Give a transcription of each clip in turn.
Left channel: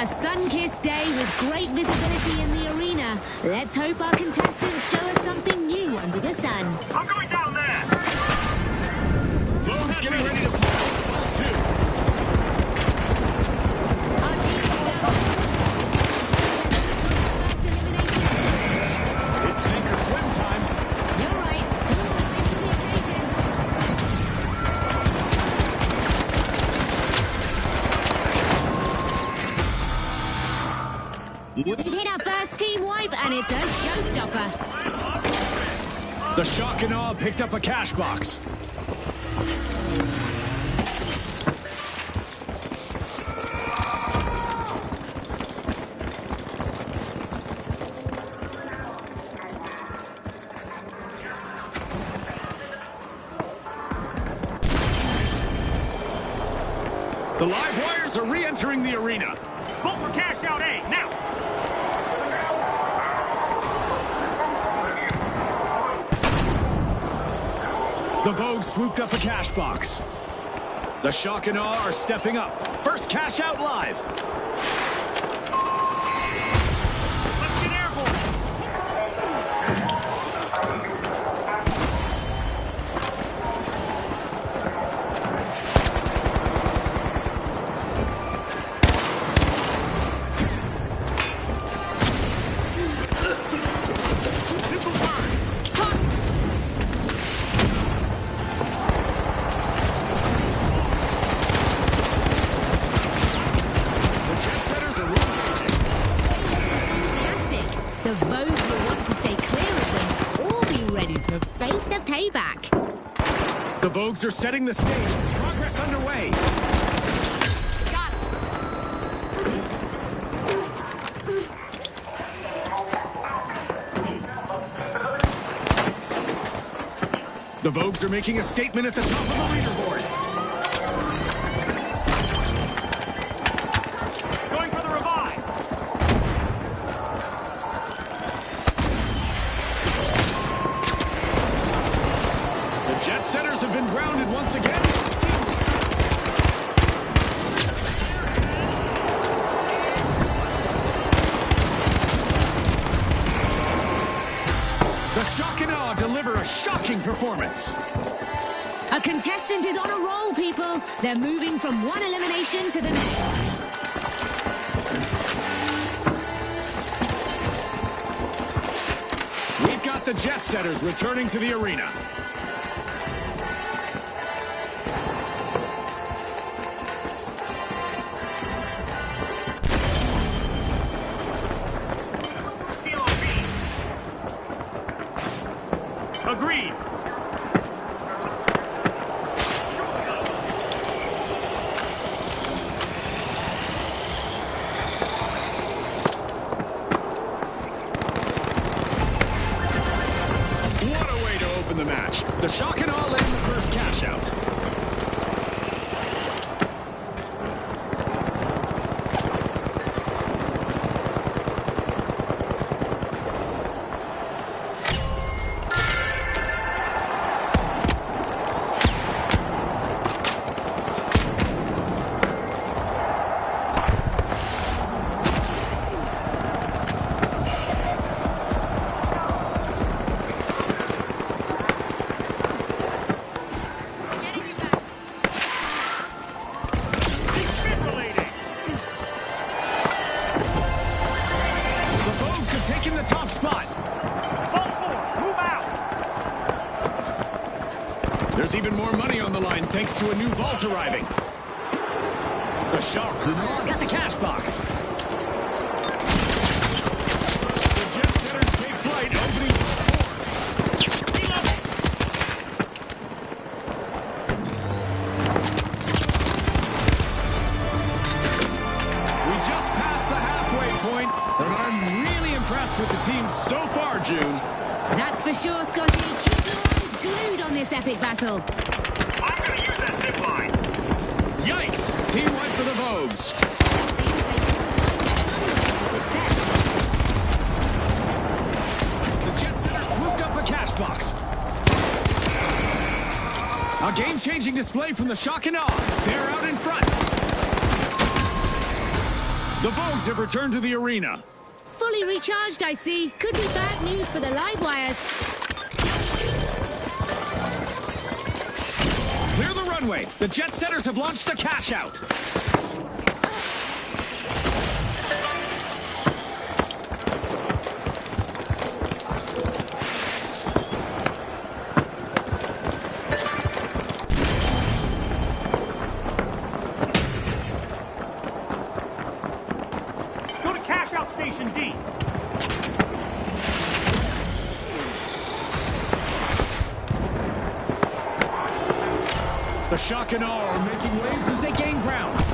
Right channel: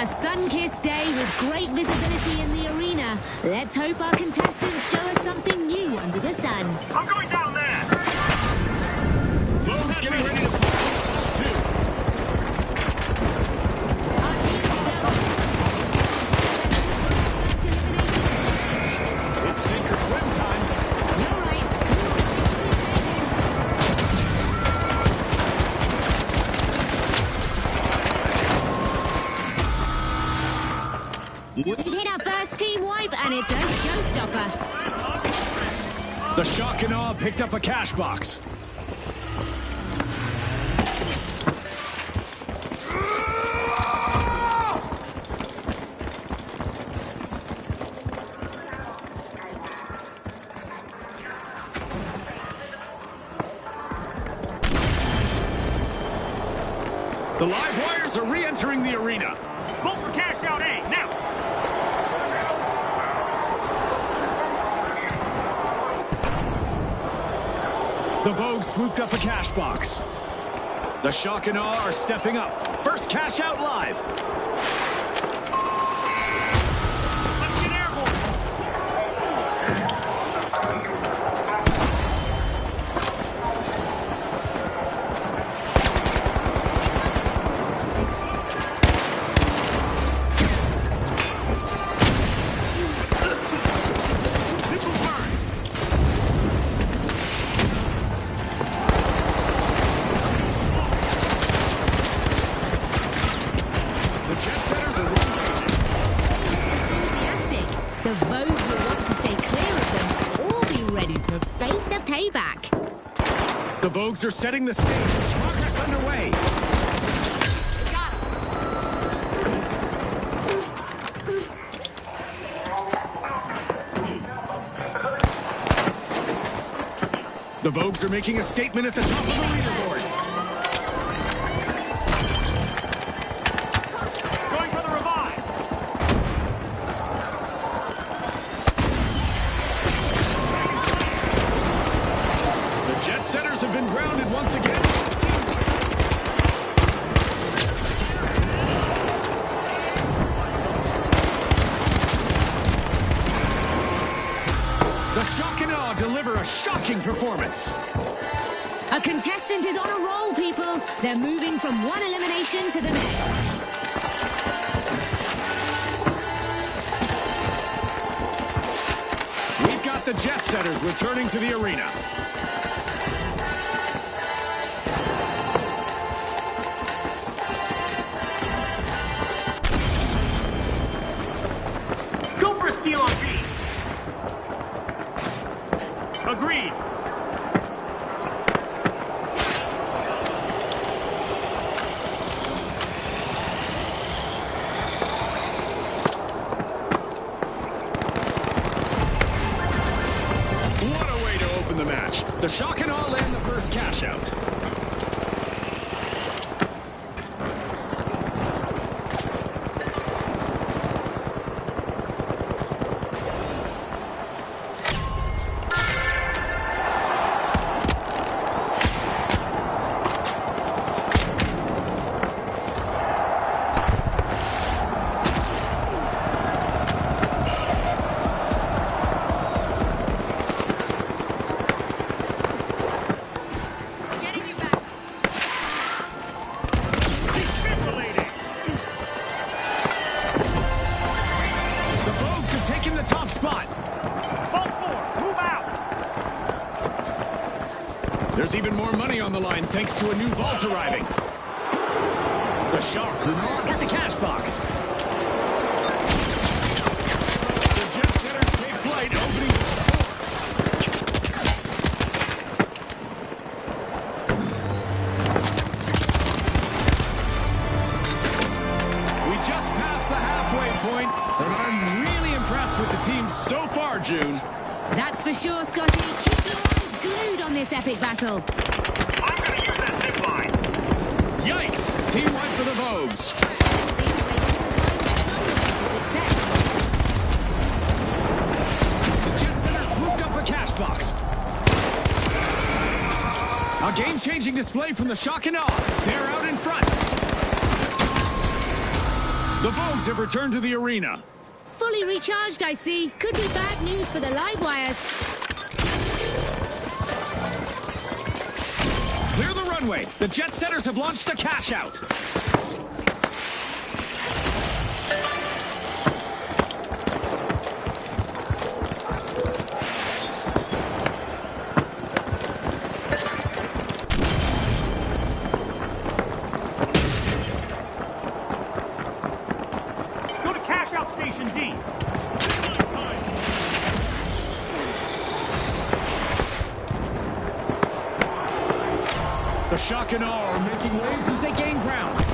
A sun-kissed day with great visibility in the arena. Let's hope our contestants show us something new under the sun. I'm going down there! Vogue's getting ready to pull ball two. Our teams are now first elimination of the match. It's sink or swim time. You're right. Who will rise to the occasion? We've hit our first team wipe, and it's a showstopper. The shock and awe picked up a cash box. The live wires are re-entering the arena. Vote for cash out A, now! The Vogue swooped up a cash box. The shock and awe are stepping up. First cash out live. Let's get airborne! This will burn! The jet setters are re-engaging. Enthusiastic. The Vogues will want to stay clear of them or be ready to face the payback. The Vogues are setting the stage. Progress underway. Got him. The Vogues are making a statement at the top of the leaderboard. Going for the revive! The jet setters have been grounded once again. The shock and awe deliver a shocking performance. A contestant is on a roll, people. They're moving from one elimination to the next. We've got the jet setters returning to the arena. Go for a steal on B! Agreed! What a way to open the match. The shock and awe land the first cash out. Getting you back. Defibrillating! The Vogues have taken the top spot. Vault 4, move out! There's even more money on the line thanks to a new vault arriving. The shock and awe got the cash box. The jet setters take flight, opening vault 4. We just passed the halfway point, and I'm really impressed with the team so far, June. That's for sure, Scotty. Keep your eyes glued on this epic battle. I'm gonna use that zip line! Yikes! Team wipe for the Vogues. Seems they can find some way to success. The jet setters swooped up a cash box. A game-changing display from the shock and awe. They're out in front. The Vogues have returned to the arena. Fully recharged, I see. Could be bad news for the live wires. Clear the runway. The jet setters have launched a cash out. Go to cash out station D. The Shock and Awe are making waves as they gain ground.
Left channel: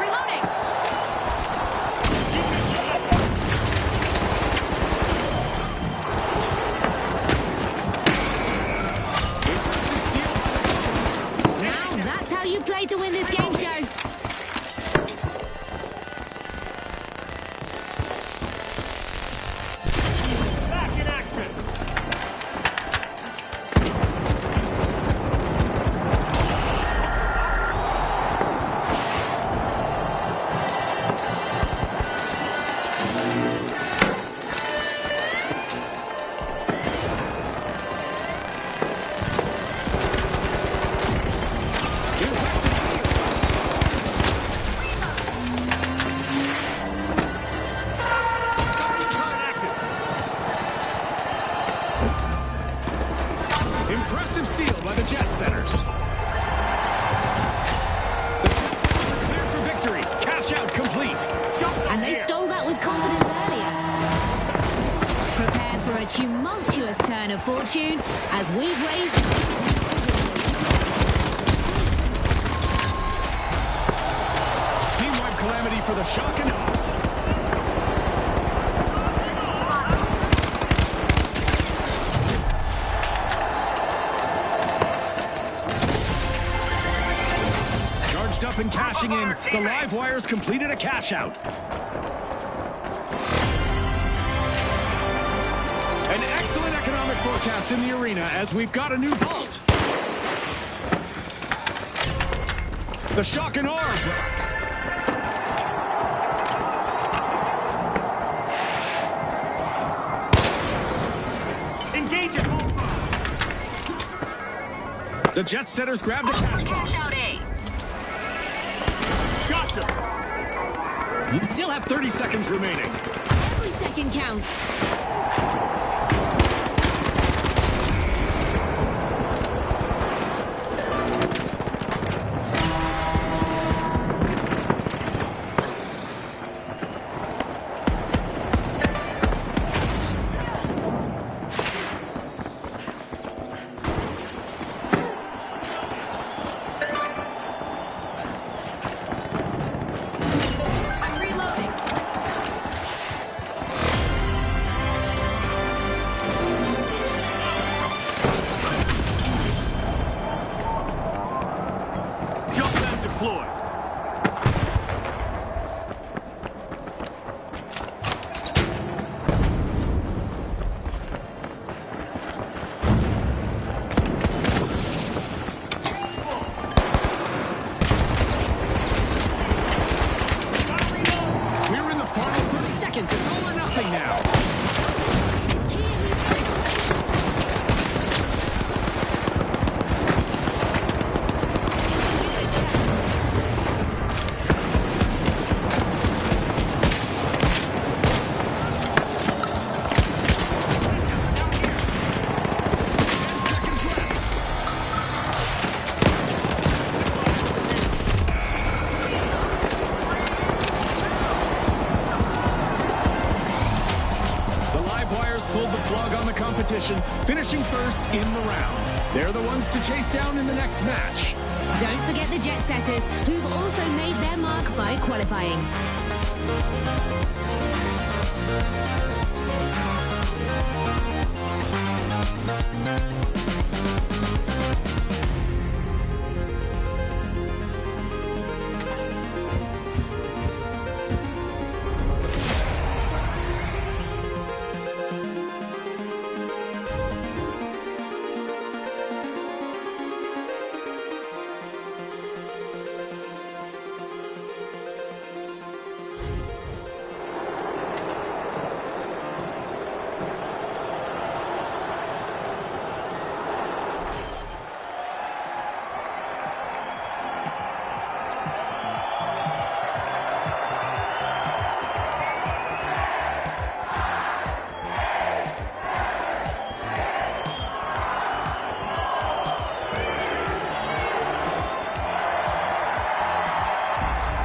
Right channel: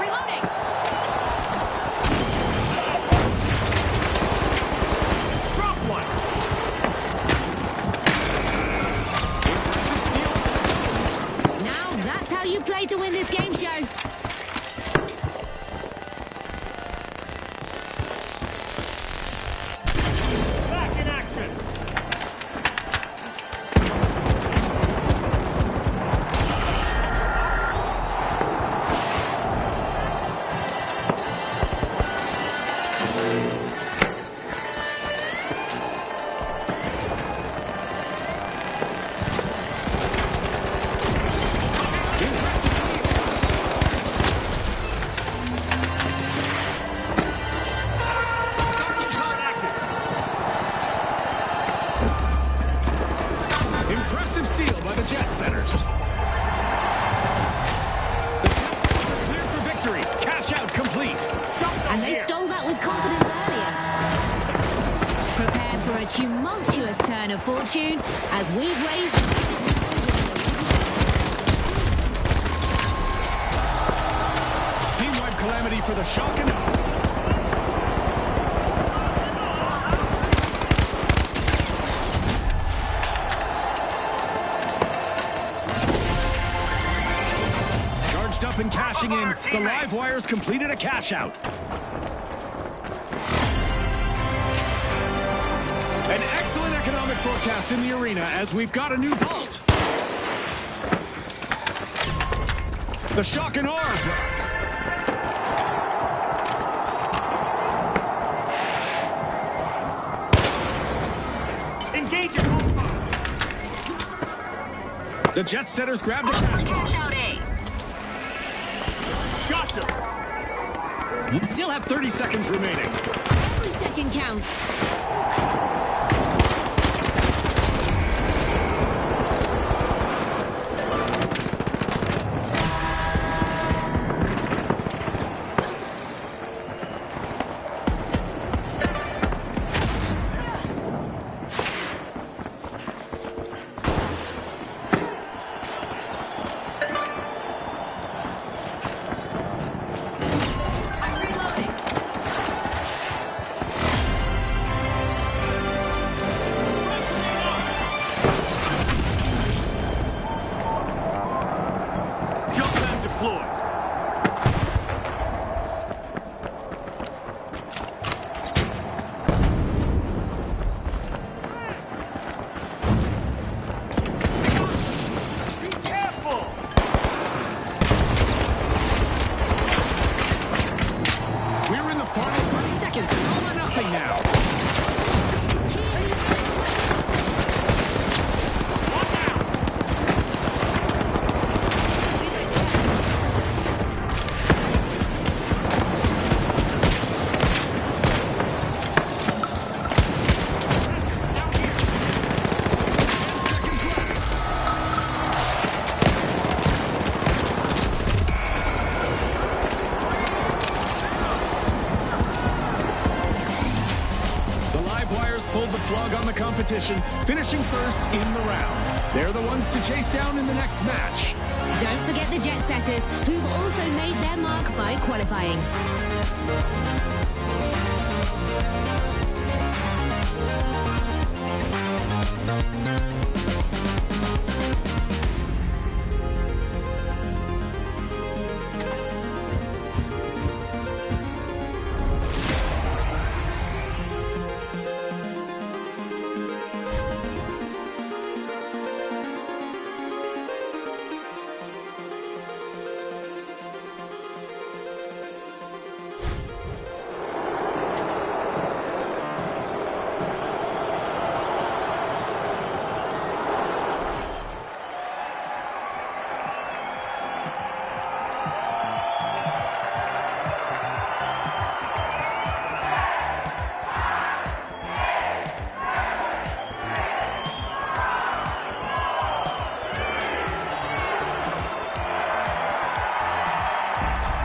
Reloading! Impressive steal by the Wizards. Now that's how you play to win this game show. Back in action. Impressive steal. Turret active. Impressive steal by the jet setters. The jet setters are cleared for victory. Cash out complete. Jump zone And they here. stole that with confidence earlier. Prepare for a tumultuous turn of fortune as we've raised... Team-wide calamity for the Shock and Awe. Charged up and cashing in. The live wires completed a cash out. An excellent economic forecast in the arena as we've got a new vault. The Shock and Awe are back. Engage at all five. The jet setters grabbed a cash box. Gotcha. We still have 30 seconds remaining. Every second counts. I'm reloading. Jump pad deployed. Careful. We're in the final 30 seconds. It's all or nothing now. Seconds left. plug on the competition, finishing first in the round. They're the ones to chase down in the next match. Don't forget the jet setters, who've also made their mark by qualifying.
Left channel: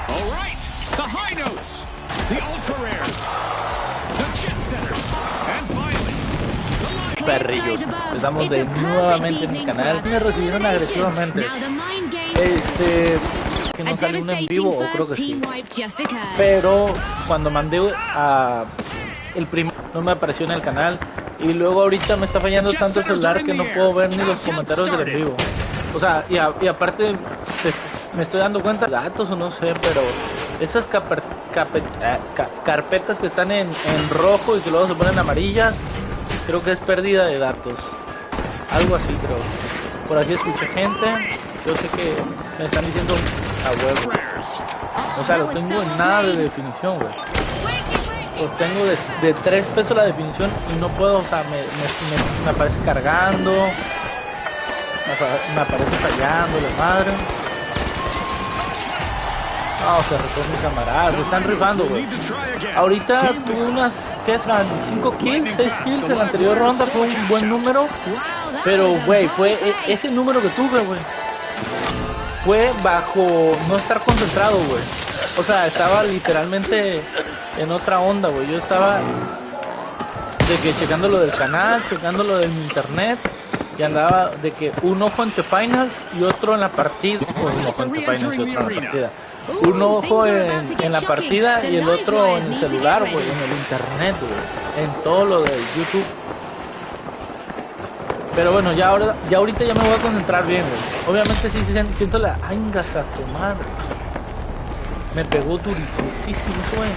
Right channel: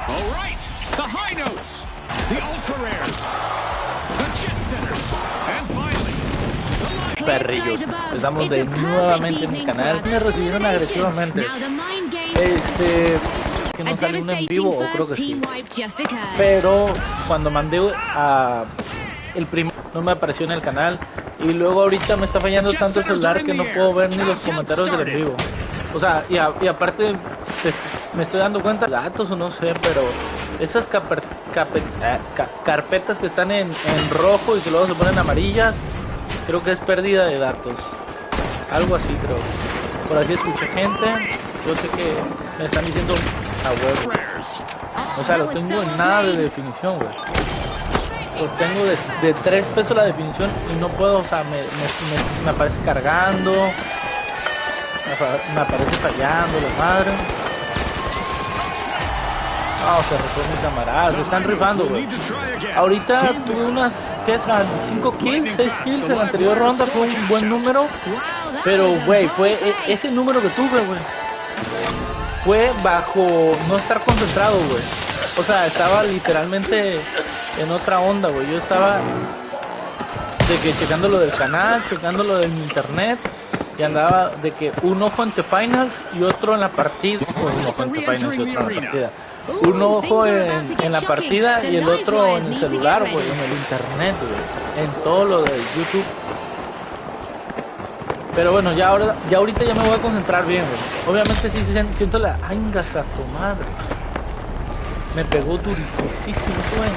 All right, the high notes, the ultra rares, the jet setters, and finally, the line. Perrillos, estamos de nuevamente en mi canal. Me recibieron agresivamente. Que no salió un en vivo, o creo que sí. Pero cuando mandé a el primero no me apareció en el canal. Y luego ahorita me está fallando tanto el celular que no puedo ver ni los comentarios del en vivo. O sea, y aparte me estoy dando cuenta de datos o no sé, pero esas carpetas que están en rojo y que luego se ponen amarillas, creo que es pérdida de datos. Algo así creo. Por aquí escuché gente, yo sé que me están diciendo a huevo. O sea, lo tengo en nada de definición, güey. Lo tengo de 3 pesos la definición y no puedo, o sea, me aparece cargando, me aparece fallando la madre. Ah, se rifó mi camarada, se están rifando, güey. Ahorita tuve unas, ¿qué serán? 5 kills, 6 kills en la anterior ronda, fue un buen número. Pero, güey, fue ese número que tuve, güey. Fue bajo no estar concentrado, güey. O sea, estaba literalmente en otra onda, güey. Yo estaba de que checando lo del canal, checando lo del internet. Y andaba de que un ojo en The Finals y otro en la partida. Un ojo en The Finals y otro en la partida. Un ojo en la partida y el otro en el celular, güey, en el internet, güey, en todo lo de YouTube. Pero bueno, ya ahorita ya me voy a concentrar bien, güey. Obviamente sí siento la angas a tu madre. Me pegó durísimo, güey.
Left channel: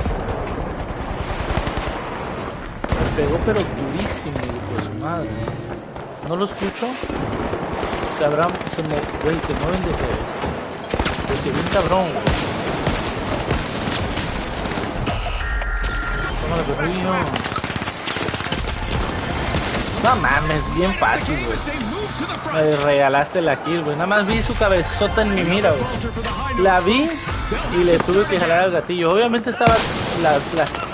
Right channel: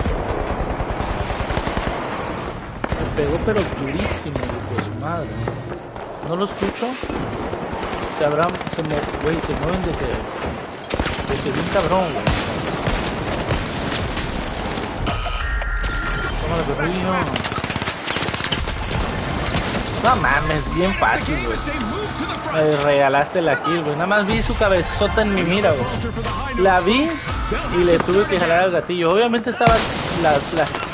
Me pegó pero durísimo, hijo de su madre. No lo escucho. Se mueven de que bien cabrón, güey. Tómalo, perrillo. No mames, bien fácil, güey. Me regalaste la kill, güey. Nada más vi su cabezota en mi mira, güey. La vi y le tuve que jalar al gatillo. Obviamente estaba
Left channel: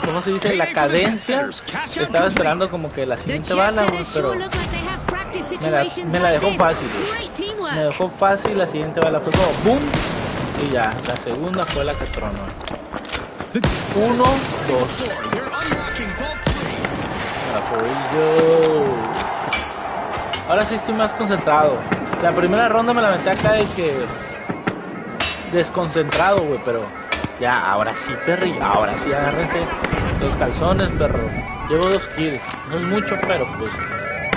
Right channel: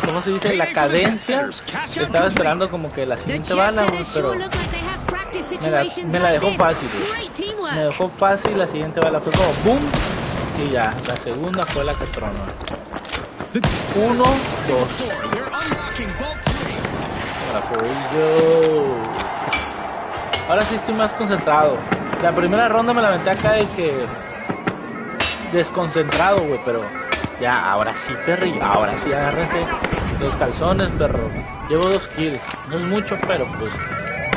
¿cómo se dice? La cadencia. Estaba esperando como que la siguiente bala, güey, pero me la dejó fácil, güey. Me dejó fácil, la siguiente bala fue como boom. Y ya, la segunda fue la que tronó. 1, 2. Ahora sí estoy más concentrado. La primera ronda me la aventé acá de que desconcentrado, güey, pero ya, ahora sí, perrillo. Ahora sí, agárrense los calzones, perro. Llevo 2 kills. No es mucho, pero pues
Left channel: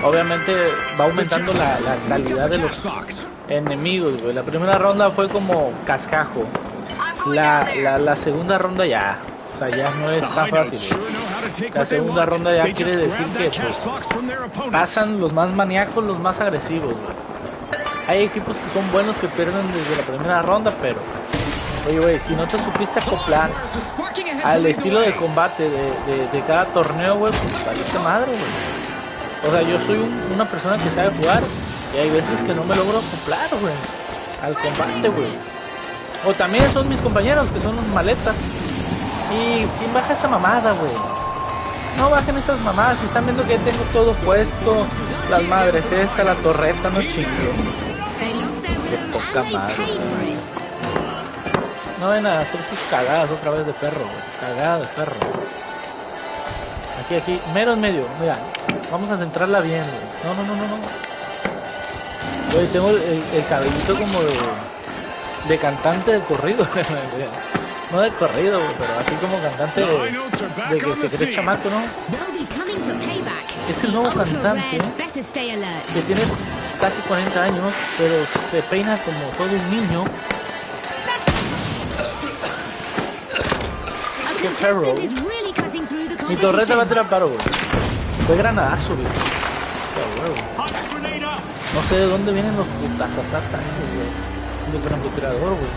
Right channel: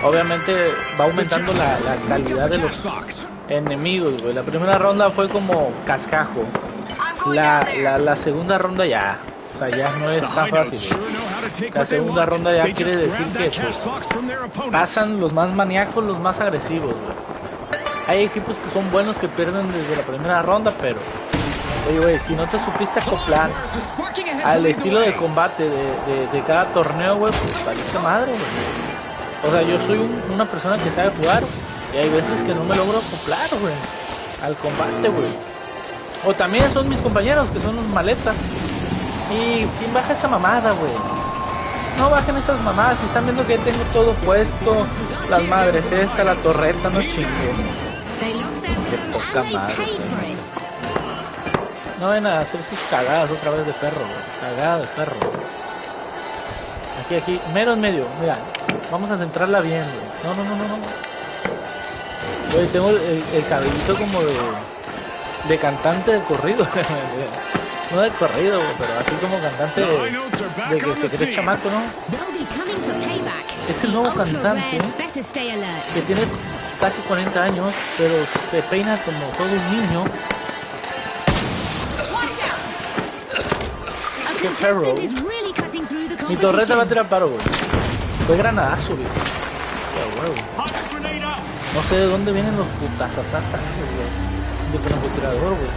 obviamente va aumentando la calidad de los enemigos, güey. La primera ronda fue como cascajo. La segunda ronda ya, o sea, ya no es tan fácil, güey. La segunda ronda ya quiere decir que pues, pasan los más maníacos, los más agresivos, güey. Hay equipos que son buenos que pierden desde la primera ronda, pero oye, güey, si no te supiste acoplar al estilo de combate de cada torneo, güey, pues valiste madre, güey. O sea, yo soy una persona que sabe jugar y hay veces que no me logro acoplar, güey, al combate, güey. O también son mis compañeros que son unos maletas. ¿Y quién baja esa mamada, güey? No bajen esas mamadas. Si están viendo que ya tengo todo puesto, las madres esta, la torreta, no chinguen. Qué poca madre, güey. No ven a hacer sus cagadas otra vez de perro, güey. Cagada de perro. Aquí, mero en medio, mira, vamos a centrarla bien, güey. No. Güey, tengo el cabellito como de cantante de corrido, no de corrido, güey, pero así como cantante de que se cree chamaco, ¿no? Es el nuevo cantante, que tiene casi 40 años, pero se peina como todo un niño. Qué perro. Mi torreta va a tirar paro, güey. Fue granadazo, güey. Qué huevo. No sé de dónde vienen los putazazazas, güey. Del francotirador, güey.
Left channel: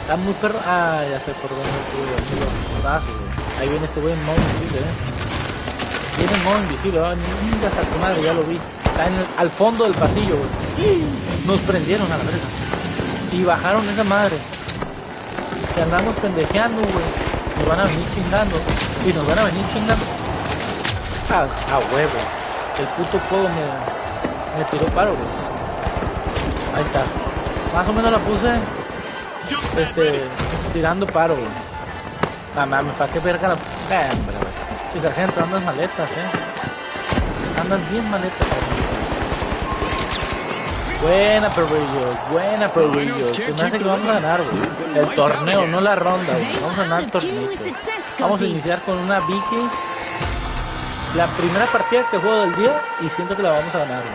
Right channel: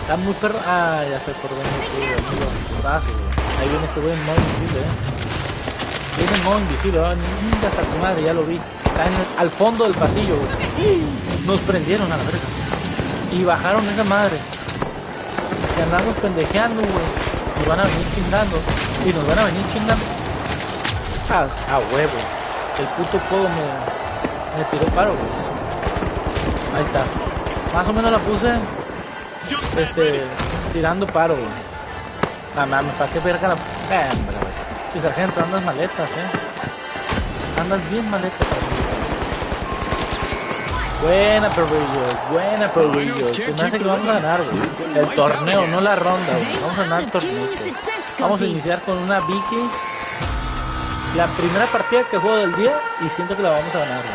Está muy perro. Ah, ya sé por dónde fue, los putazos, güey. Ahí viene este güey en modo invisible, Viene en modo invisible, nunca a tu madre, ya lo vi. Está al fondo del pasillo, güey. Nos prendieron a la verga. Y bajaron esa madre. Que andamos pendejeando, güey. Nos van a venir chingando. Y nos van a venir chingando. A huevo. El puto fuego me tiró paro, güey. Ahí está. Más o menos la puse. Tirando paro, güey. Nada mames, ¿para qué verga la... Hombre, güey. Sí, sargento, andas maletas, Andas bien maletas, Buena, perrillos. Se me hace que vamos a ganar, güey. El torneo, no la ronda, güey. Vamos a ganar el torneo. Vamos a iniciar con una Vicky. La primera partida que juego del día y siento que la vamos a ganar, güey.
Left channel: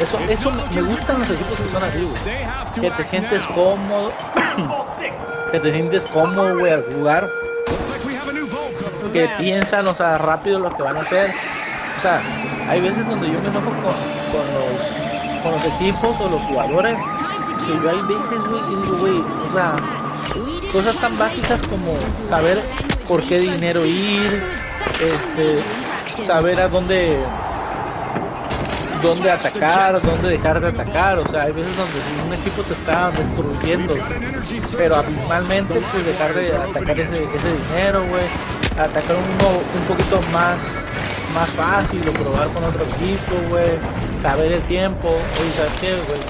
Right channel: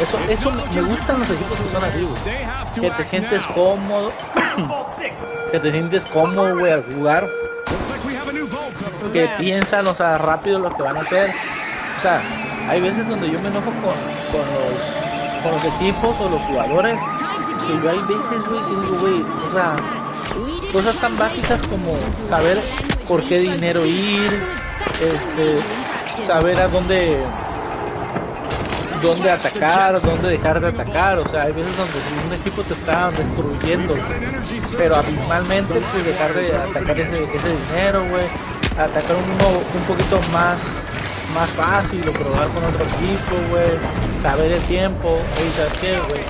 Eso me gustan los equipos que son así, güey. Que te sientes cómodo. Que te sientes cómodo, güey, al jugar. Que piensan, o sea, rápido lo que van a hacer. O sea, hay veces donde yo me enojo con los equipos o los jugadores. Que yo hay veces, güey, que digo, güey, o sea, cosas tan básicas como saber por qué dinero ir, saber a dónde atacar, dónde dejar de atacar. O sea, hay veces donde si un equipo te está destruyendo, pero abismalmente, pues dejar de atacar ese dinero, güey, atacar un poquito más fácil o probar con otro equipo, güey, saber el tiempo. Oye, ¿sabes qué, güey?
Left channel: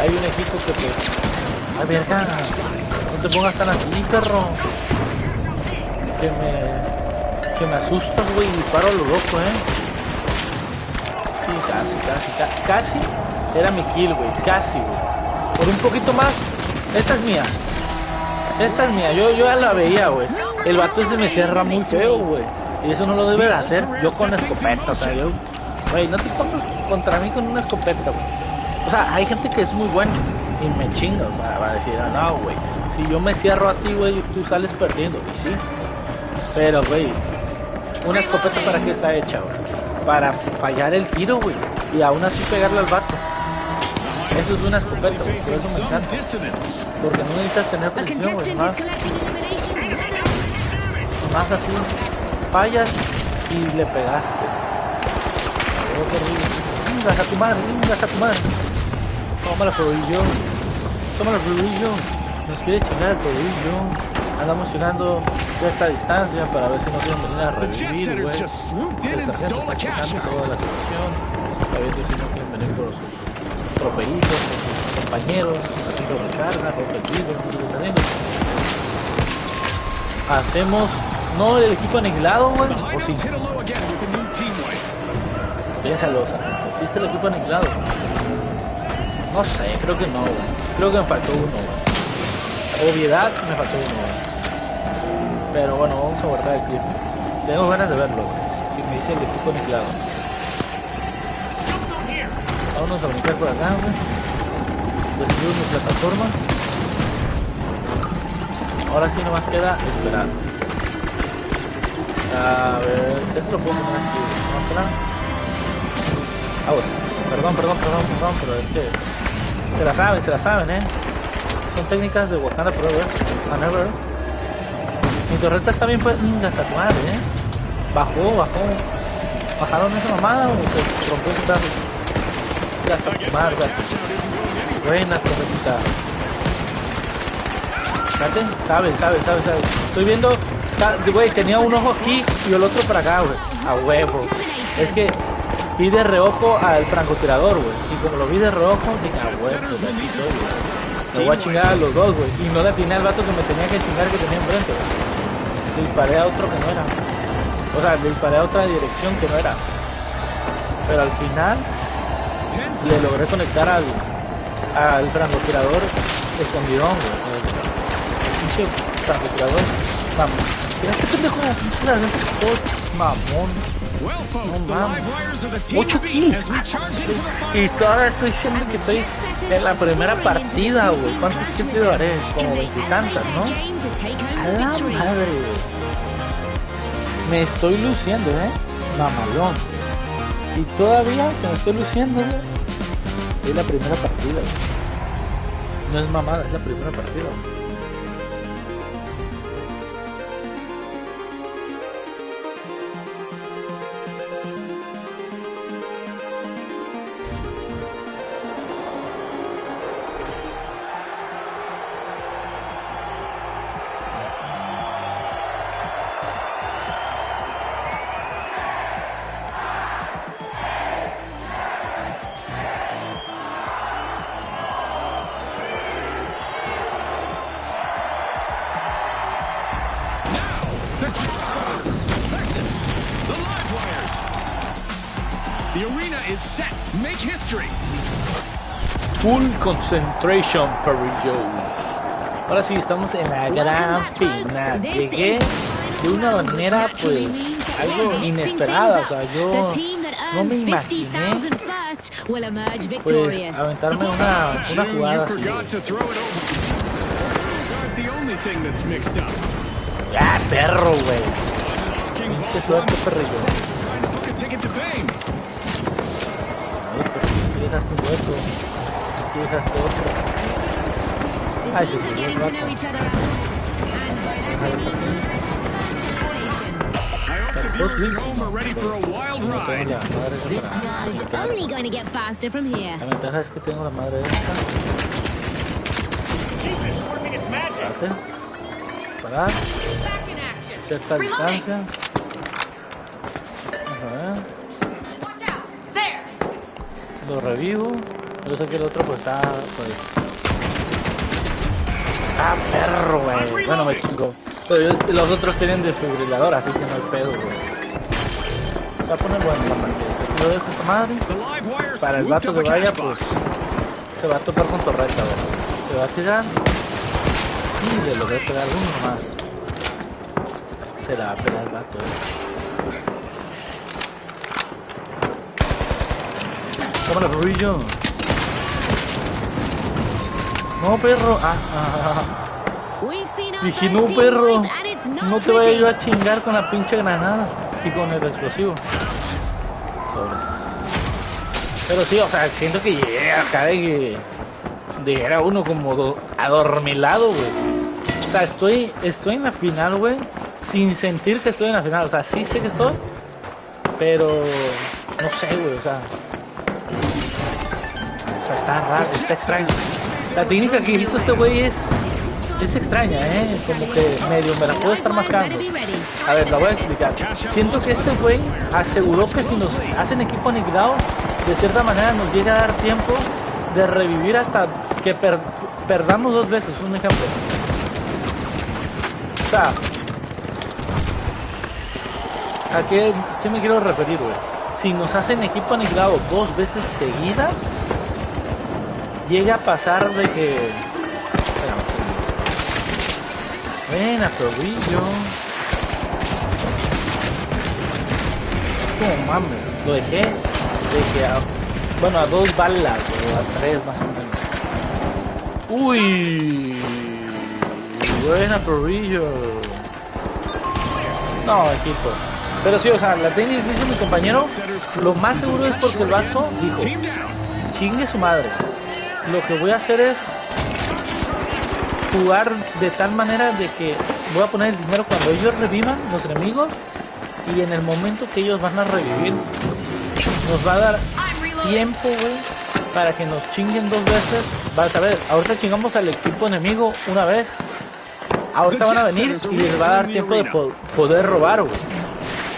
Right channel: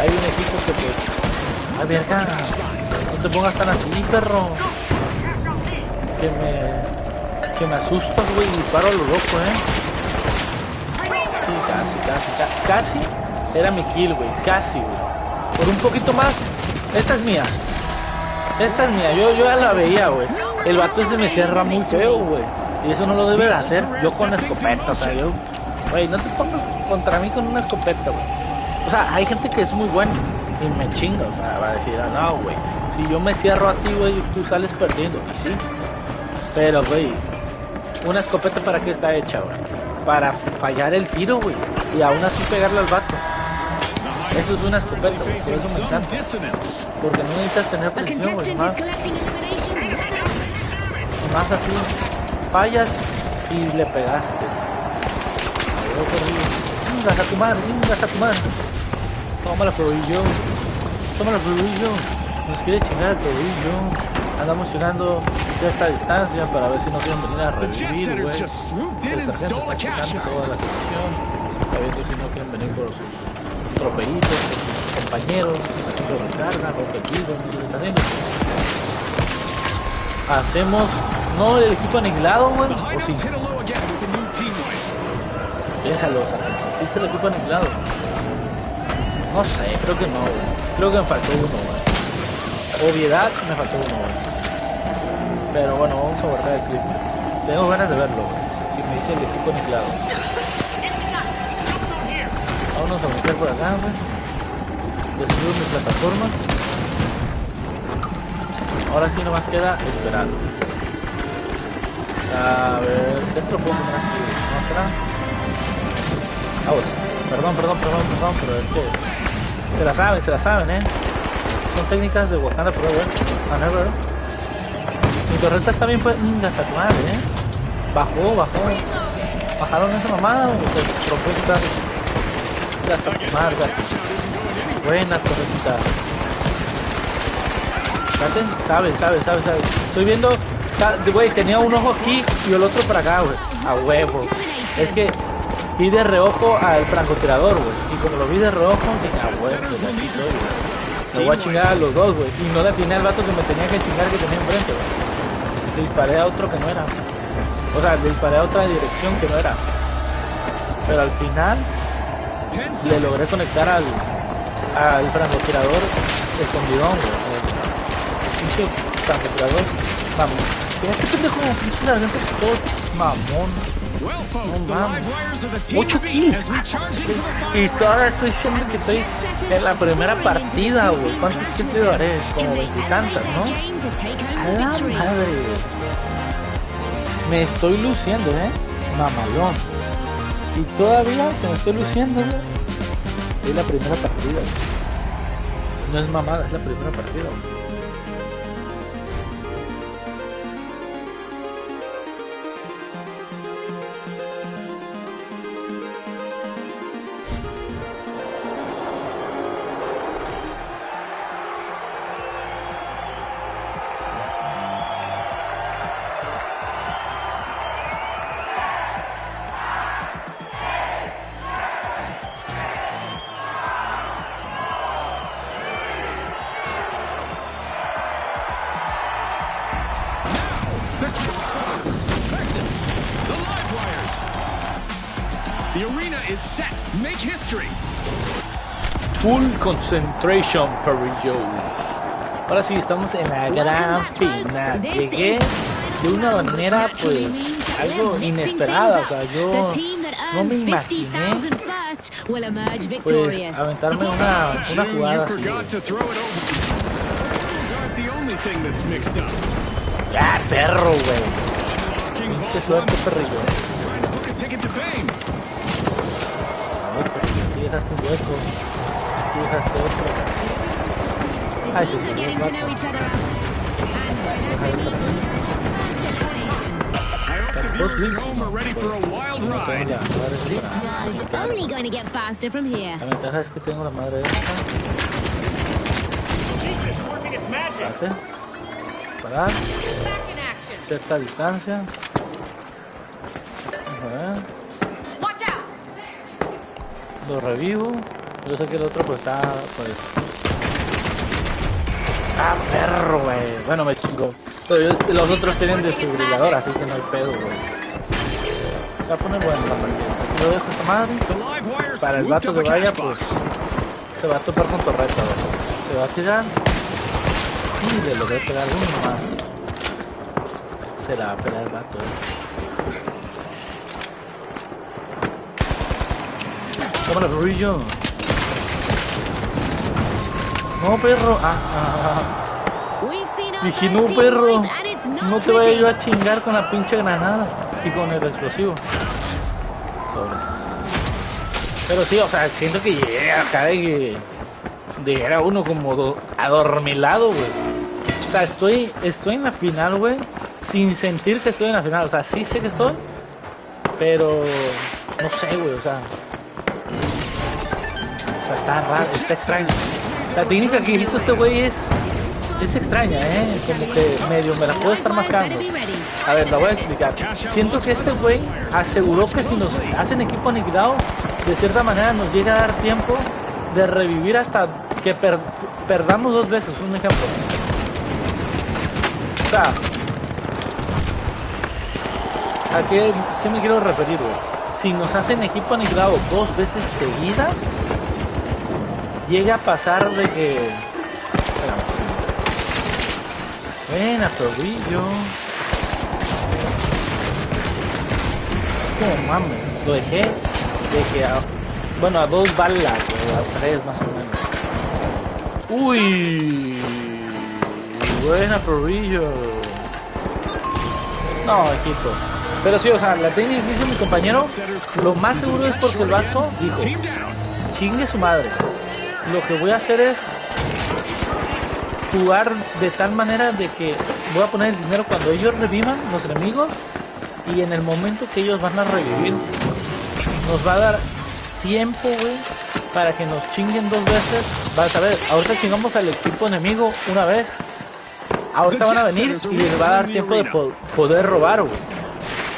Hay un equipo que pues, a ver, no te pongas tan así, perro, que me asustas, güey, y disparo a lo loco, Sí, casi era mi kill, güey, casi, güey. Por un poquito más. Esta es mía, yo ya la veía, güey. El vato se me cierra muy feo, güey, y eso no lo debe de hacer yo con escopeta. O sea, güey, no te pongas contra mí con una escopeta, güey. O sea, hay gente que es muy buena y me chinga, o sea, va a decir, no, güey, si yo me cierro a ti, güey, tú sales perdiendo, y sí. Pero, güey, una escopeta, ¿para qué está hecha, güey? Para fallar el tiro, güey, y aún así pegarle al vato. Eso es una escopeta, güey, por eso me encanta. Porque no necesitas tener presión, güey, más así, fallas y le pegaste. Ingas a tu madre. Toma la prohibición. Nos quiere chingar el prohibición. Andamos llegando cierta distancia para ver si nos quieren venir a revivir, güey. El sargento está checando toda la situación, está viendo si no quieren venir por sus trofeitos, por sus compañeros, haciendo recarga, rompe el vidrio, no sé qué está haciendo. Hacemos, no el equipo aniquilado, güey, o sí. Piénsalo, sargento, ¿existe el equipo aniquilado? No sé, creo que no, güey. Creo que me faltó uno, güey. Obviedad, me faltó uno, güey. Pero bueno, vamos a guardar el clip. Tengo ganas de verlo, güey. Si me dice el equipo aniquilado. Vámonos a brincar por acá, güey. Ya subimos mi plataforma. Ahora sí nomás queda esperar. A ver, esto lo puedo poner aquí, ¿no? Espera. Perdón, pero es que se la saben, Son técnicas de Wakanda Forever, Never. Mi torreta está bien, fue hasta tu madre, bajaron esa mamada o se rompió su carro. Hasta tu madre, buena torretita. Fíjate, sabe. Estoy viendo, güey, tenía un ojo aquí y el otro para acá, güey. A huevo. Es que vi de reojo al francotirador, güey. Y como lo vi de reojo, dije, a huevo, pues aquí soy, güey. Me voy a chingar a los dos, güey. Y no le atiné al vato que me tenía que chingar, que tenía enfrente, güey. Le disparé a otro que no era. O sea, le disparé a otra dirección que no era. Pero al final le logré conectar al francotirador escondidón, güey. El pinche francotirador. Vamos. Mira qué pendejo, pinche sargento todo mamón. No mames. 8 kills. Y todavía estoy diciendo que estoy en la primera partida, güey. ¿Cuántos kills te daré? Como 20 y tantas, ¿no? A la madre, güey. Me estoy luciendo, mamalón. Y todavía que me estoy luciendo, güey, es la primera partida, güey. No es mamada, es la primera partida, güey. The arena is set. Make history. Full concentration, Perrillo. Ahora sí, estamos en la gran final. Llegué de una manera, pues, algo inesperada. O sea, yo no me imaginé, pues, aventarme una jugada así. Ya, perro, güey. Pinche suerte, Perrillo. Ay, pero aquí dejaste un hueco. Aquí dejaste otro. Ay, se me dio el vato. La ventaja es que tengo la madre esta. Espérate. Parar. Cierta distancia. A ver. Lo revivo. Yo sé que el otro pues está, pues... ¡Ah, perro, güey! Bueno, me chingó. Pero los otros tienen desfibrilador, así que no hay pedo, güey. Se va a poner bueno la partida. Aquí lo dejo esta madre. Para el vato que vaya, pues... se va a topar con torreta, güey. Se va a tirar. Y le logré pegar uno nomás. Se la va a pegar el vato, Cámara, Rubillo. No, perro. Dije, no, perro. No te vaya yo a chingar con la pinche granada y con el explosivo. Sobres. Pero sí, o sea, siento que llegué acá de era uno como adormilado, güey. O sea, estoy en la final, güey, sin sentir que estoy en la final. O sea, sí sé que estoy, pero no sé, güey, o sea, está raro, está extraño. La técnica que hizo este güey es extraña, como que medio me la puedo estar mascando. A ver, la voy a explicar. Siento que este güey aseguró que si nos hacen equipo aniquilado, de cierta manera nos llega a dar tiempo de revivir hasta que perdamos 2 veces, un ejemplo. O sea, ¿a qué me quiero referir, güey? Si nos hacen equipo aniquilado 2 veces seguidas, llega a pasar de que... Espérame. Buena, Perrillo. Como mames, lo dejé de que a 2 balas, güey, a 3 más o menos. Uy, buena, Perrillo. No, equipo. Pero sí, o sea, la técnica que hizo mi compañero, lo más seguro es porque el vato dijo, chingue su madre. Lo que voy a hacer es jugar de tal manera de que voy a poner el dinero cuando ellos revivan, los enemigos, y en el momento que ellos van a revivir, nos va a dar tiempo, güey, para que nos chinguen 2 veces. Vas a ver, ahorita chingamos al equipo enemigo una vez, ahorita van a venir y les va a dar tiempo de poder robar, güey.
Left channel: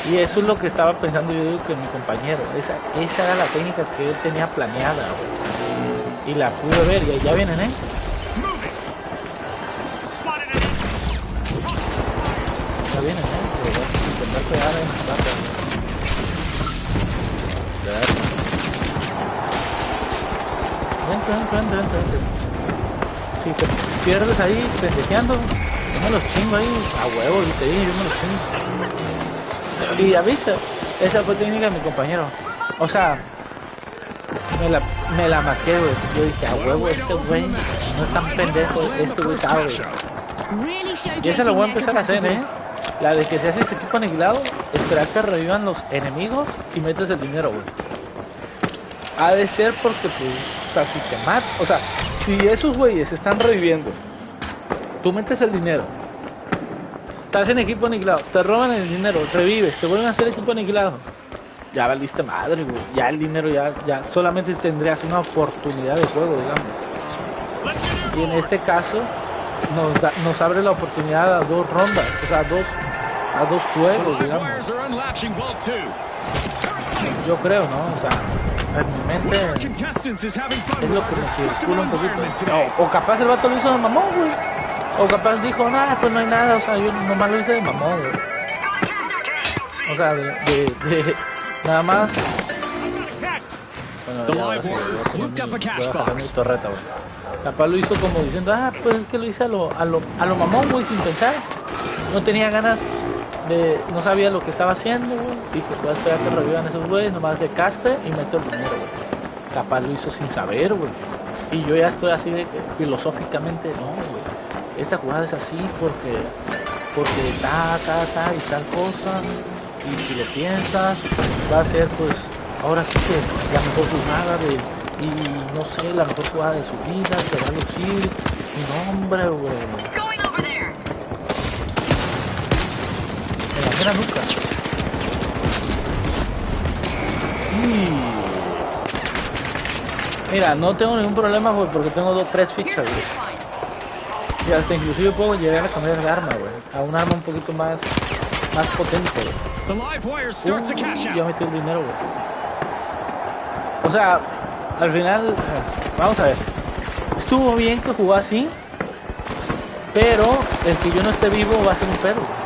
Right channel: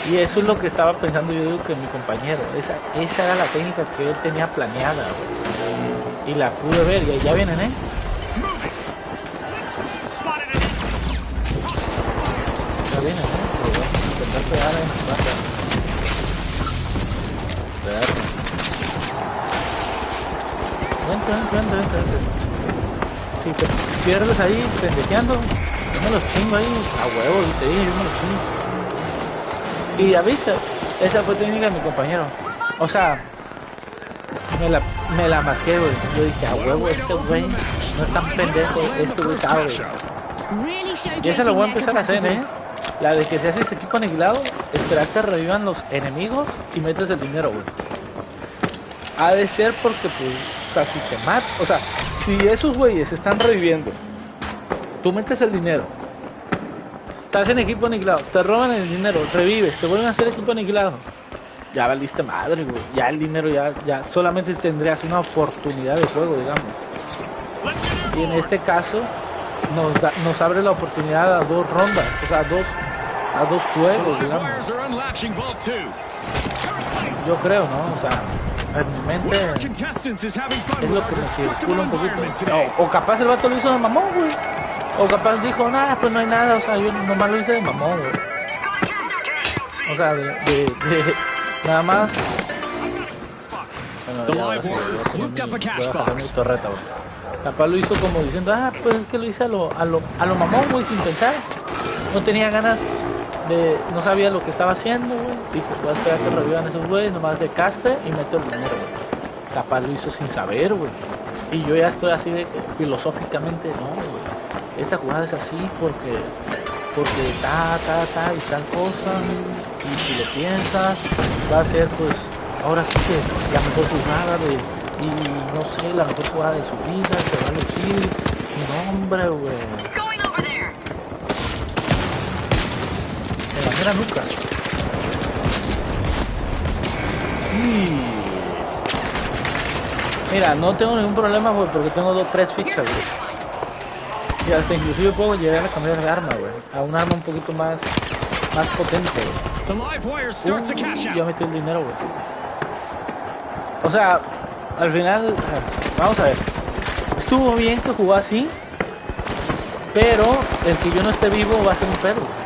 Y eso es lo que estaba pensando yo, digo, que mi compañero, esa era la técnica que él tenía planeada, güey. Y la pude ver, y ya vienen, Ya vienen, pero voy a intentar pegar en la plata. Vente. Si te pierdes ahí pendejeando, yo me los chingo ahí a huevos y te dije, yo me los chingo. Y ya viste, esa fue técnica de mi compañero. O sea, me la masqué, güey. Yo dije, a huevo, este güey no es tan pendejo, este güey sabe. Y esa lo voy a empezar a hacer, La de que si haces equipo aniquilado, esperar que revivan los enemigos y metes el dinero, güey. Ha de ser porque, pues, o sea, si te matan, o sea, si esos güeyes están reviviendo, tú metes el dinero, estás en equipo aniquilado, te roban el dinero, revives, te vuelven a hacer equipo aniquilado, ya valiste madre, güey. Ya el dinero ya solamente tendrías una oportunidad de juego, digamos. Y en este caso nos abre la oportunidad a 2 rondas, o sea, a dos juegos, digamos. Yo creo, ¿no? O sea, en mi mente es lo que me circula un poquito. O capaz el vato lo hizo de mamón, güey. O capaz dijo, nada, pues no hay nada. O sea, yo nomás lo hice de mamón, güey. O sea, de nada más. Bueno, ya ahora sí, voy a bajar mi torreta, güey. Capaz lo hizo como diciendo, pues es que lo hice a lo mamón, güey, sin pensar. No tenía ganas no sabía lo que estaba haciendo, güey. Dije, voy a esperar que revivan esos güeyes, nomás de caste y meto el dinero, güey. Capaz lo hizo sin saber, güey. Y yo ya estoy así de que filosóficamente, no, güey. Esta jugada es así porque ta y tal cosa. Y si lo piensas, va a ser pues ahora sí que la mejor jugada y no sé, la mejor jugada de su vida, se va a lucir. Mi nombre, güey. En la mera nuca. Y mira, no tengo ningún problema, güey, porque tengo 3 fichas, güey. Y hasta inclusive puedo llegar a cambiar de arma, güey. A un arma un poquito más potente, güey. Ya metí el dinero, güey. O sea, al final, vamos a ver. Estuvo bien que jugó así, pero el que yo no esté vivo va a ser un pedo, güey.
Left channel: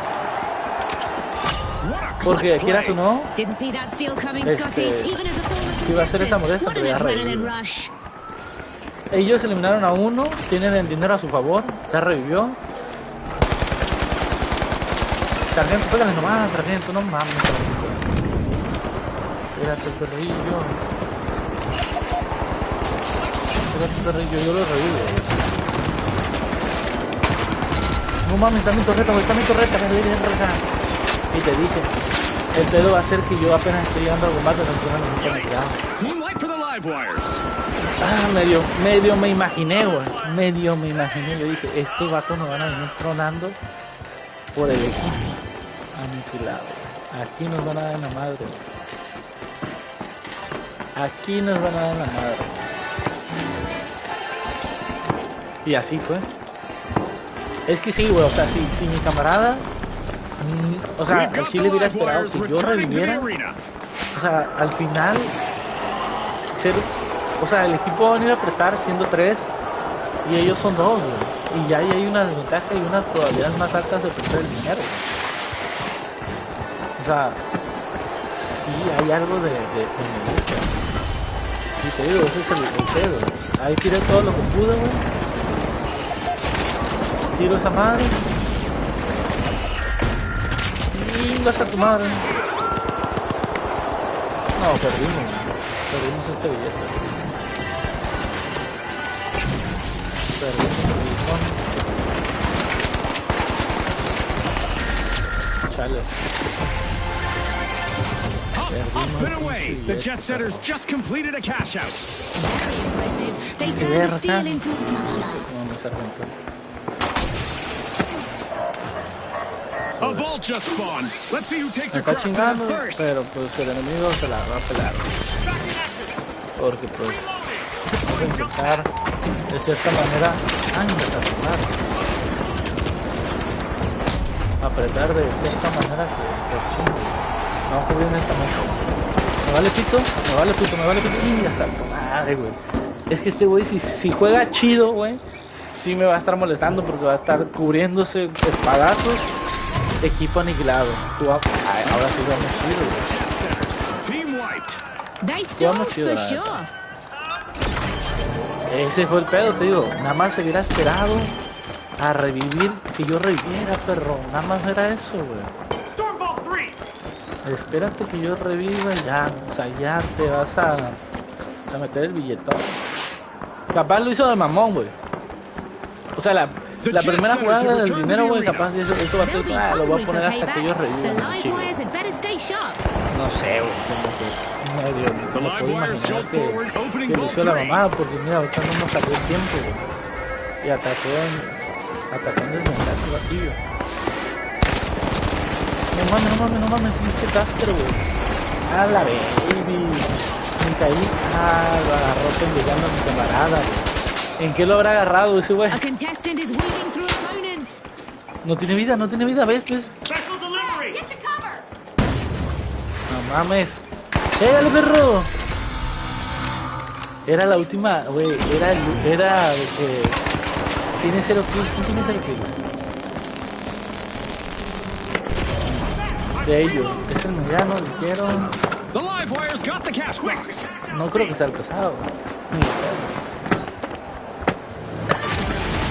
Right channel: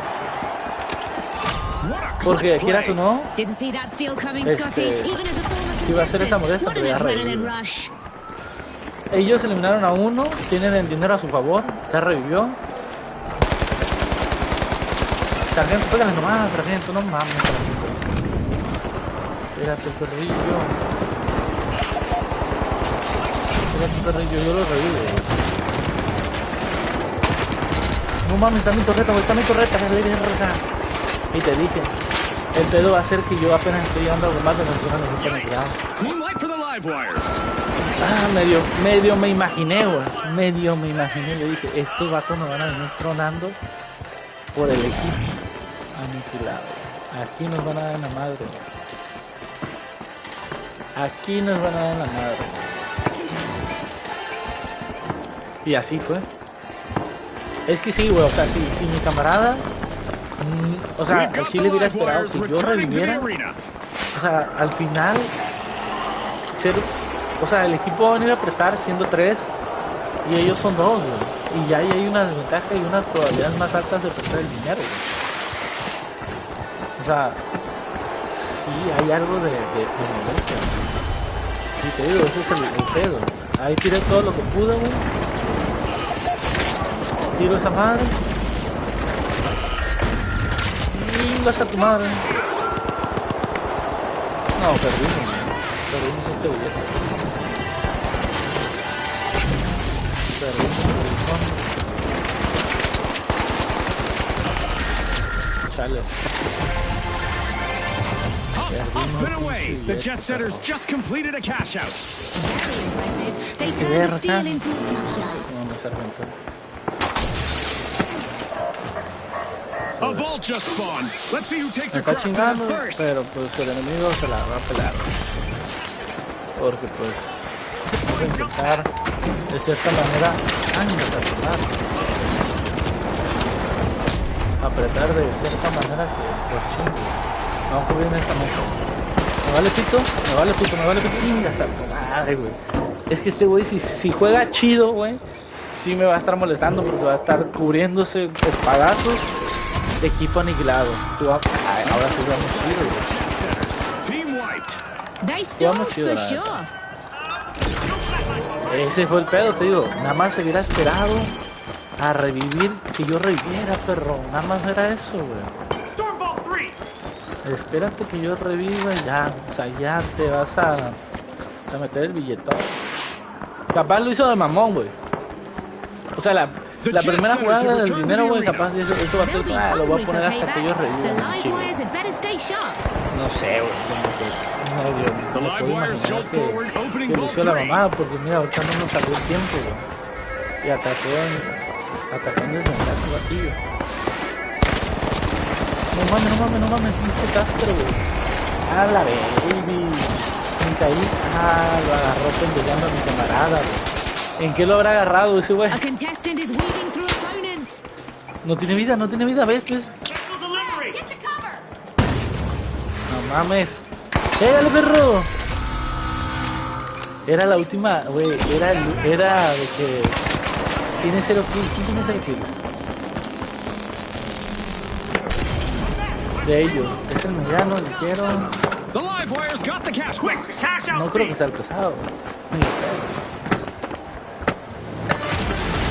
Porque quieras o no, iba a ser esa modesta, pero ya revivió. Ellos eliminaron a uno, tienen el dinero a su favor, ya revivió. Sargento, pégale nomás, sargento, no mames, sargento. Espérate el perrillo. Espérate el perrillo, yo lo revivo. No mames, está mi torreta, güey, está mi torreta, verga. Y te dije, el pedo va a ser que yo apenas estoy llegando al combate, no estoy en el cuidado. Medio me imaginé, güey. Medio me imaginé. Yo dije, estos vatos nos van a venir tronando por el equipo aniquilado. Aquí nos van a dar en la madre. Aquí nos van a dar en la madre. Y así fue. Es que sí, güey. O sea, si mi camarada... o sea, el Chile hubiera esperado que yo reviviera. O sea, al final o sea, el equipo va a venir a apretar siendo 3 y ellos son 2, güey. Y ya hay una desventaja y unas probabilidades más altas de perder el dinero, güey. O sea, sí hay algo de molestia. Y te digo, ese es el pedo. Ahí tiré todo lo que pude, güey. Tiro esa madre. Chingas a tu madre. No, perdimos este billete. Perdimos el billón. Chale. Up and away. The jet setters just completed a cash out. Very impressive. They turned the steel into No, sargento. A vault just spawned. Let's see who takes Me a está crack chingando, first. pero pues el enemigo se la va a pelar. Porque pues vamos a intentar de cierta manera apretar de cierta manera que los chingos. Vamos a cubrir en esta mesa. Me vale pito. Inga, salto madre, güey. Es que este güey si juega chido, güey, sí me va a estar molestando porque va a estar cubriéndose espadazos Equipo aniquilado. Ahora sí vamos chido, güey. Jet setters. Team wiped. They stalled chido, for la sure. neta. Ese fue el pedo, te digo. Nada más se hubiera esperado a revivir, que yo reviviera, perro. Nada más era eso, güey. Stormbolt 3. Espérate que yo reviva ya. O sea, ya te vas a meter el billetón. Capaz lo hizo de mamón, güey. O sea, la primera jugada del dinero, güey, capaz eso va a ser, They'll be lo voy a hungry poner for hasta que payback. ellos The revivan. live Chico. wires had better stay sharp. No sé, güey, como que medio. The Me live puedo wires imaginar jolt forward, que opening lo vault hizo la 3. mamada, porque mira, ahorita no nos salió el tiempo, güey. Y atacó en desventaja el batillo. No mames, pinche Casper, güey. A la baby. Me caí. Lo agarró pendejando a mi camarada, güey. ¿En qué lo habrá agarrado ese güey? A contestant is weaving through opponents. No tiene vida, ¿ves? Special delivery. Get to cover. No mames. ¡Pégale, perro! Era la última, güey. Era de que tiene 0 kills. ¿Quién tiene 0 kills? De ellos. Es el mediano, le quiero. The live wires got the cash box. Cash out. No creo que sea el pesado. Ni de pedo.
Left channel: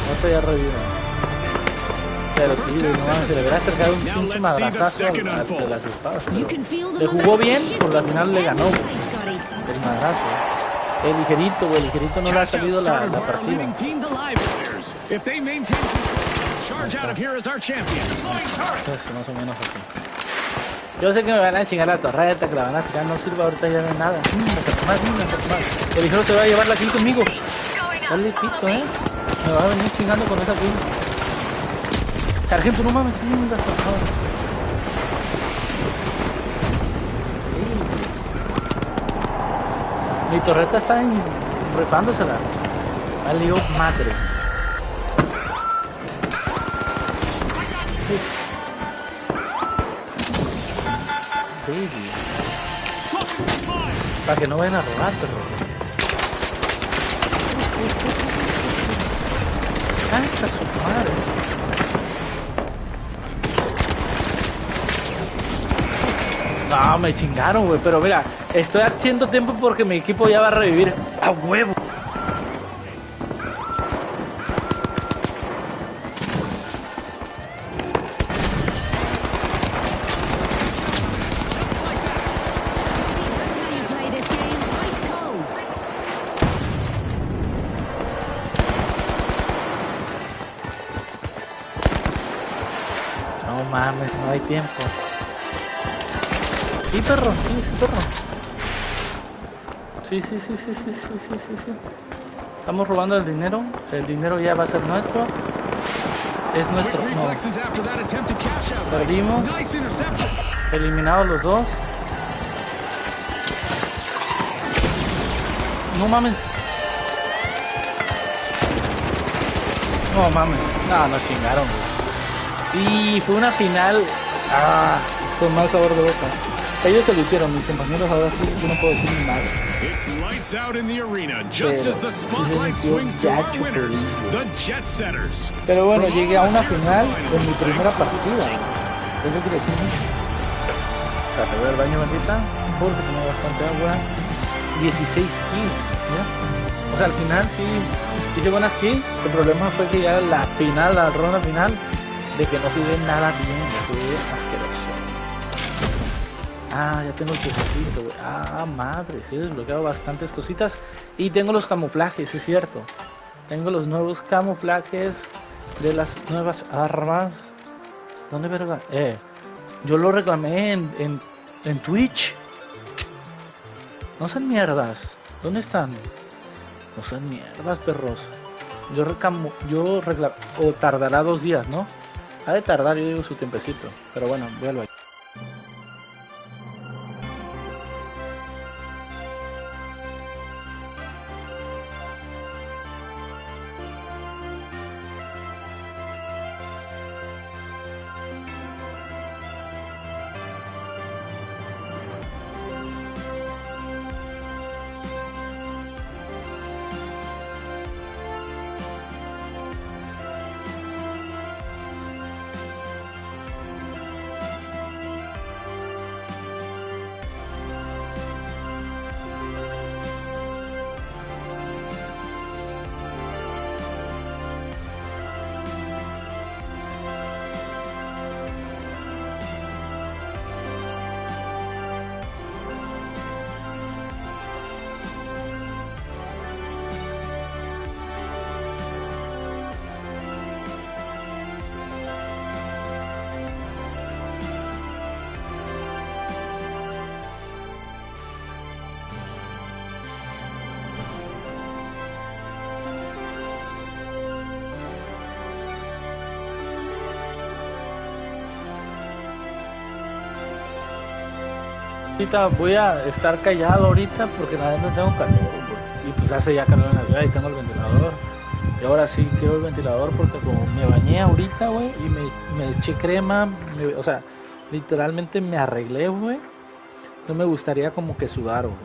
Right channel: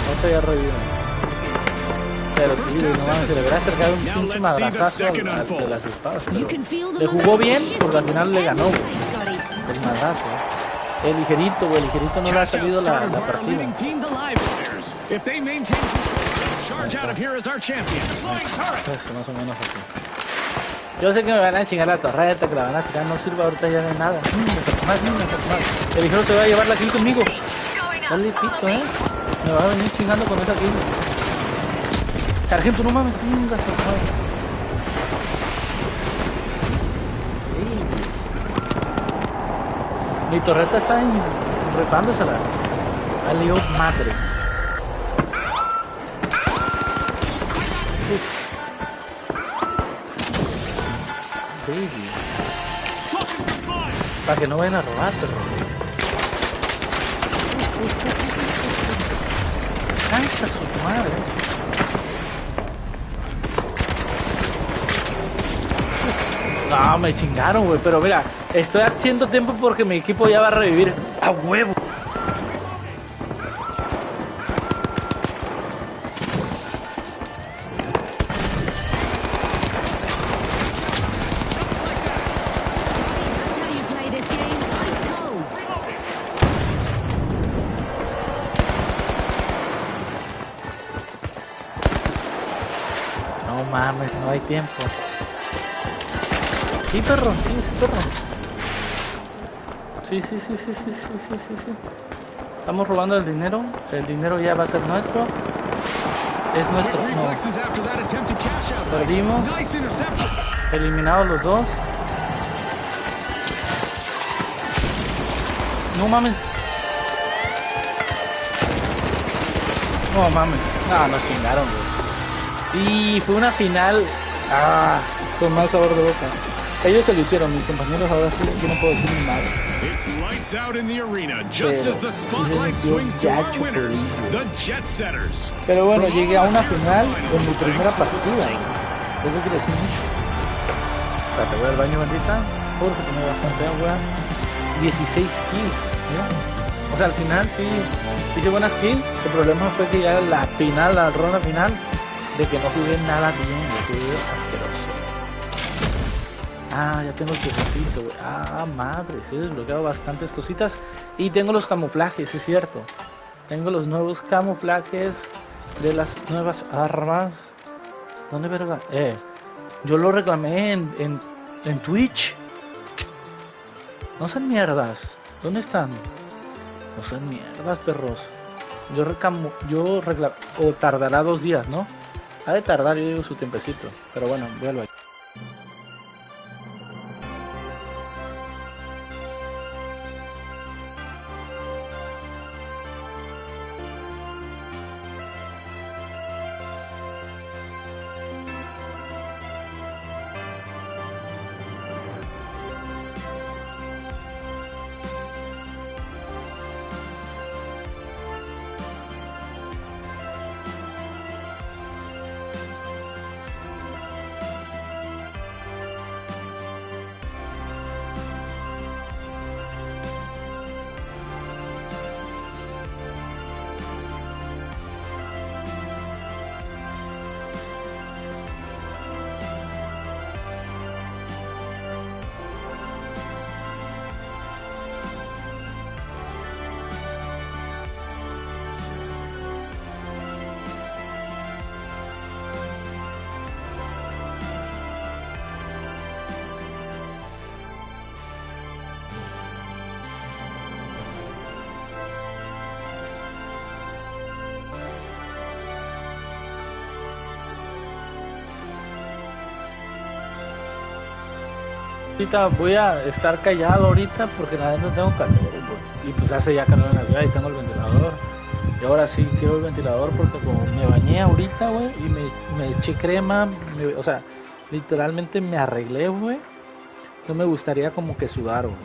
No te había revivido. Pero sí, güey, no mames, se le hubiera acercado un pinche madrazazo al de las espadas. You Pero can feel the le jugó momentum bien shifting porque al final le ganó, every güey. play, Scotty. El madrazo. El ligerito, güey. El ligerito no le ha Cash out salido started la by our partida. leading team, the live wires. If they maintain control, they'll charge out of here as our champions. Flying turret. Eso, más o menos así. Yo sé que me van a chingar la torreta, que la van a tirar, no sirve, ahorita ya no hay nada. Más. El ligero se va a llevar la kill conmigo. Dale pito, me va a venir chingando con esa kill. Sargento, no mames, chingas, por favor. Sí. Mi torreta está rifándosela. Dale, madres. Baby. Para que no vayan a robar, perro. Está su madre. No, me chingaron, güey. Pero mira, estoy haciendo tiempo porque mi equipo ya va a revivir. ¡A huevo! That's how you play this game. Ice cold. No mames, no hay tiempo. Sí, perro, sí, perro. Sí. Estamos robando el dinero. El dinero ya va a ser nuestro. Es nuestro. Quick No. reflexes after that attempt to cash out. Perdimos. Nice interception. Eliminados los dos. No mames. No mames. No, nos chingaron, güey. Y fue una final. Con mal sabor de boca. Ellos se lo hicieron, mis compañeros, ahora sí, yo no puedo decir ni nada. It's lights out in the arena just Pero as the sí se spotlight sintió swings to our gacho, winners, pero- the Jet Setters. Pero bueno, From llegué a all una of us here at final the en mi finals, primera thanks for partida. watching. Eso quiere decir mucho. Espérate, voy al baño, bendita. Porque tengo bastante agua. 16 kills, mira. O sea, al final sí hice buenas kills. El problema fue que ya la final, la ronda final, de que no jugué nada bien, yo jugué asqueroso. Ya tengo el quesecito, güey. Madre, sí he desbloqueado bastantes cositas. Y tengo los camuflajes, es cierto. Tengo los nuevos camuflajes de las nuevas armas. ¿Dónde verga? Yo lo reclamé en Twitch. No sean mierdas. ¿Dónde están? No sean mierdas, perros. Yo reclamé. O tardará 2 días, ¿no? Ha de tardar, yo digo, su tiempecito. Pero bueno, véalo ahí. Ahorita voy a estar callado ahorita porque nada no tengo calor, güey. Y pues hace ya calor en la ciudad y tengo el ventilador. Y ahora sí quiero el ventilador porque como me bañé ahorita, güey, y me eché crema, o sea, literalmente me arreglé, güey. No me gustaría como que sudar, güey.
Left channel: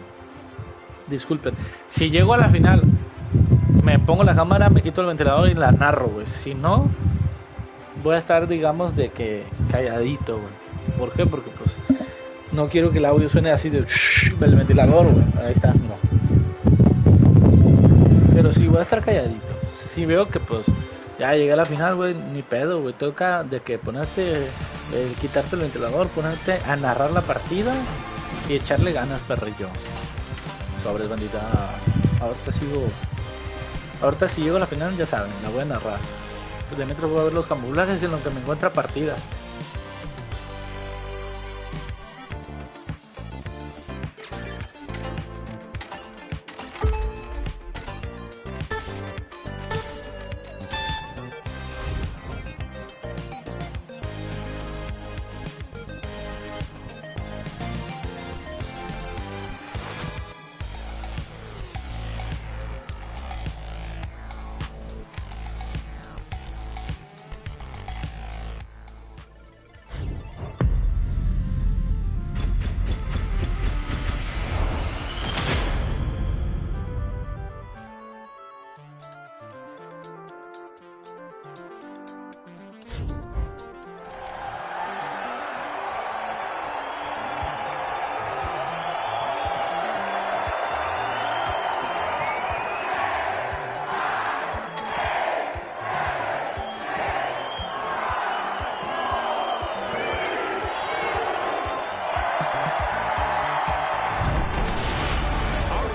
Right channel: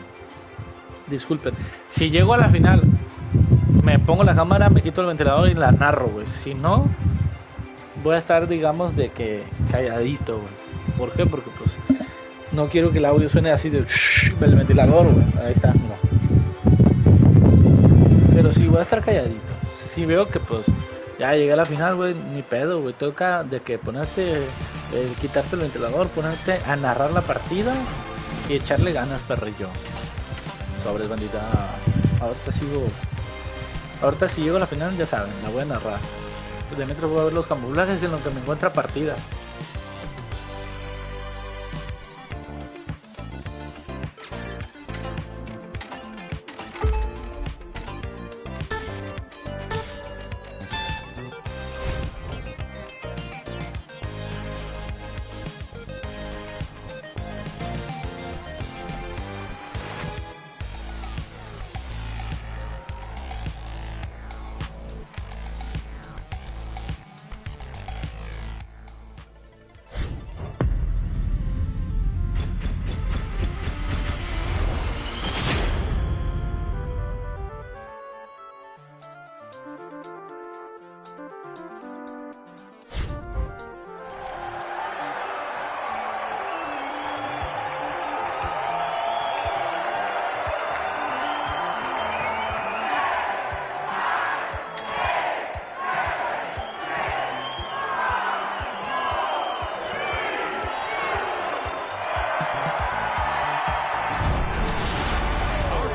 Disculpen. Si llego a la final, me pongo la cámara, me quito el ventilador y la narro, güey. Si no, voy a estar, digamos, de que calladito, güey. ¿Por qué? Porque pues no quiero que el audio suene así de del ventilador, güey. Ahí está, no. Pero sí voy a estar calladito. Si veo que pues ya llegué a la final, güey, ni pedo, güey. Toca de que ponerte, quitarte el ventilador, ponerte a narrar la partida y echarle ganas, perrillo. Sobres, bandita. Ahorita si llego a la final, ya saben, la voy a narrar. Pues de mientras voy a ver los camuflajes en los que me encuentra partida.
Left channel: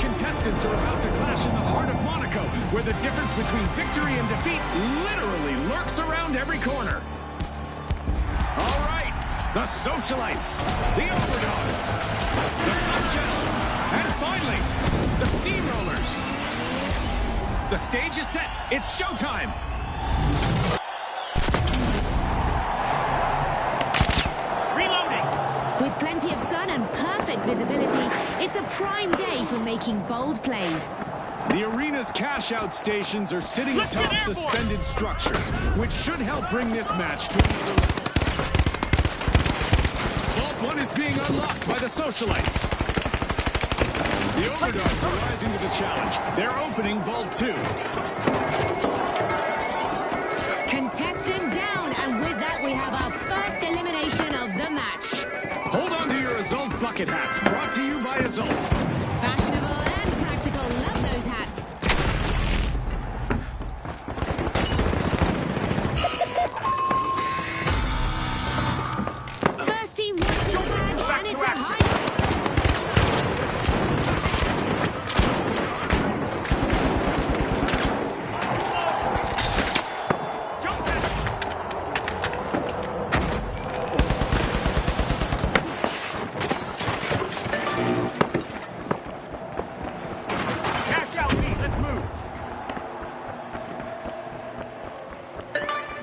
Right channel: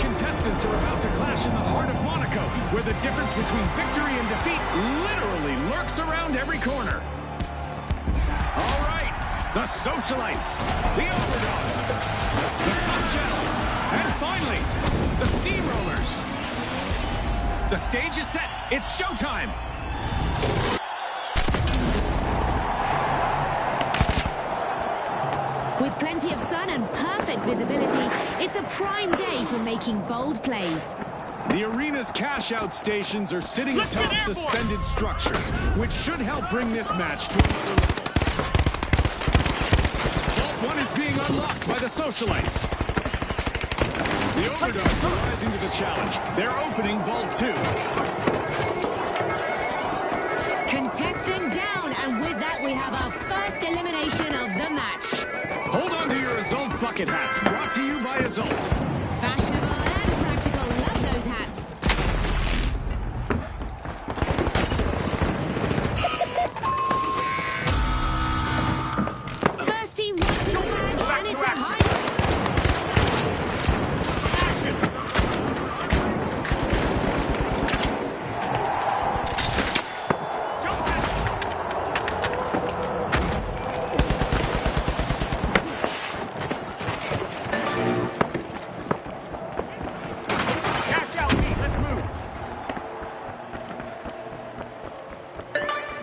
Contestants are about to clash in the heart of Monaco, where the difference between victory and defeat literally lurks around every corner. All right, the Socialites, the Overdogs, the Tough Shells, and finally, the Steamrollers. The stage is set. It's showtime. With plenty of sun and perfect visibility, it's a prime day for making bold plays. The arena's cash-out stations are sitting atop suspended structures, which should help bring this match to another level. Vault 1 is being unlocked by the Socialites. The Overdogs are rising to the challenge. They're opening Vault 2. Contestant down, and with that we have our first elimination of the match. Hold on to your Azult bucket hats, brought to you by Azult. Fashionable and practical, love those hats. First team wipes the bag, and it's a highlight.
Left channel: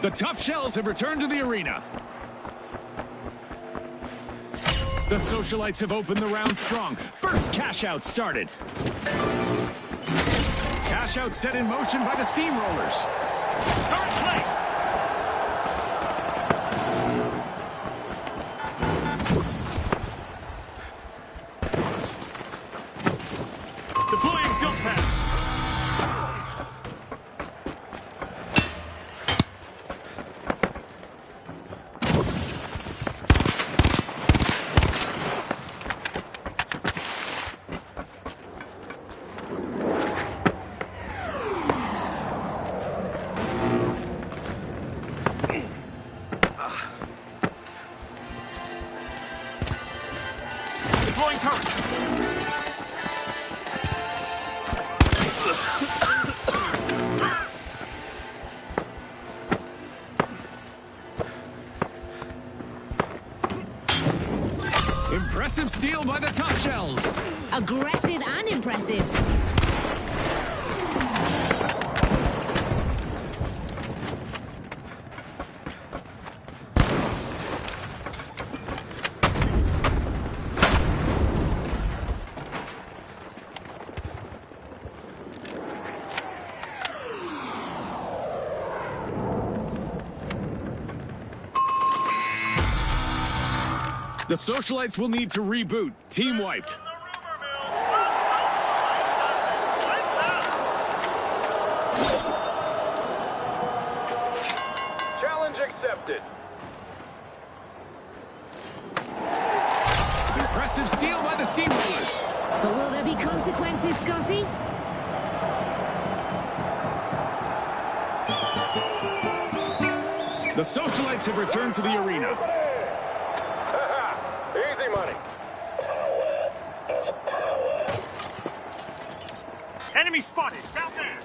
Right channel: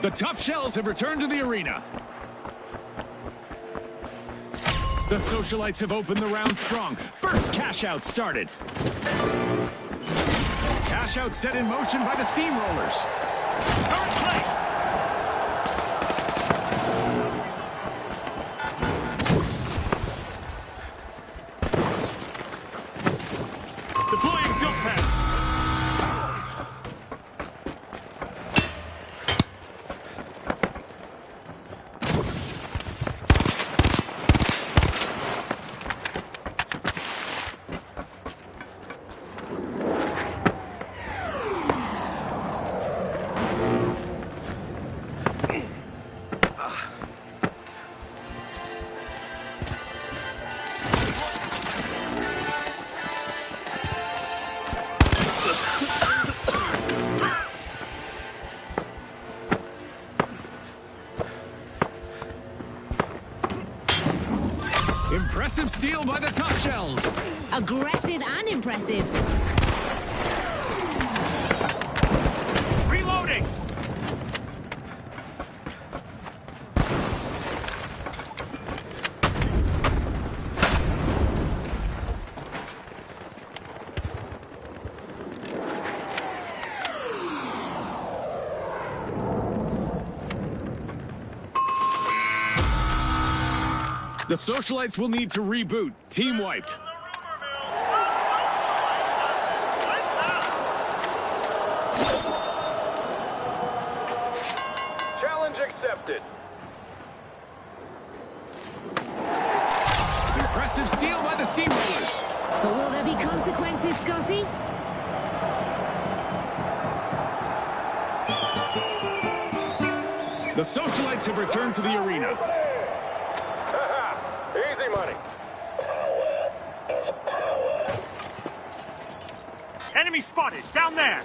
The Tough Shells have returned to the arena. The Socialites have opened the round strong. First cash-out started. Cash-out set in motion by the Steamrollers. Current play. Deploying jump pad. Impressive steal by the Tough Shells. Aggressive and impressive. Reloading. The socialites will need to reboot. Team wiped. Challenge accepted. Impressive steal by the Steamrollers. But will there be consequences, Scotty? The socialites have returned to the arena. Haha, easy money. Enemy spotted, down there.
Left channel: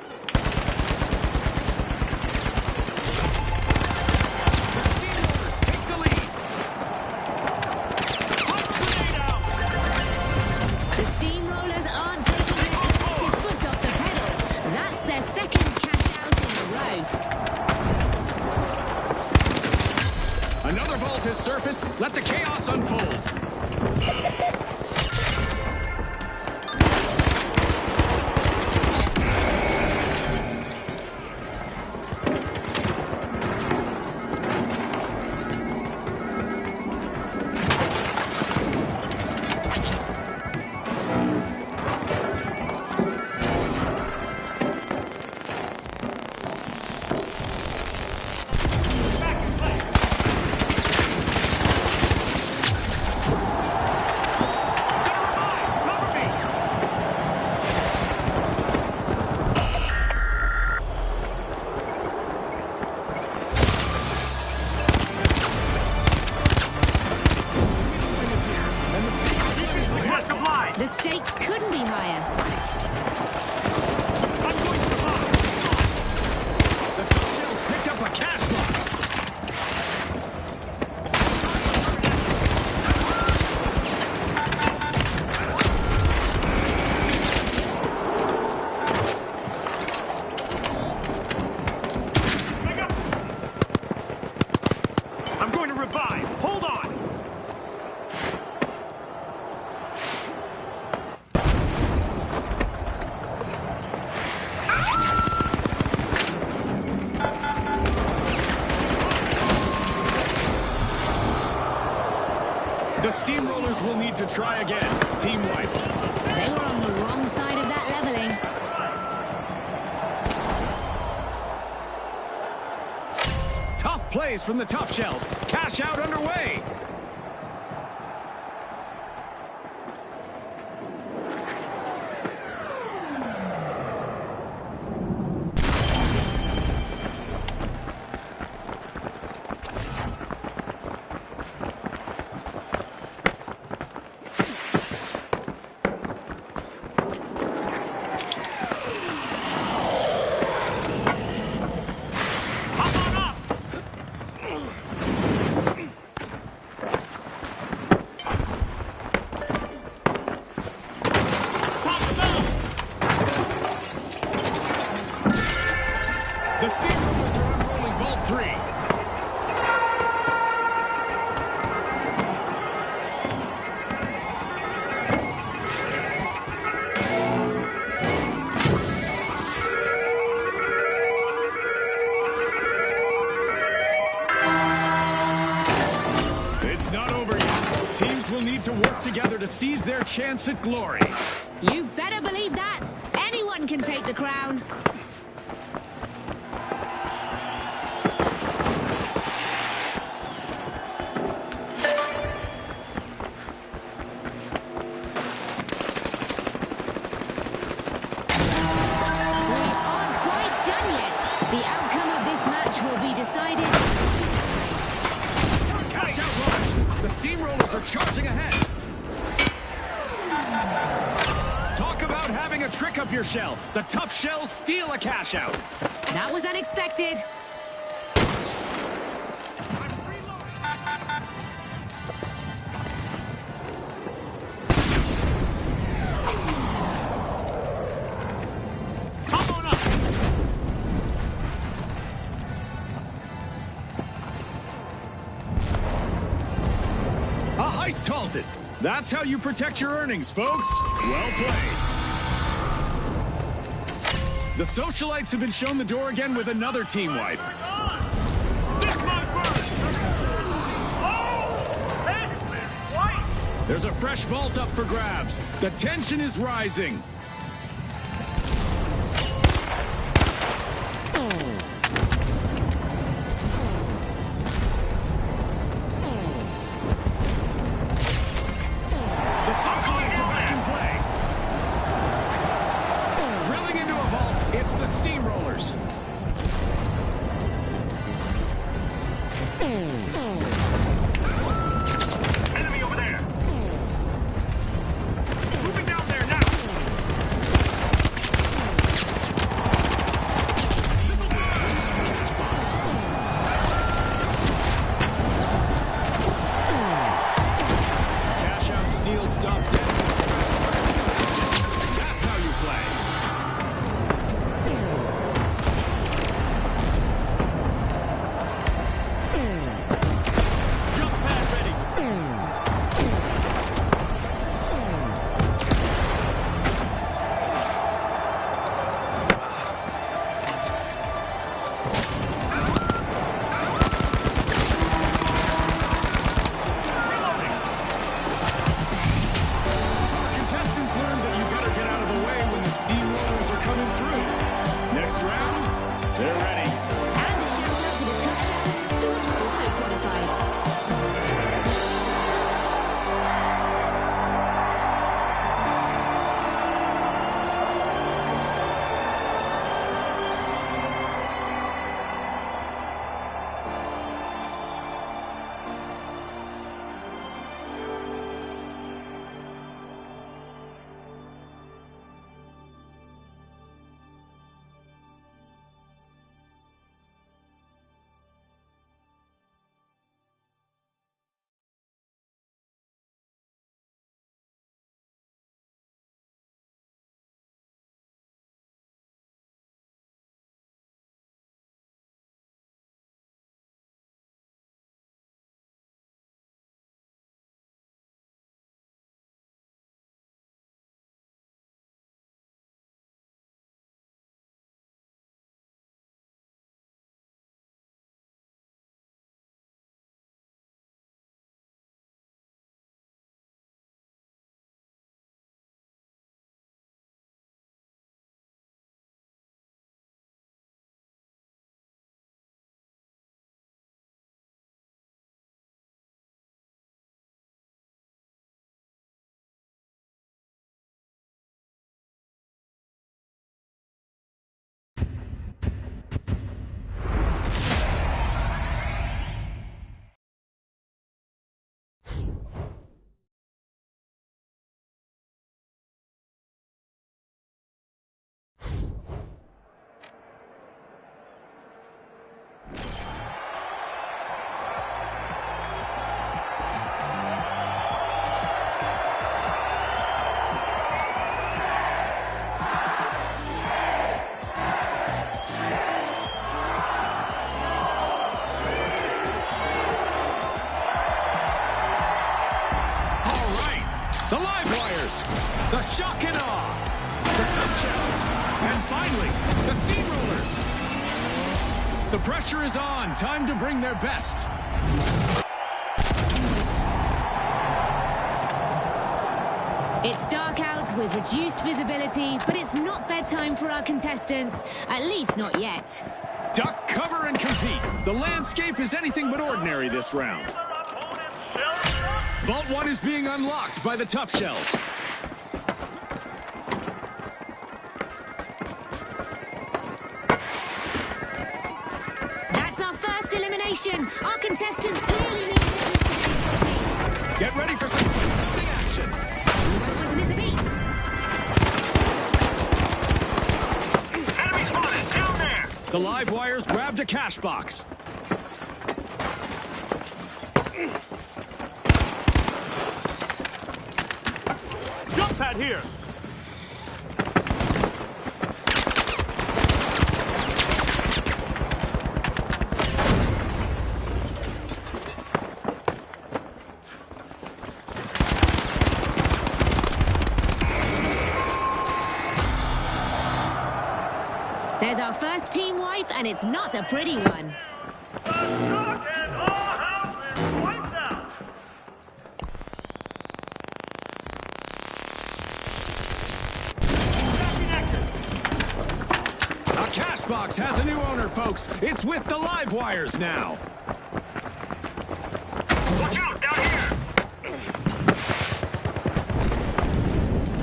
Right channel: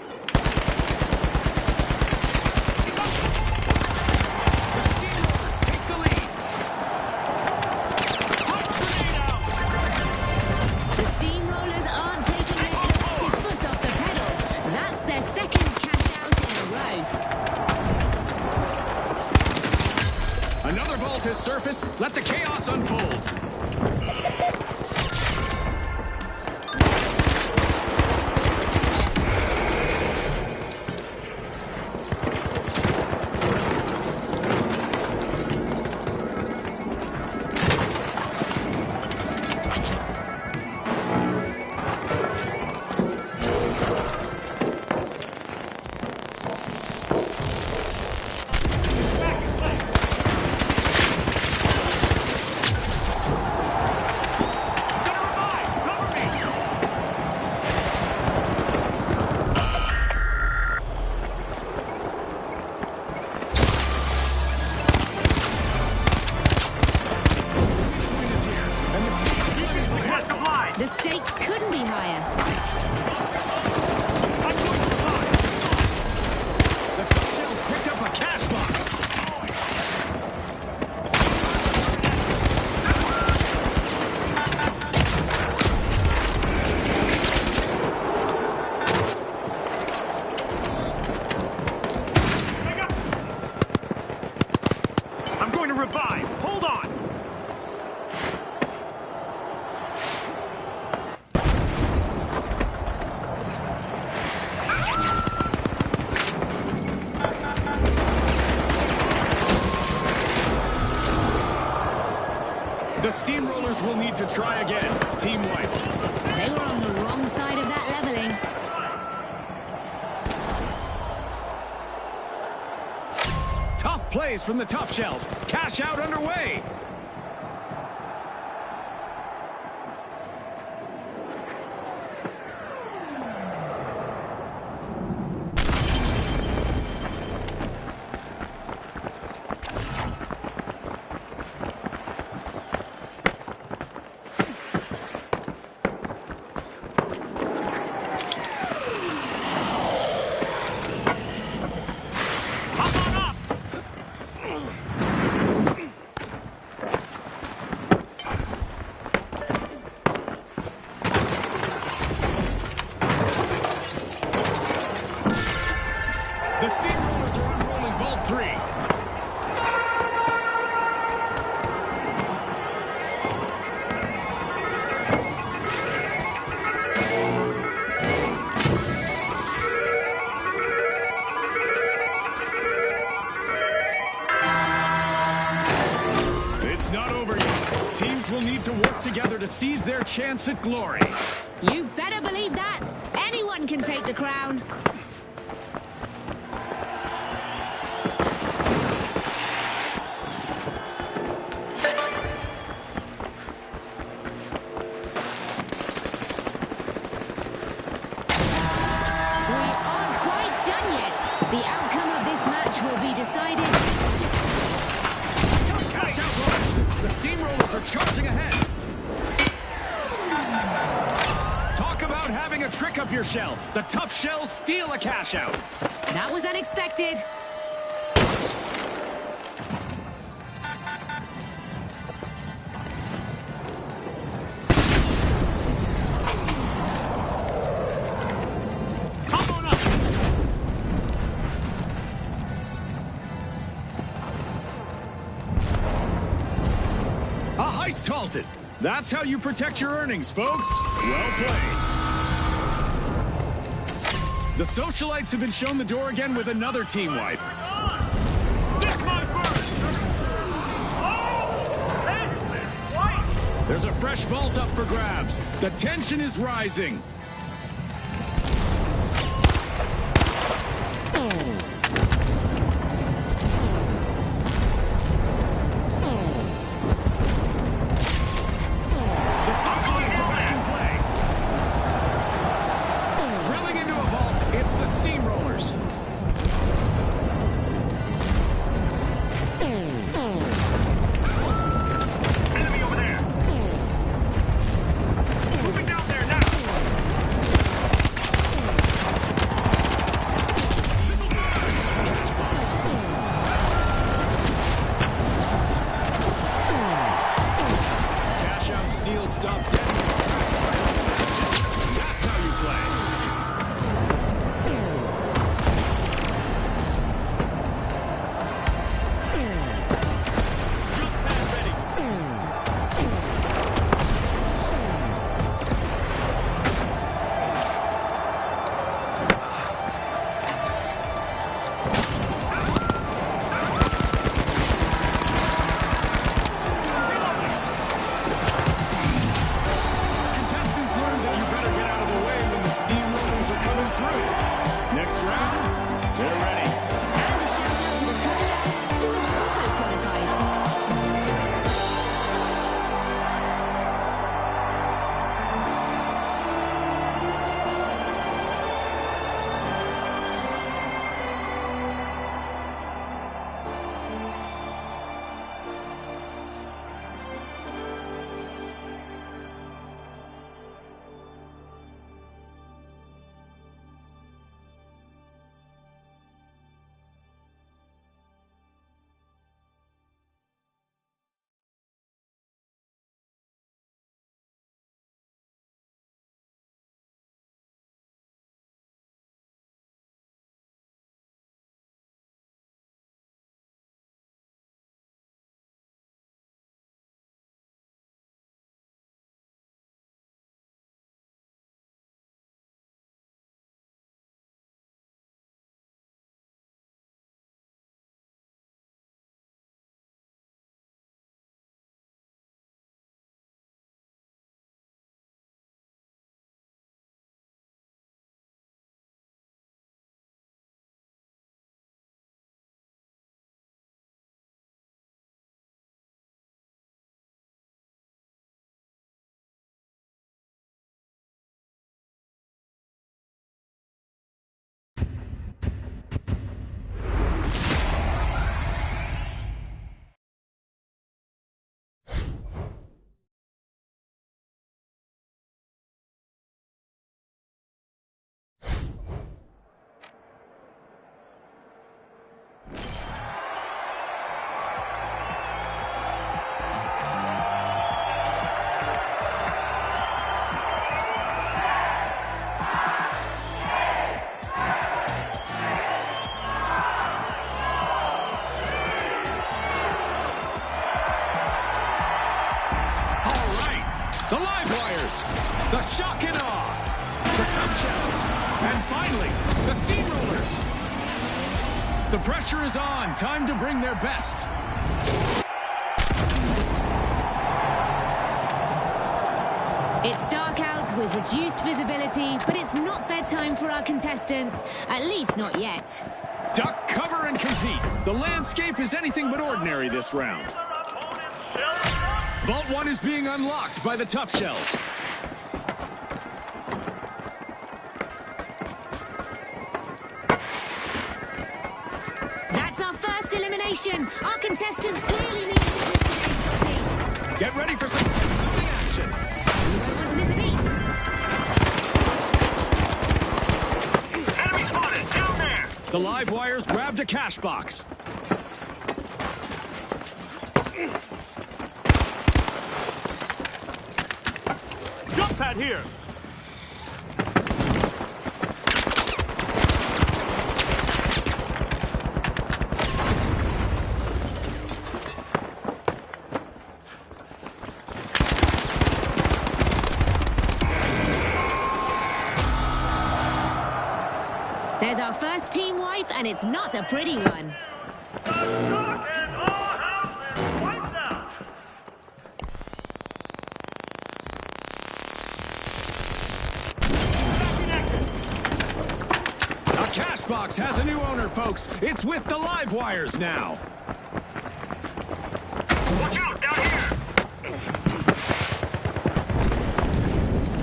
The Steamrollers take the lead. Pop a grenade out. The Steamrollers aren't taking their collective foot off the pedal. That's their second cash out in a row. Another vault has surfaced. Let the chaos unfold. Back in play. Gonna revive. Cover me. Point is here, and the stakes are very high. Catch a blind. The stakes couldn't be higher. I'm going to revive. The top shells picked up a cash box. Pick up. I'm going to revive. Hold on. The Steamrollers will need to try again. Team wiped. They were on the wrong side of that leveling. Tough plays from the tough shells. Cash out underway. Hop on up. The Steamrollers are unrolling Vault 3. It's not over yet. Teams will need to work together to seize their chance at glory. You better believe that. Anyone can take the crown. We aren't quite done yet. The outcome of this match will be decided. Cash out launched. The Steamrollers are charging ahead. Talk about having a trick up your shell. The tough shells steal a cash out. That was unexpected. Come on up. A heist halted. That's how you protect your earnings, folks. Well played. The socialites have been shown the door again with another team wipe. This might burn. Oh, that's There's a fresh vault up for grabs. The tension is rising. The socialites are back in play. Drilling into a vault, it's the steamrollers. Enemy over there. Moving down there now. Cash out steel stop dead. That's how you play. Jump pad ready. Our contestants learned that you better get out of the way when the steamrollers are coming through. Next round, they're ready. And a shout out to the tough shells who have also qualified. All right, the live wires, the shock and awe, the tough shells, and finally, the steamrollers. The pressure is on. Time to bring their best. It's dark out with reduced visibility, but it's not bedtime for our contestants, at least not yet. Duck, cover, and compete. The landscape is anything but ordinary this round. Vault 1 is being unlocked by the tough shells. That's our first elimination. Our contestants clearly need business today, Scotty. Get ready for some fighting action. We won't want to miss a beat. Enemy spotted down there. The live wires grabbed a cash box. Jump pad here. There's our first team wipe, and it's not a pretty one. The stock and all houses wiped out. box has a new owner, folks. It's with the live wires now. Watch out, down here!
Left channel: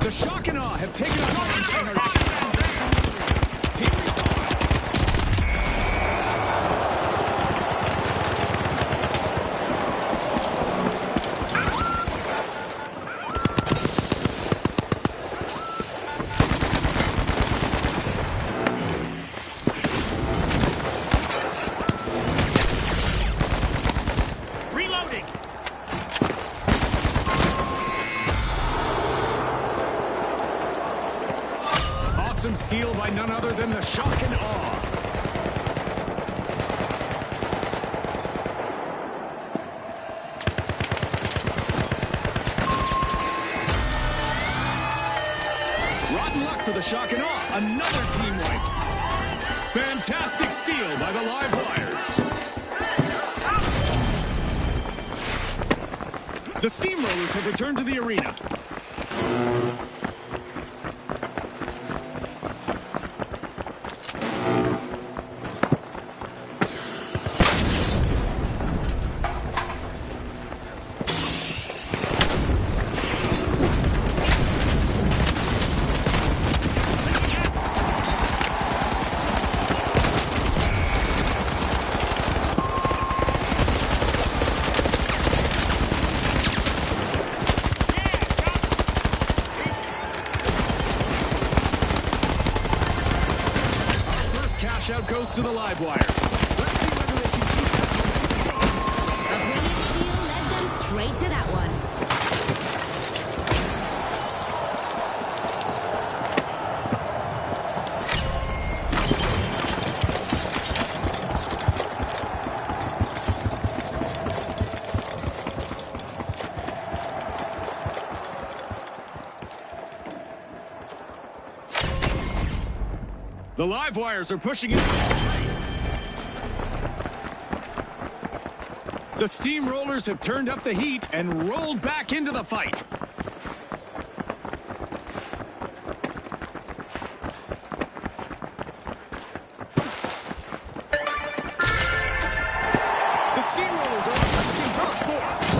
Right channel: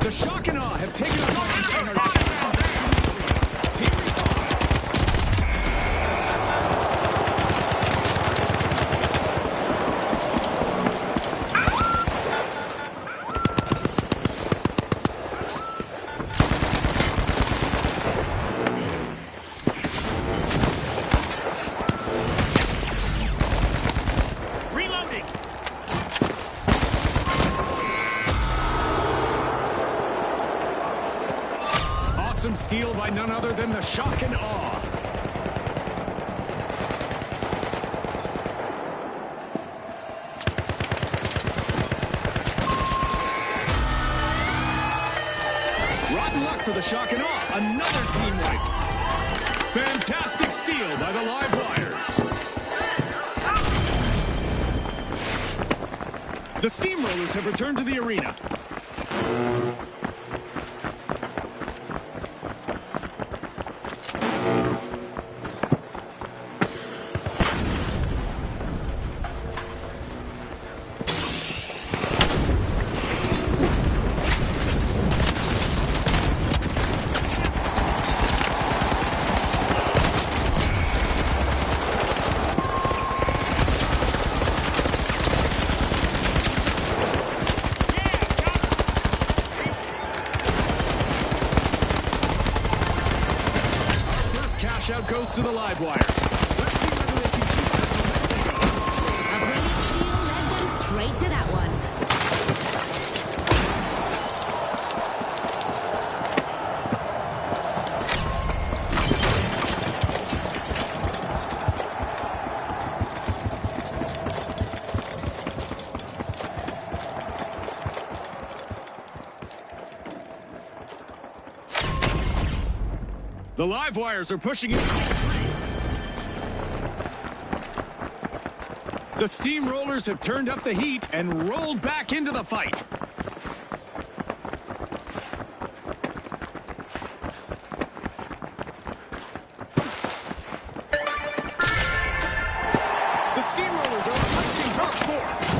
The shock and awe have taken up the container. Team respawn. Reloading! Awesome steal by none other than the shock and awe. Rotten luck for the shock and awe. Another team wipe. Fantastic steal by the live wires. The Steamrollers have returned to the arena. Cash out goes to the live wires. Let's see whether they can keep that momentum going. A brilliant steal led them straight to that one. The live wires are pushing into all three. The Steamrollers have turned up the heat and rolled back into the fight. The Steamrollers are attacking turret 4.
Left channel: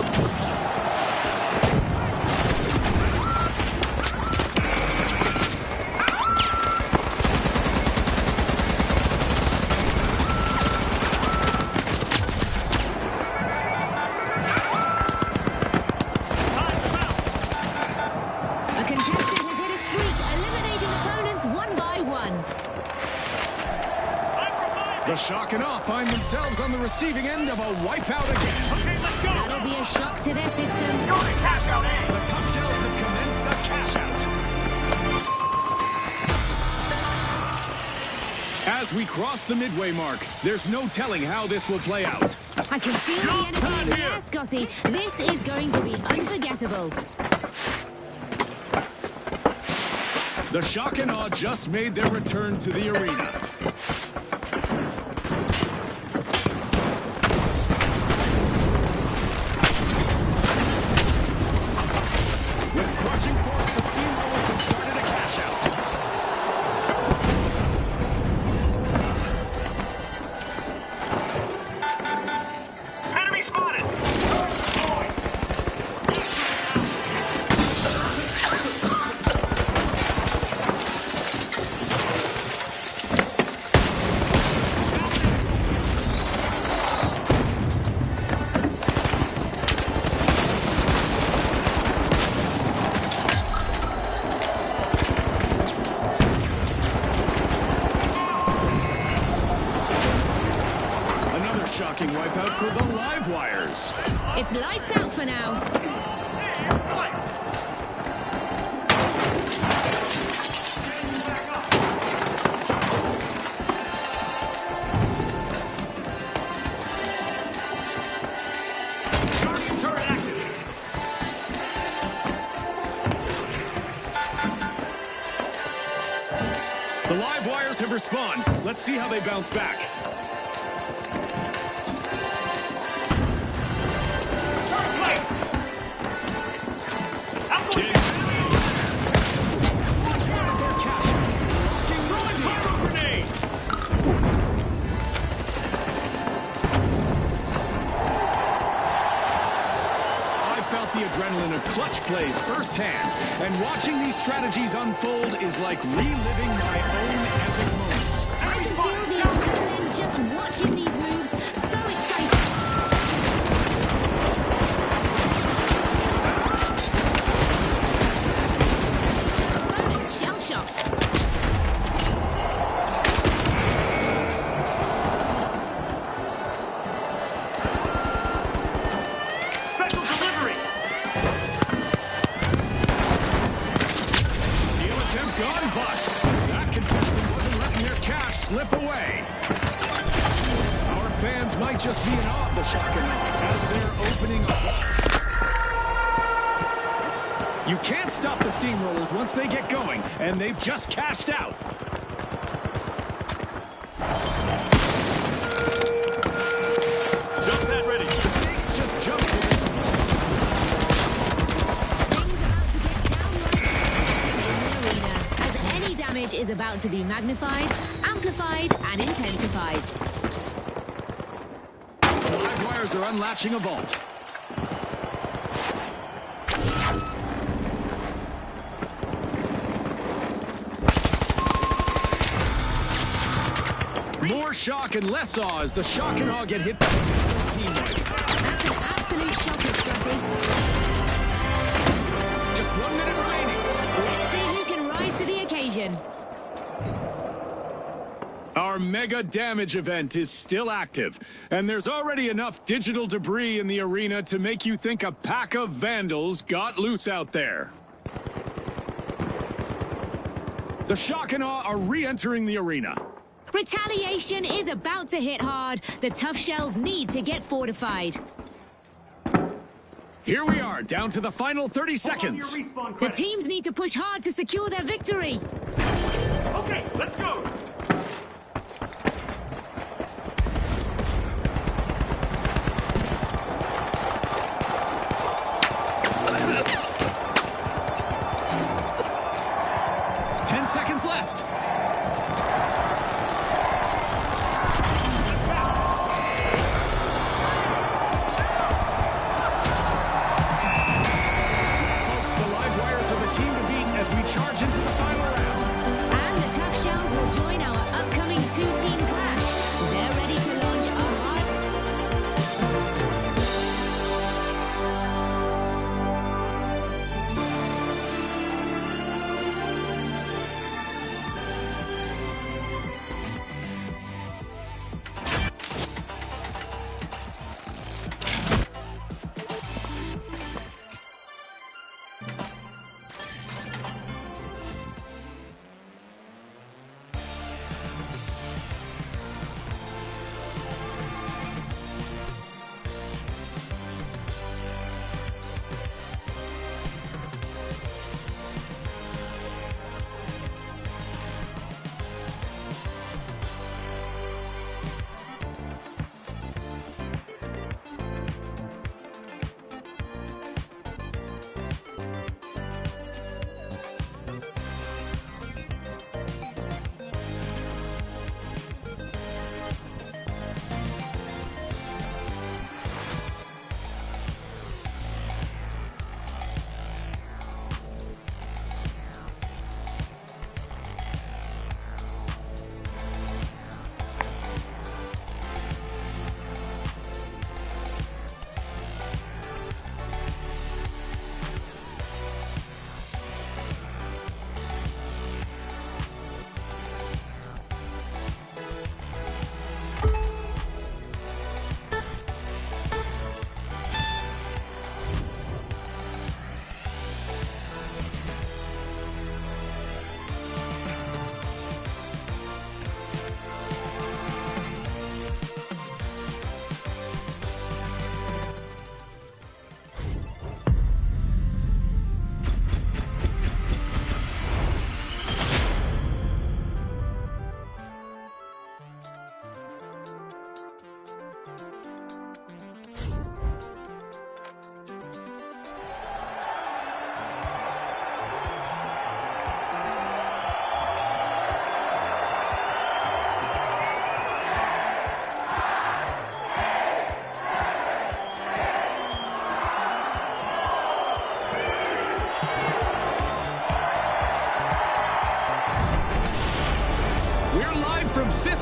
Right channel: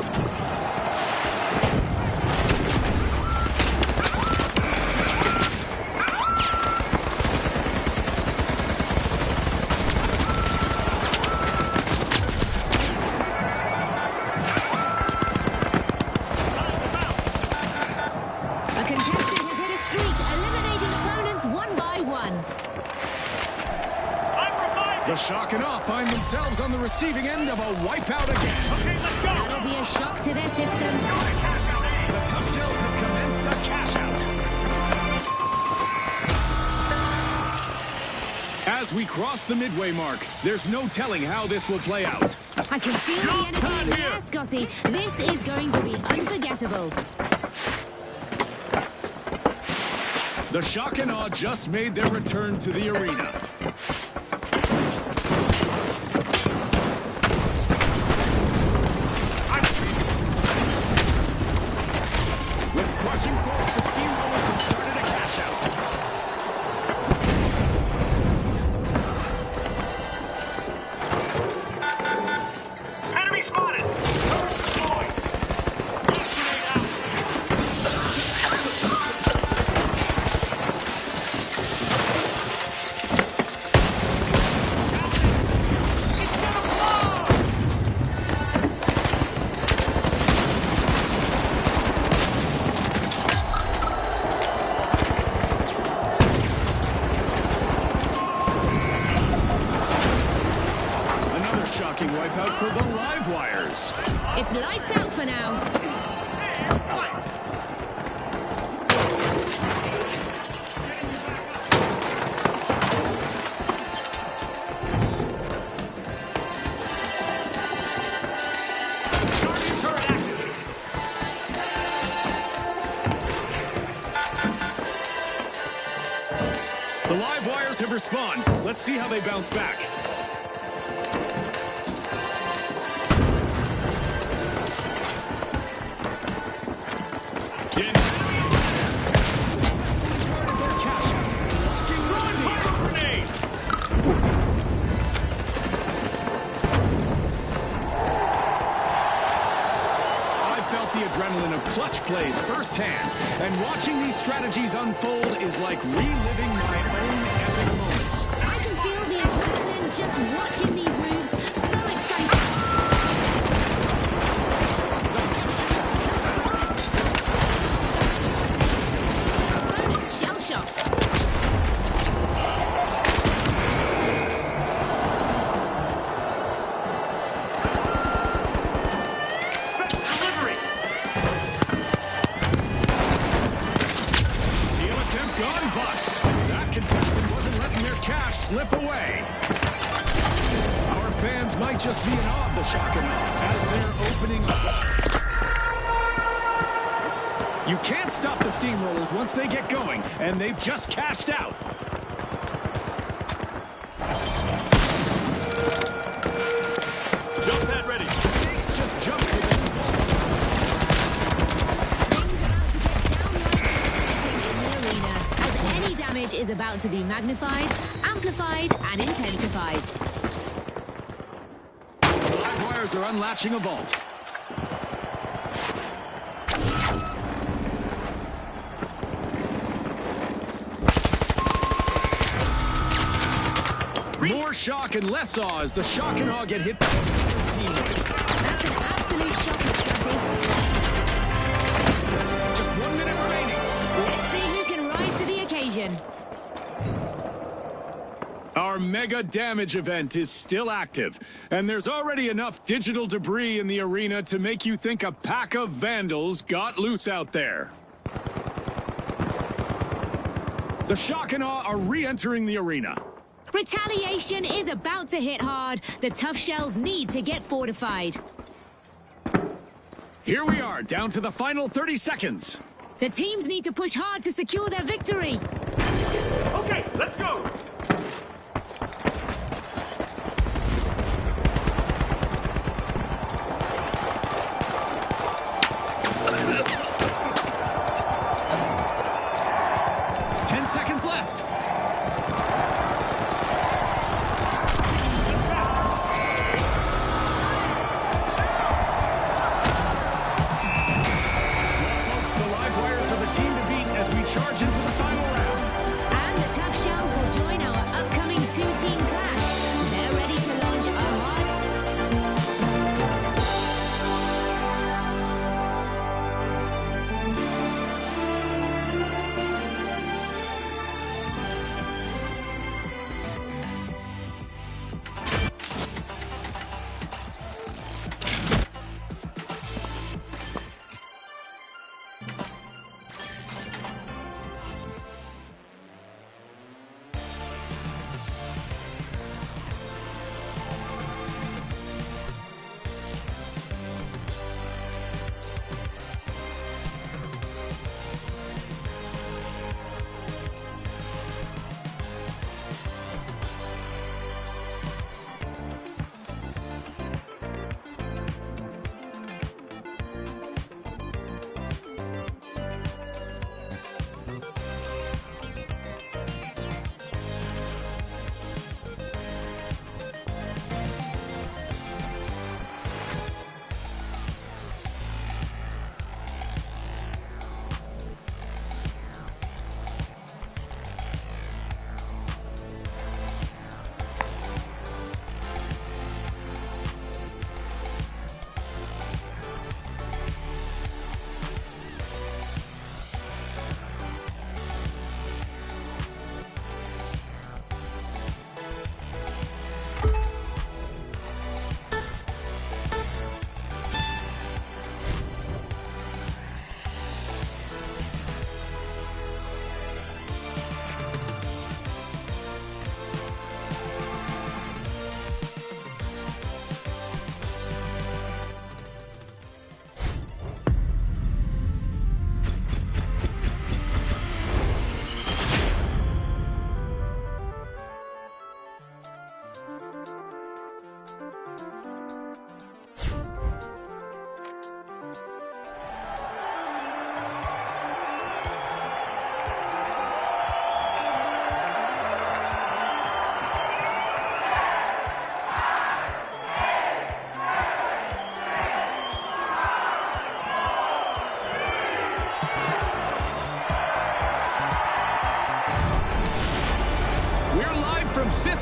A contestant has hit a streak, eliminating opponents one by one. I'm reviving! The shock and awe find themselves on the receiving end of a wipeout again. Okay, let's go! That'll be a shock to their system. Go to cash out A! The Tough Shells have commenced a cash out. As we cross the midway mark, there's no telling how this will play out. I can feel the energy in the air, Scotty. This is going to be unforgettable. The shock and awe just made their return to the arena. With crushing force, the Steamrollers have started a cash out. Enemy spotted! Turret deployed! Grenade out! Another shocking wipeout for the live wires. It's lights out for now. Guardian turret active! The live wires have respawned. Let's see how they bounce back. felt the adrenaline of clutch plays firsthand, and watching these strategies unfold is like reliving my own epic moments. I can feel the adrenaline just watching these moves. So exciting. Opponent's shell-shocked. Special delivery. Steal attempt gone bust. That contestant wasn't letting their cash slip away. Our fans might just be in awe of the shock and awe as they're opening a vault. You can't stop the steamrollers once they get going, and they've just cashed out. Jump pad ready. The stakes just jumped within the vault. Things about to get downright devastating in the arena, as any damage is about to be magnified, amplified, and intensified. The live wires are unlatching a vault. More shock and less awe as the shock and awe get hit by another team wipe. That's an absolute shocker, Scotty. Just 1 minute remaining. Let's see who can rise to the occasion. Our mega damage event is still active, and there's already enough digital debris in the arena to make you think a pack of vandals got loose out there. The shock and awe are re-entering the arena. Retaliation is about to hit hard. The tough shells need to get fortified. Here we are, down to the final 30 seconds. The teams need to push hard to secure their victory. Okay, let's go. Ten seconds left. Team to beat as we charge into the final round. And the tough shells will join our upcoming two-team clash. They're ready to launch a hard...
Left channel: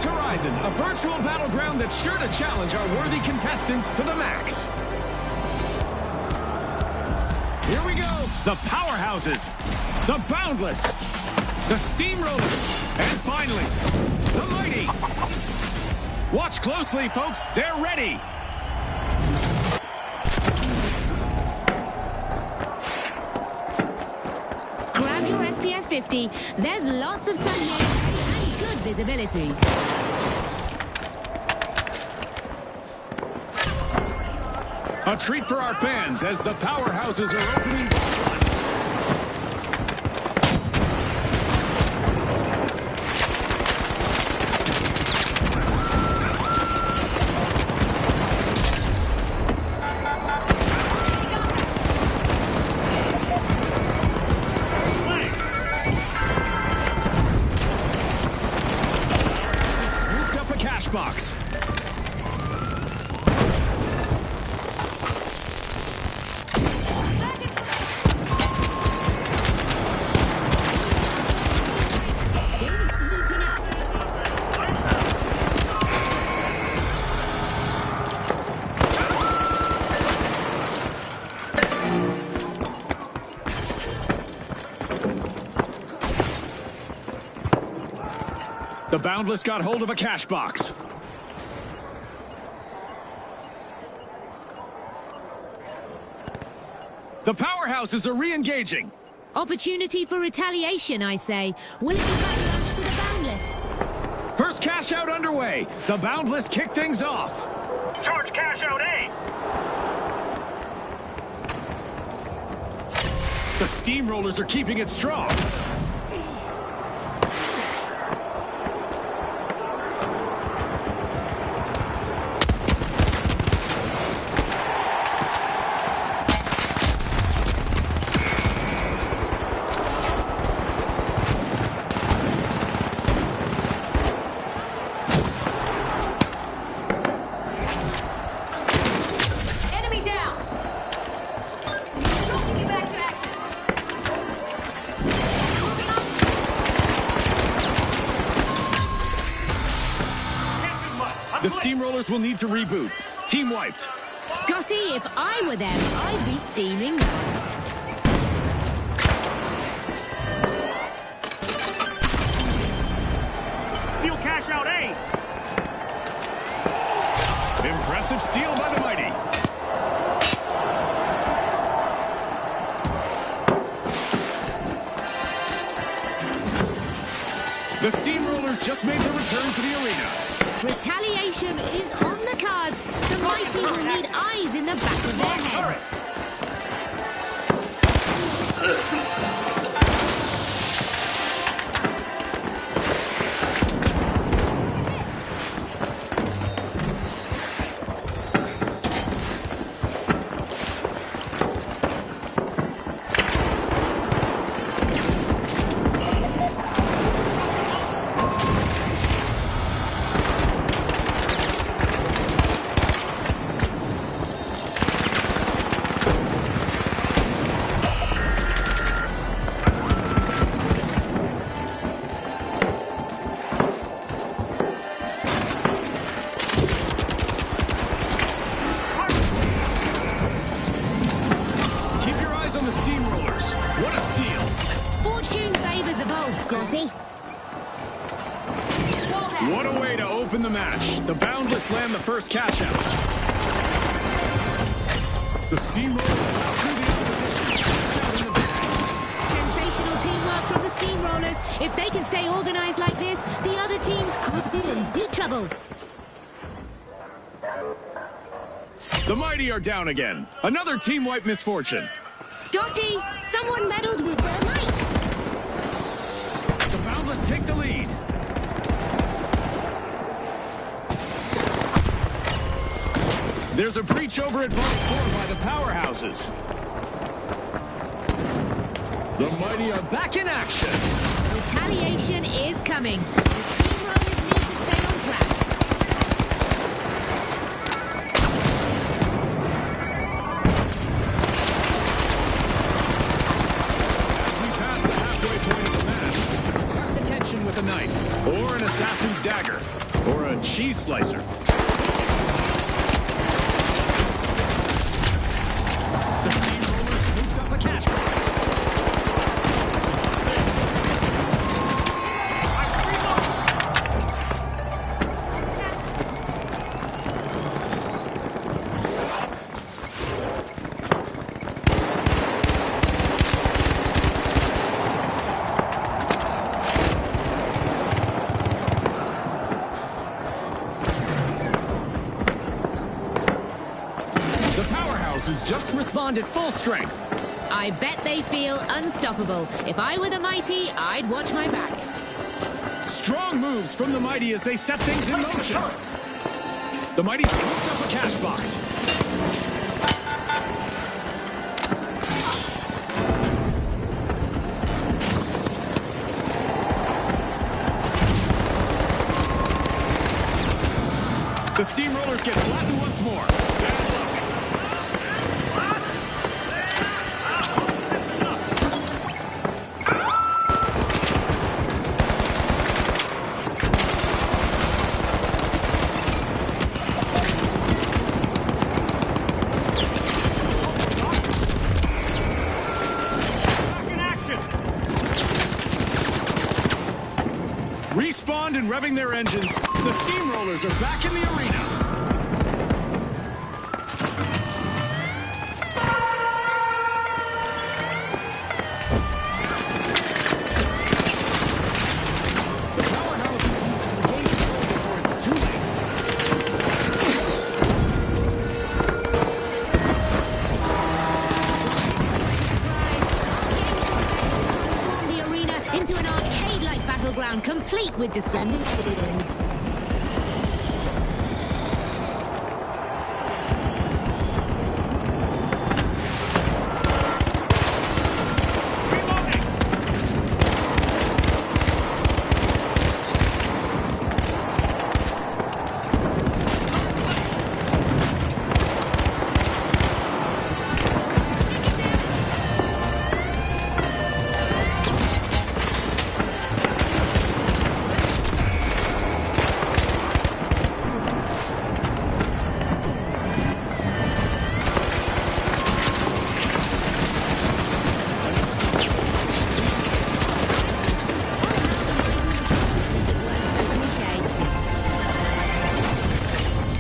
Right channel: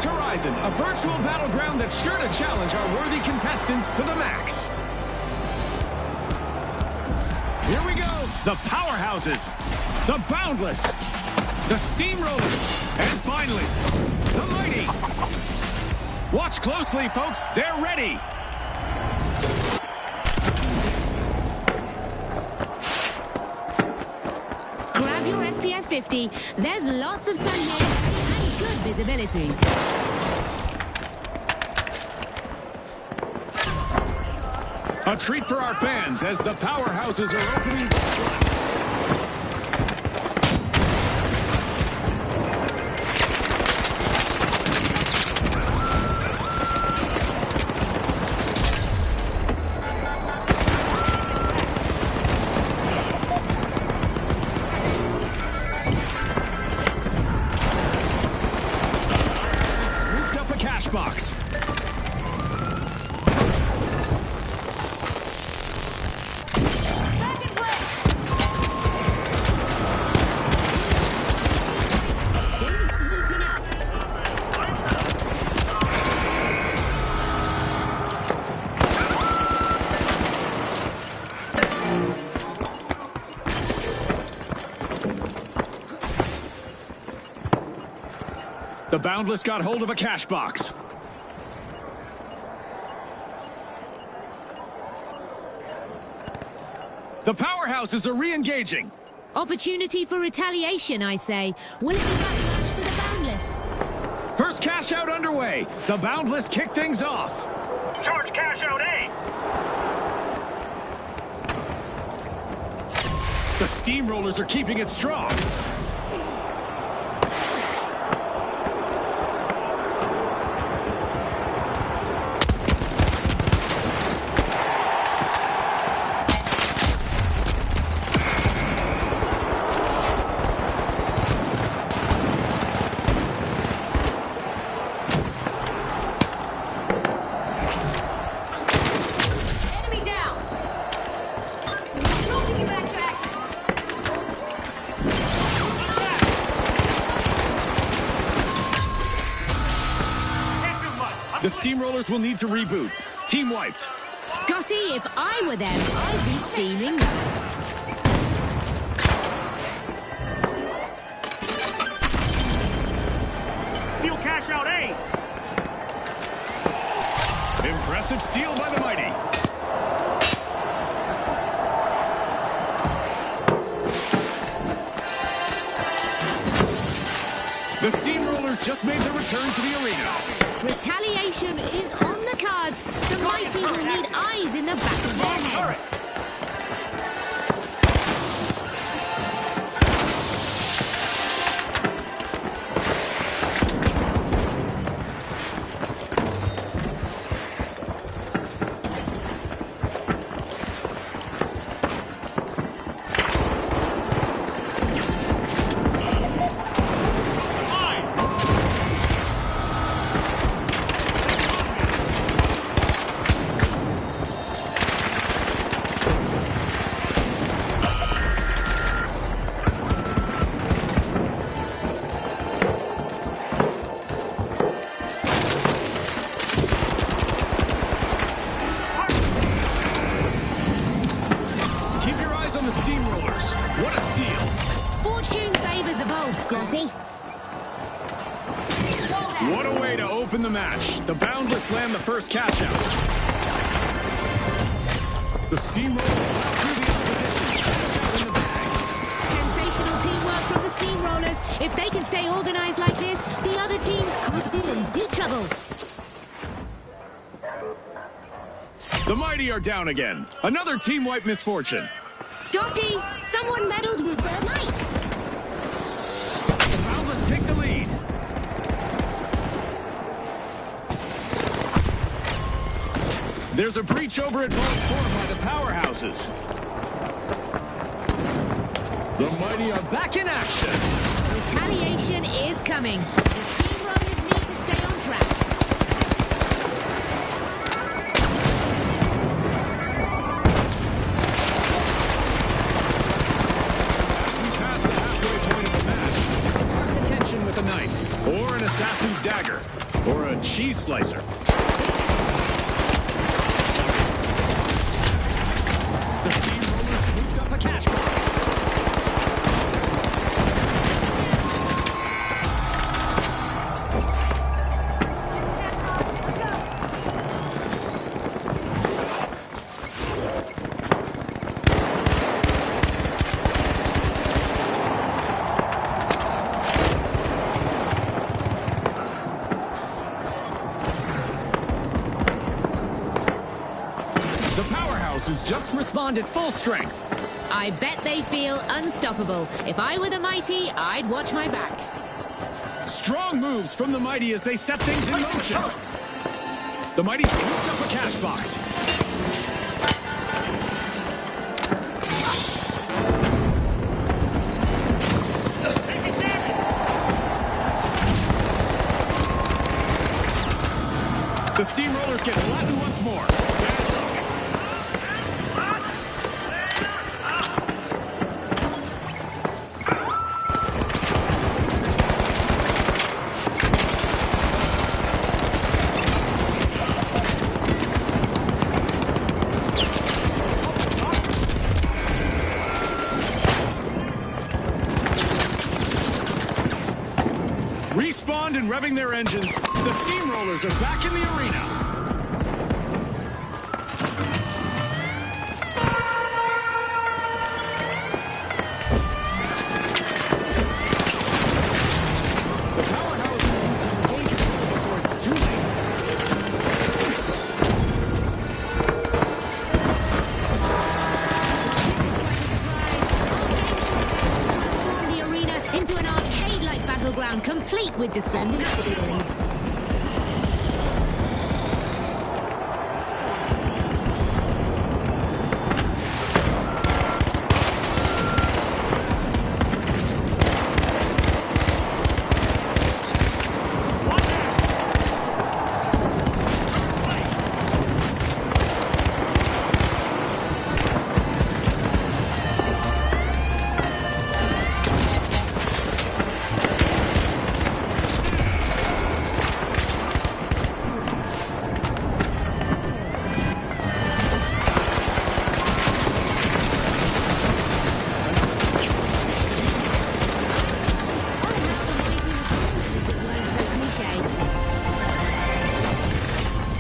horizon, a virtual battleground that's sure to challenge our worthy contestants to the max. Here we go. The powerhouses, the boundless, the steamrollers, and finally, the mighty. Watch closely, folks. They're ready. Grab your SPF 50. There's lots of sun here and good visibility. A treat for our fans as the powerhouses are opening Vault 1. Swooped up a cash box. The Boundless got hold of a cash box. The powerhouses are re-engaging. Opportunity for retaliation, I say. Will it be backlash for the Boundless? First cash out underway. The Boundless kick things off. Charge cash out A. The Steamrollers are keeping it strong. Enemy down! Dropping you back to action! Can't do much. I'm The late. Steamrollers will need to reboot. Team wiped. Scotty, if I were them, I'd be steaming mad. Steal cash out A. Impressive steal by the mighty. The Steamrollers just made their return to the arena. Retaliation is on the cards. The mighty will need eyes in the back of their heads. Keep your eyes on the Steamrollers. What a steal. Fortune favors the bold, Scotty. What a way to open the match. The Boundless land the first cash out. The Steamrollers plow through the opposition. Cash out in the bag. Sensational teamwork from the Steamrollers. If they can stay organized like this, the other teams could be in deep trouble. The mighty are down again. Another team wipe misfortune. Scotty, someone meddled with their might. The Boundless take the lead. There's a breach over at Vault 4 by the powerhouses. The mighty are back in action. Retaliation is coming. The Steamrollers need to stay on track. As we pass the halfway point of the match, mark the tension with a knife or an assassin's dagger. Or a cheese slicer. The steamroller swooped up a cash box. The powerhouse has just responded full strength. I bet they feel unstoppable. If I were the mighty, I'd watch my back. Strong moves from the mighty as they set things in motion. The mighty swooped up a cash box. The steamrollers get flattened once more. Bad luck. Respawned and revving their engines, the steamrollers are back in the arena. The powerhouse will gain control before it's too late. Transform the arena into an arcade-like battleground, complete with descending buildings.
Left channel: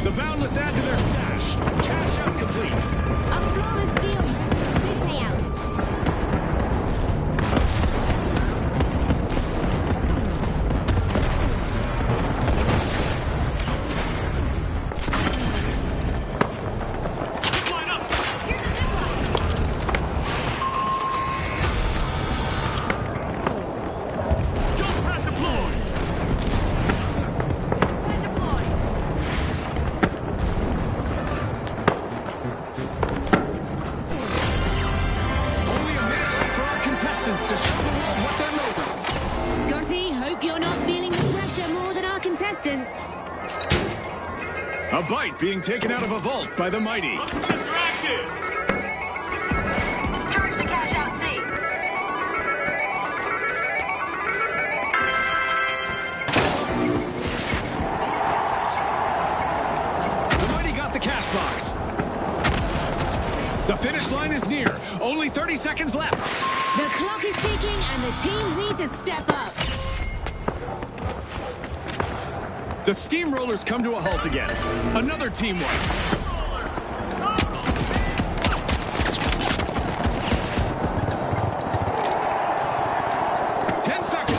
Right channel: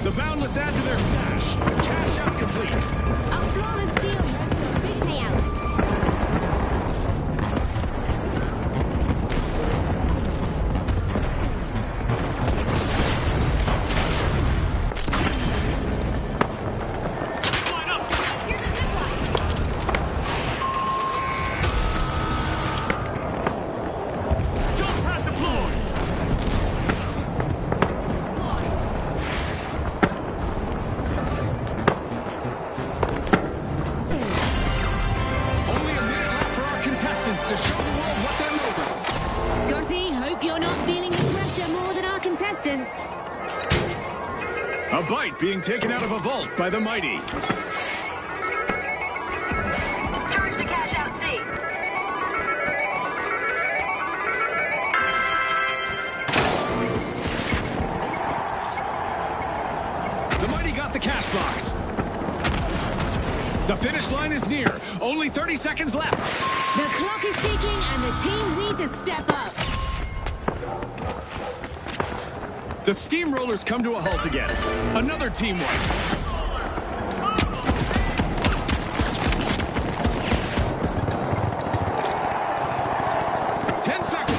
The Boundless add to their stash. Cash out complete. A flawless steal. Big payout. Line up. Here's a zip line. Jump pad deployed. Deployed. Only a minute left for our contestants to show the world what they're made of. Scotty, hope you're not feeling the pressure more than our contestants. A bite being taken out of a vault by the mighty. Charge the cash out C. The mighty got the cash box. The finish line is near. Only 30 seconds left. The clock is ticking and the teams need to step up. The steamrollers come to a halt again. Another team wipe. 10 seconds.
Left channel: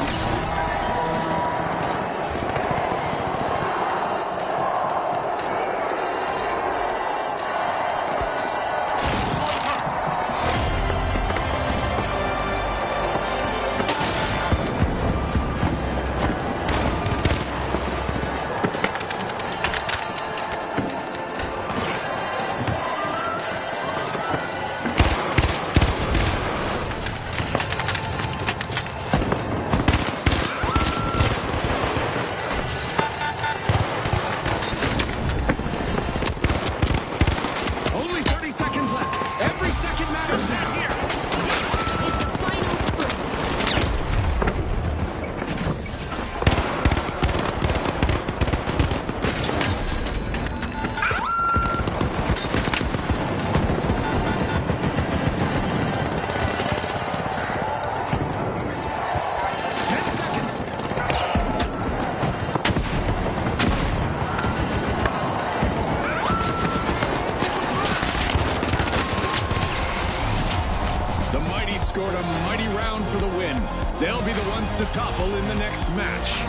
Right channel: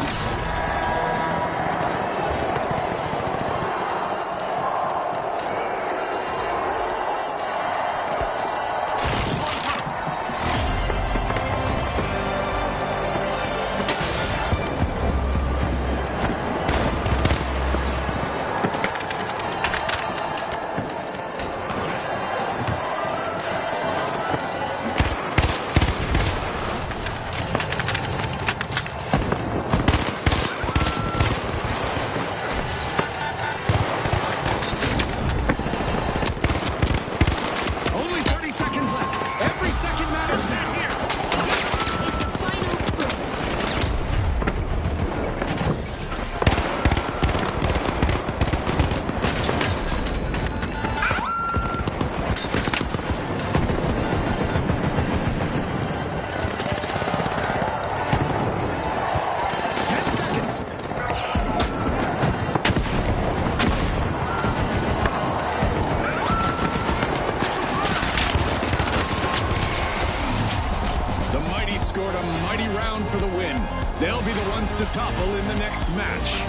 scored a mighty round for the win. They'll be the ones to topple in the next match.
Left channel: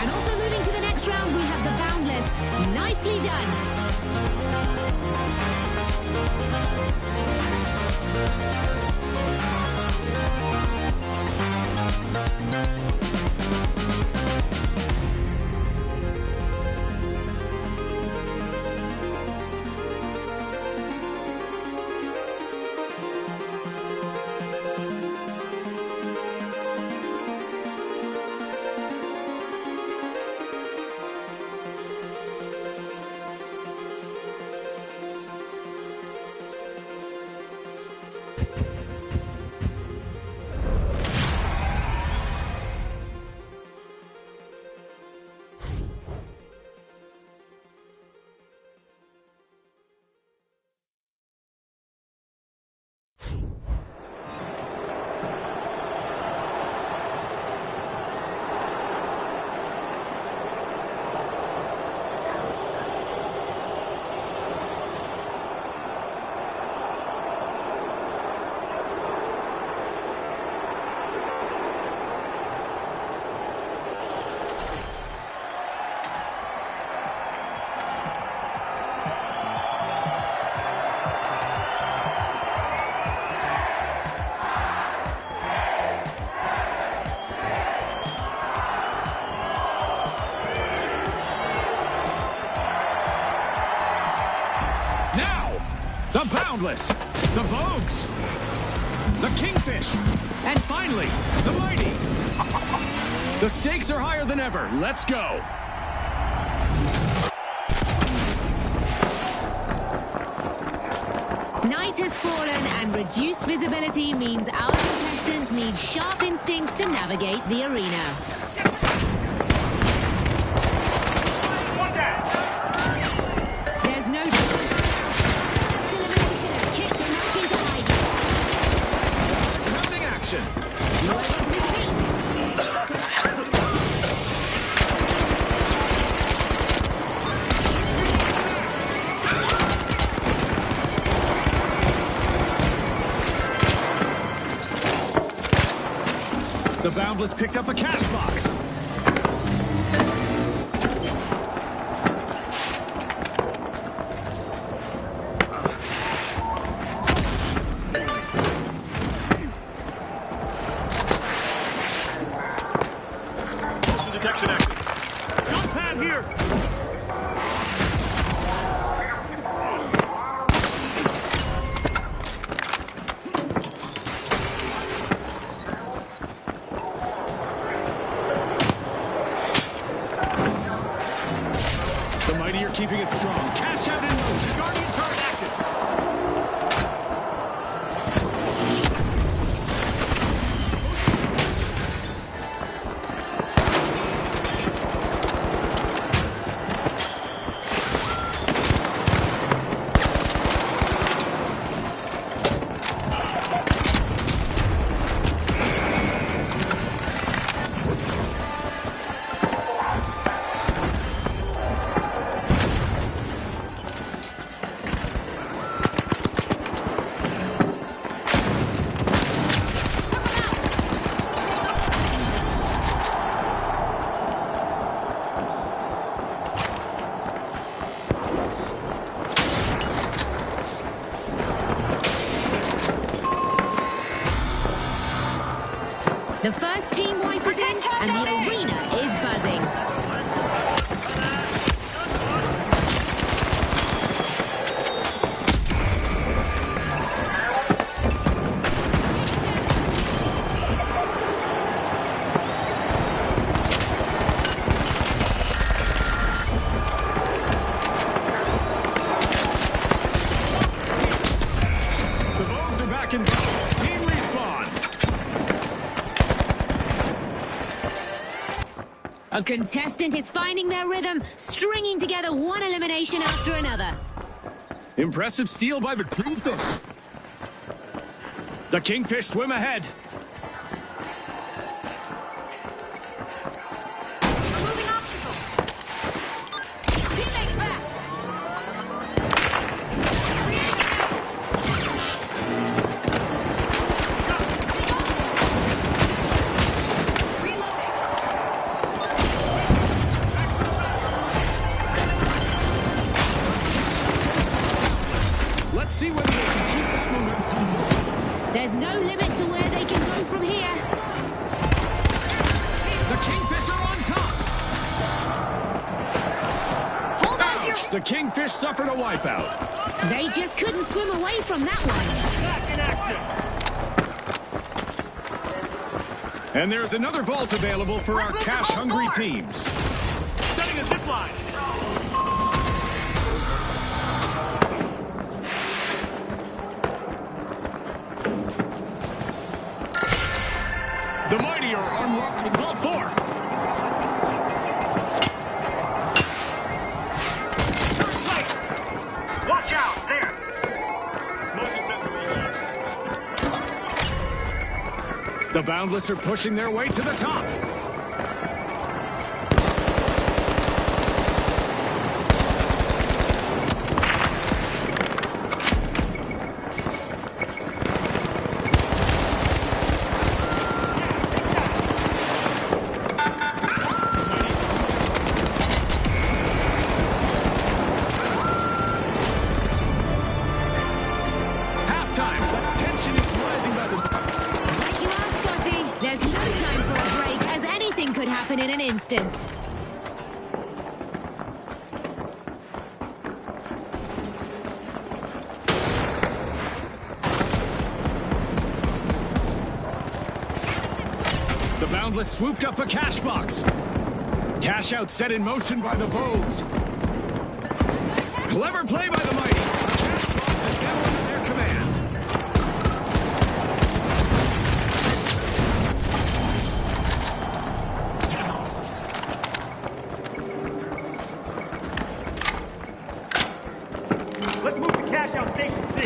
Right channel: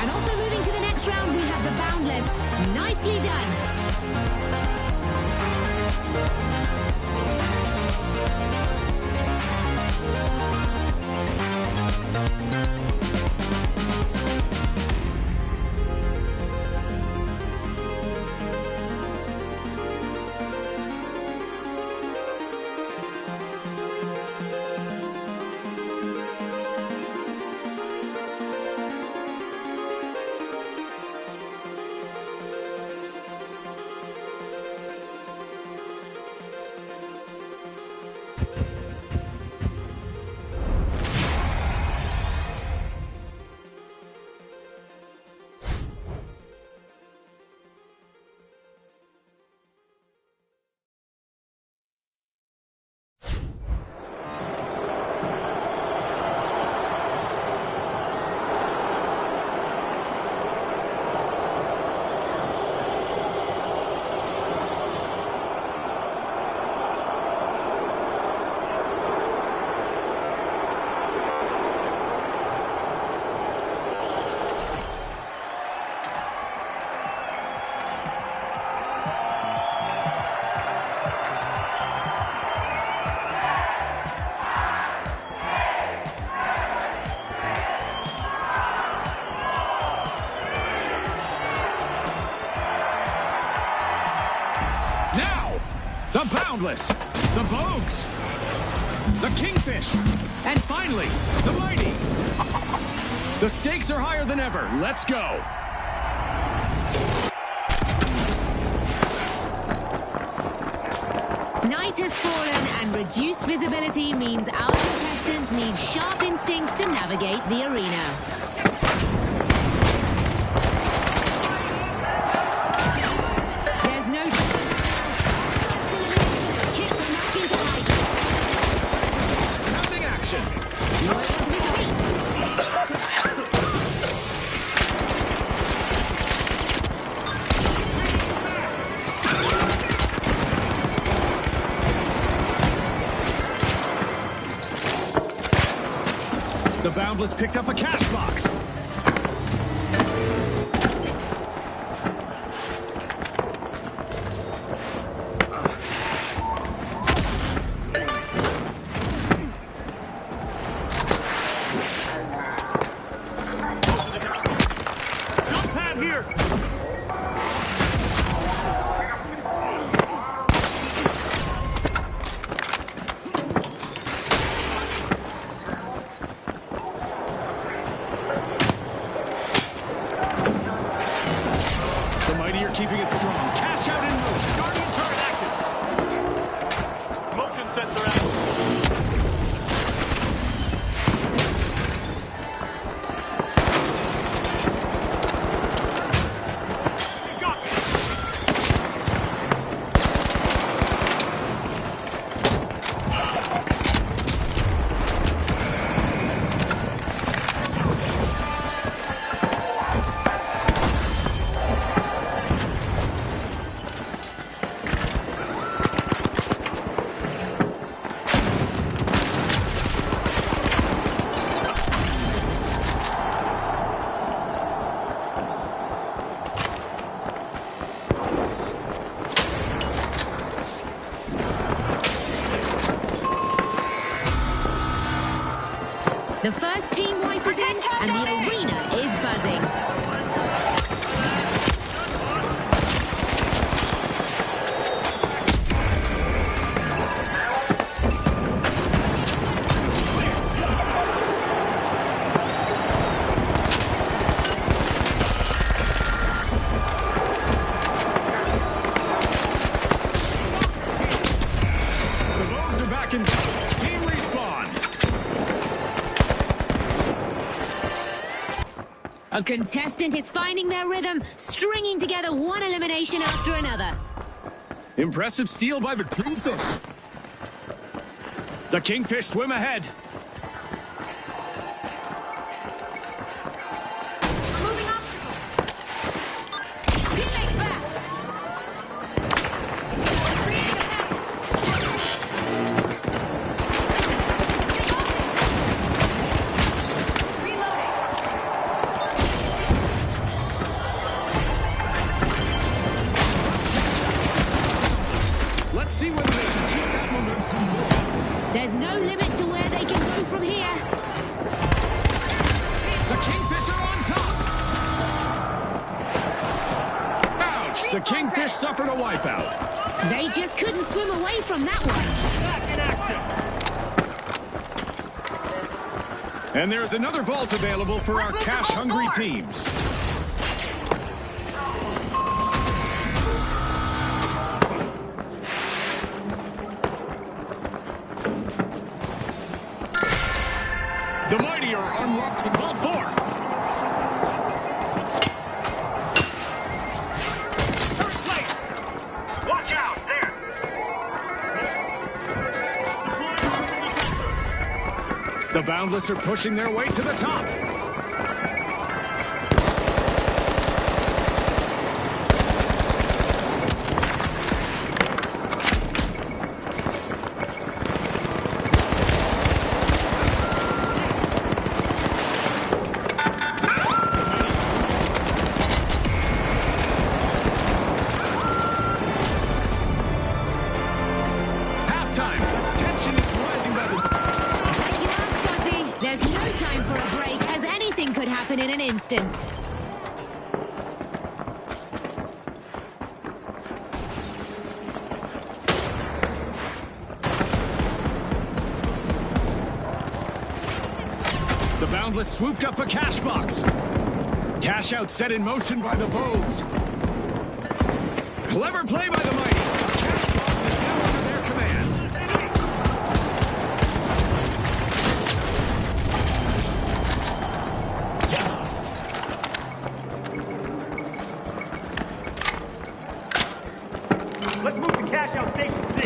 And also moving to the next round, we have the Boundless. Nicely done. The Boundless, the Vogues, the Kingfish, and finally, the Mighty. The stakes are higher than ever. Let's go. Night has fallen and reduced visibility means our contestants need sharp instincts to navigate the arena. There's no first elimination has kicked the match into hiding. Rounding action. The Boundless picked up a cash box. Motion detection active. Jump pad here. The Mighty are keeping it strong. Cash out in motion. Guardian turret active. Motion sensor active. The first team wipe is in, and the arena is buzzing. The Vogues are back in vogue. Team respawn. A contestant is finding their rhythm, stringing together one elimination after another. Impressive steal by the Kingfish. The Kingfish swim ahead. Removing obstacle. Teammates back. Creating a passage. Take off. There's no limit to where they can go from here. The Kingfish are on top. Ouch! The Kingfish suffered a wipeout. They just couldn't swim away from that one. Back in action. And there's another vault available for our cash-hungry teams. Setting a zip line. The mighty are unlocking Vault 4. Third place. Watch out. There. The Boundless are pushing their way to the top. Halftime. The tension is rising by the... Right you are, Scotty. There's no time for a break, as anything could happen in an instant. The Boundless swooped up a cash box. Cash out set in motion by the Vogues. Clever play by the mighty. A cash box is now under their command. Let's move to cash out station C.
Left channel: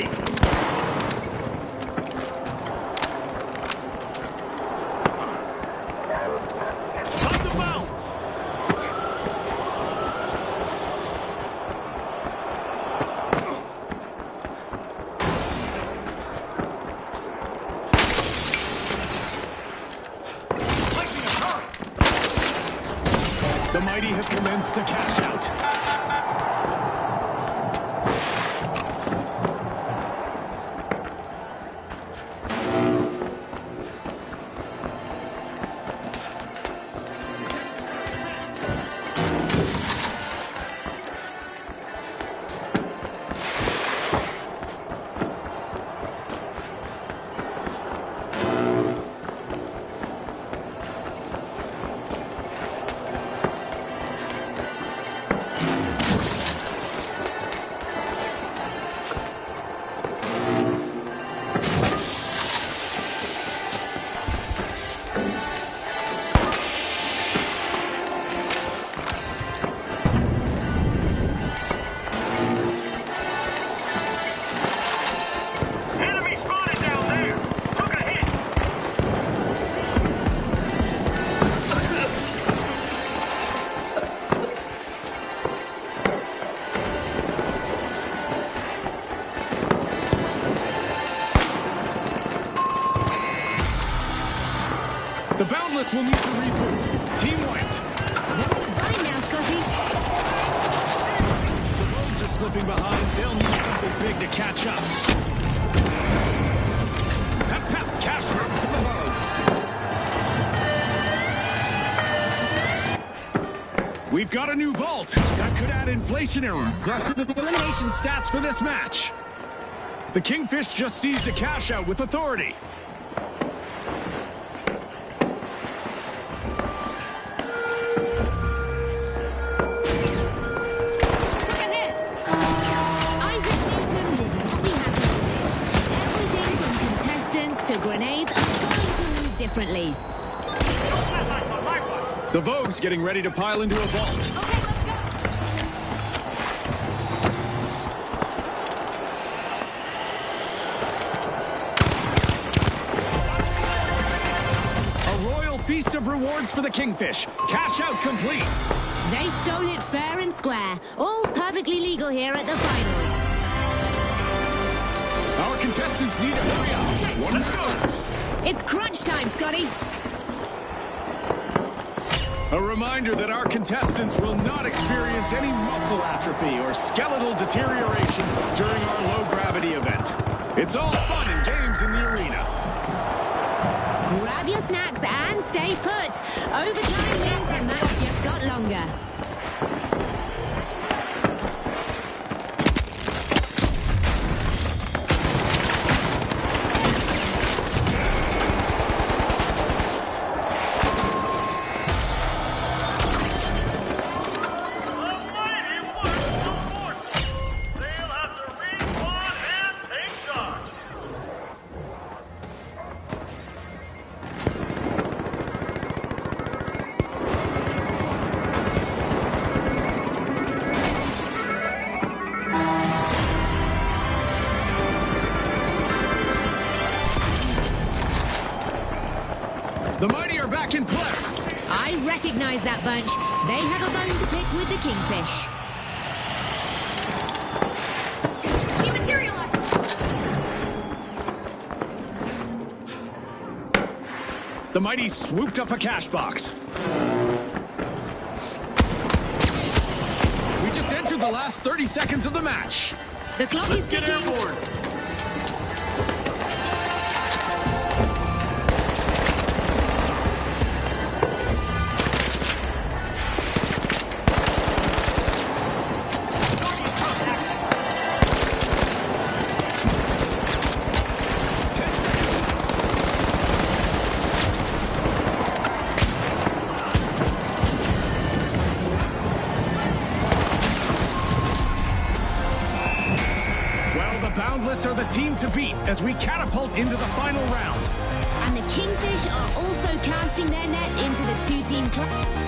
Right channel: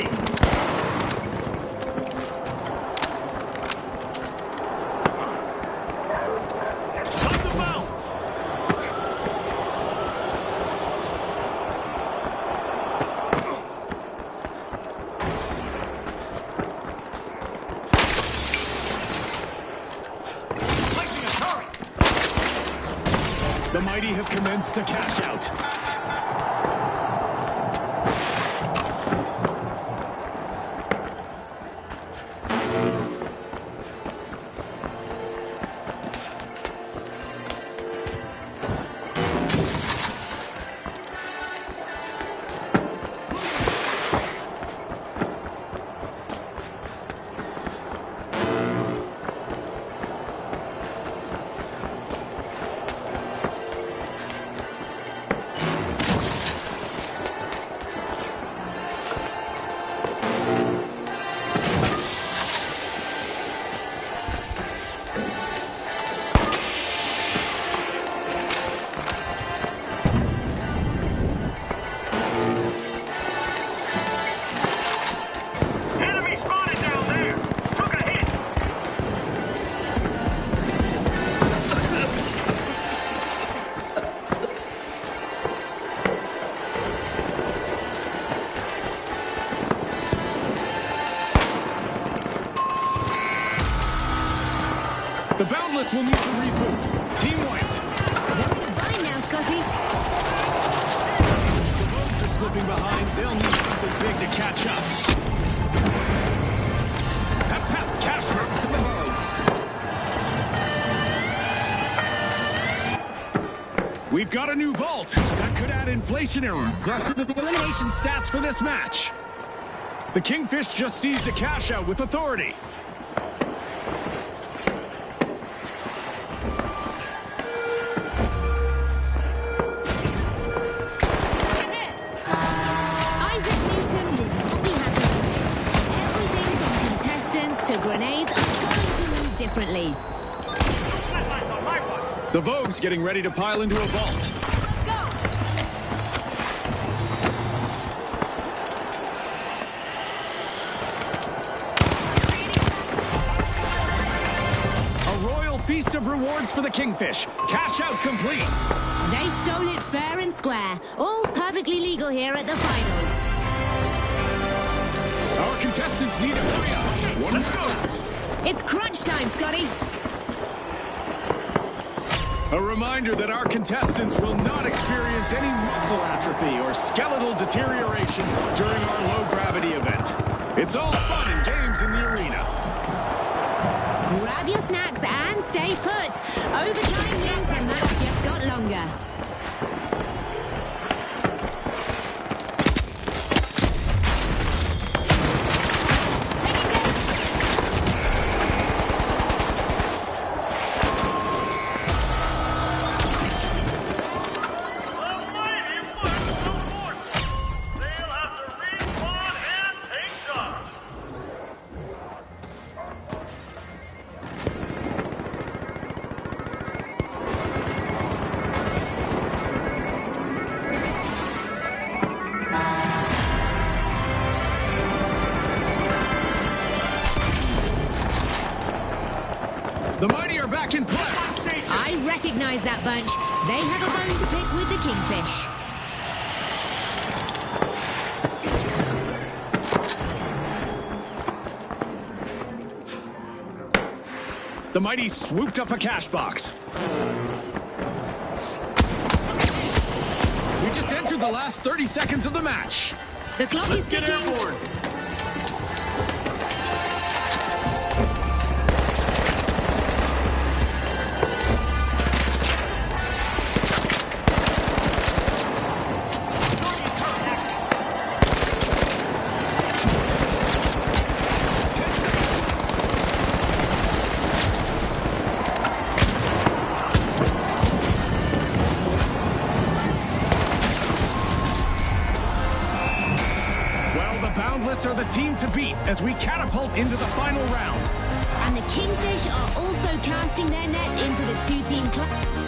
Time to bounce. Placing a turret. The mighty have commenced a cash out. Enemy spotted down there. Took a hit. The Boundless will need to reboot. Team wiped. You're fine now, Scotty. The Vogues are slipping behind. They'll need something big to catch up. Pep, pep, cash for the Vogues. We've got a new vault. That could add inflationary elimination stats for this match. The Kingfish just seized a cash out with authority. Isaac Newton would not be happy with this. Everything from contestants to grenades are going to move differently. No flatlines on my watch. The Vogue's getting ready to pile into a vault. Okay, let's go. A royal feast of rewards for the Kingfish. Cash out complete. They stole it fair and square. All perfectly legal here at the finals. Our contestants need to hurry up. Let's go. It's crunch time, Scotty. A reminder that our contestants will not experience any muscle atrophy or skeletal deterioration during our low-gravity event. It's all fun and games in the arena. snacks and stay put. Overtime means the match just got longer. The Mighty are back in play. I recognize that bunch. They have a bone to pick with the Kingfish. The Mighty swooped up a cash box. We just entered the last 30 seconds of the match. The clock is ticking. Airborne. Boundless are the team to beat as we catapult into the final round. And the Kingfish are also casting their net into the two-team club.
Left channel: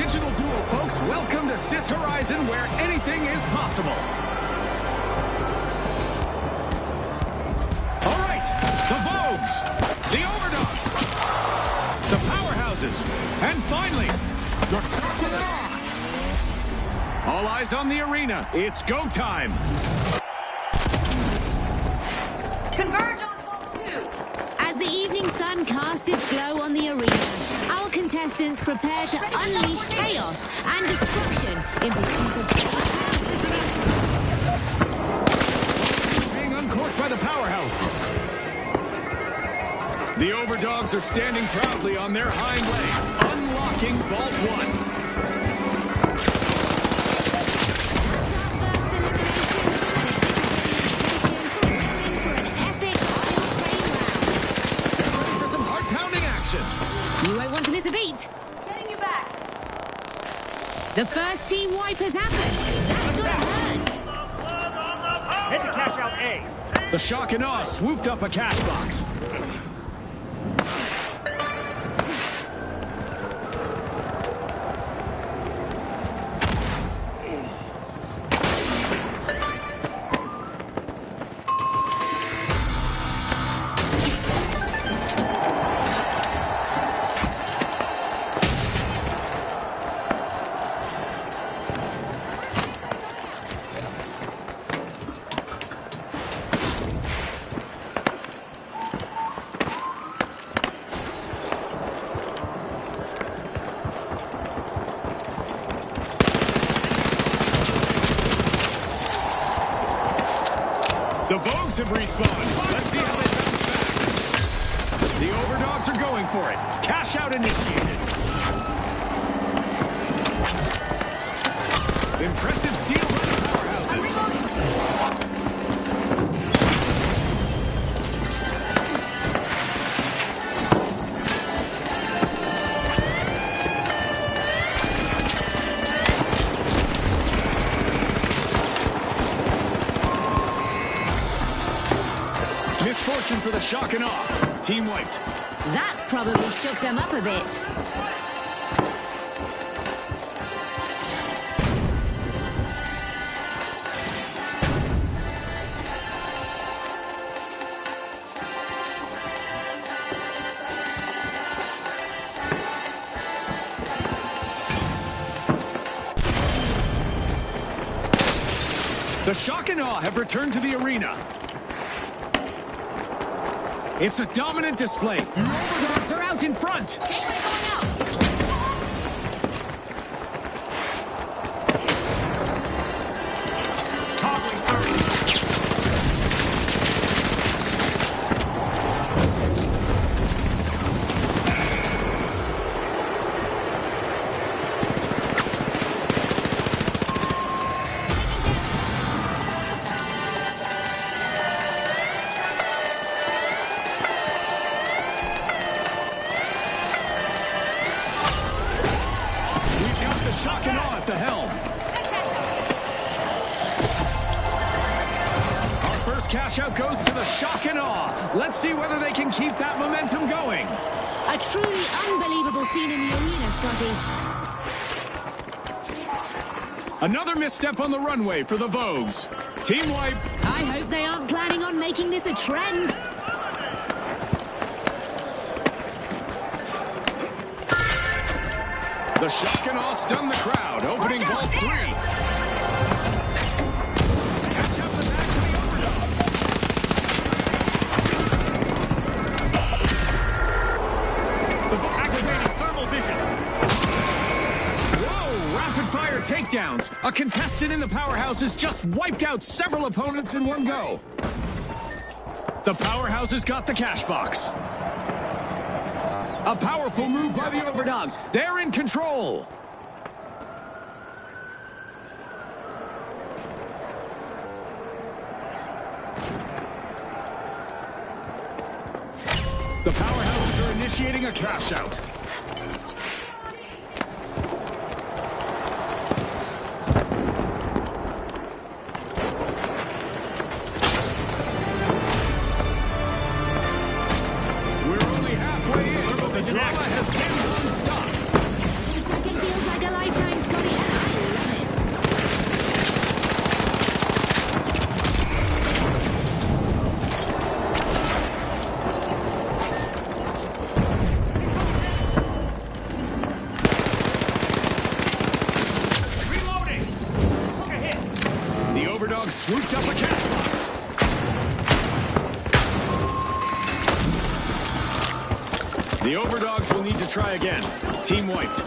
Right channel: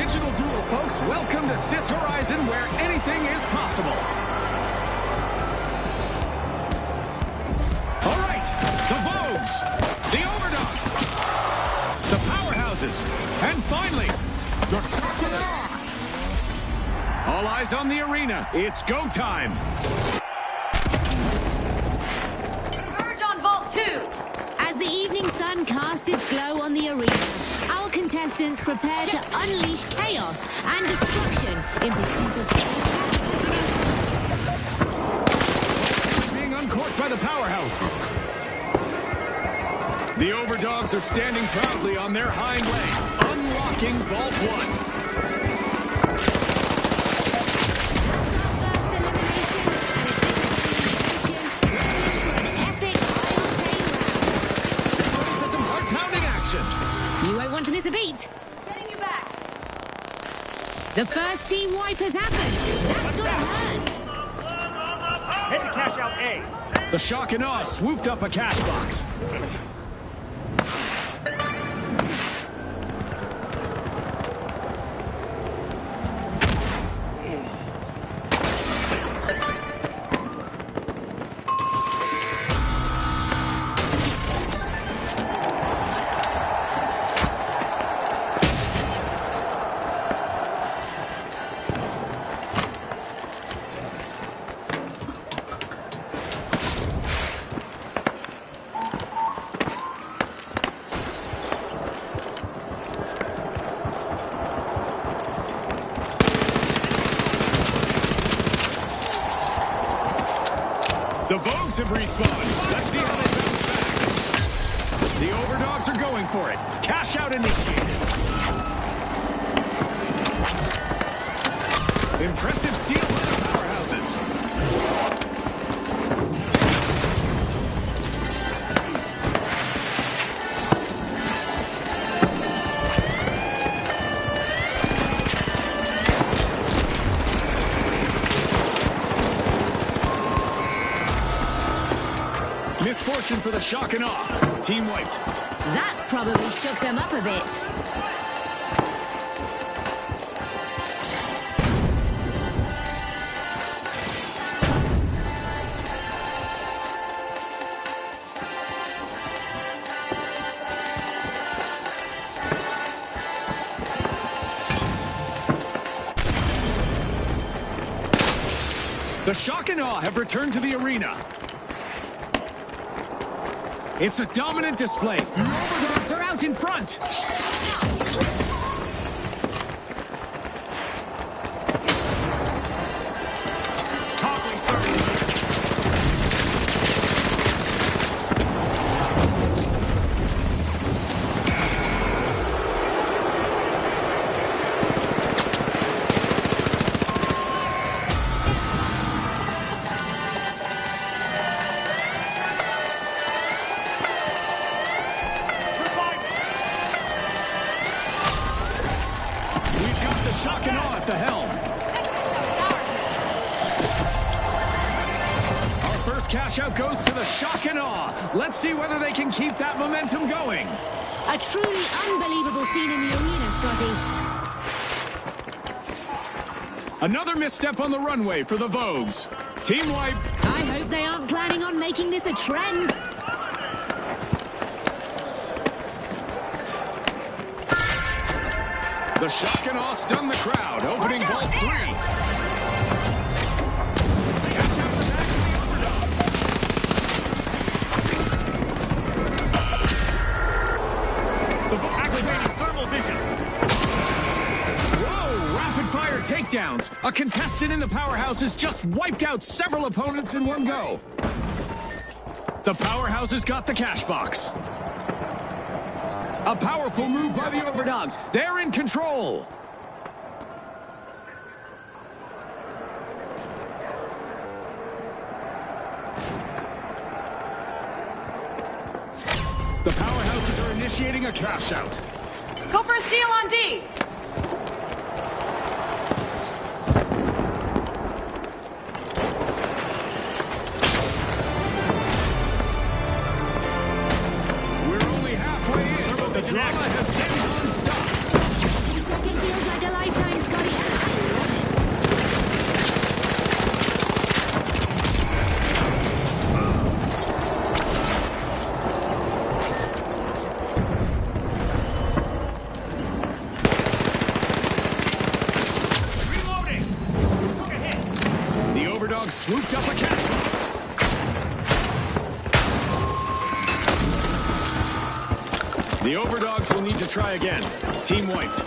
digital duel, folks. Welcome to Sis Horizon, where anything is possible. All right, the Vogues, the Overdogs, the Powerhouses, and finally, the All eyes on the arena. It's go time. Converge on Vault 2. As the evening sun casts its glow on the arena, our contestants prepare to unleash chaos and destruction in Being uncorked by the Powerhouse. The Overdogs are standing proudly on their hind legs, unlocking Vault 1. That's our first elimination, and if this is the indication, we're in for an epic high-octane round. Ready for some heart-pounding action. You won't want to miss a beat. Getting you back. The first team wipe has happened. That's gonna hurt. Head to cash out A. The Shock and Awe swooped up a cash box. The Vogues have respawned. Let's see how they bounce back. The Overdogs are going for it. Cash out initiated. Impressive steal by the Powerhouses. Misfortune for the Shock and Awe. Team wiped. That probably shook them up a bit. The Shock and Awe have returned to the arena. It's a dominant display. The Overdogs are out in front. Toppling third. The Shock and Awe at the helm. Our first cash out goes to the Shock and Awe. Let's see whether they can keep that momentum going. A truly unbelievable scene in the arena, Scotty. Another misstep on the runway for the Vogues. Team wipe. I hope they aren't planning on making this a trend. The Shock and Awe stun the crowd, opening Vault 3. Cash out the back to the Overdogs. The Activating thermal vision. Whoa! Rapid-fire takedowns. A contestant in the Powerhouses just wiped out several opponents in one go. The Powerhouses got the cash box. A powerful move by the Overdogs. They're in control. The Powerhouses are initiating a cash out. Go for a steal on D. We're only halfway in, but the drama has been non-stop. Every second feels like like a lifetime, Scotty, and I love it. Reloading! Took a hit. The overdog swooped up a cash box. The overdogs will need to try again. Team wiped.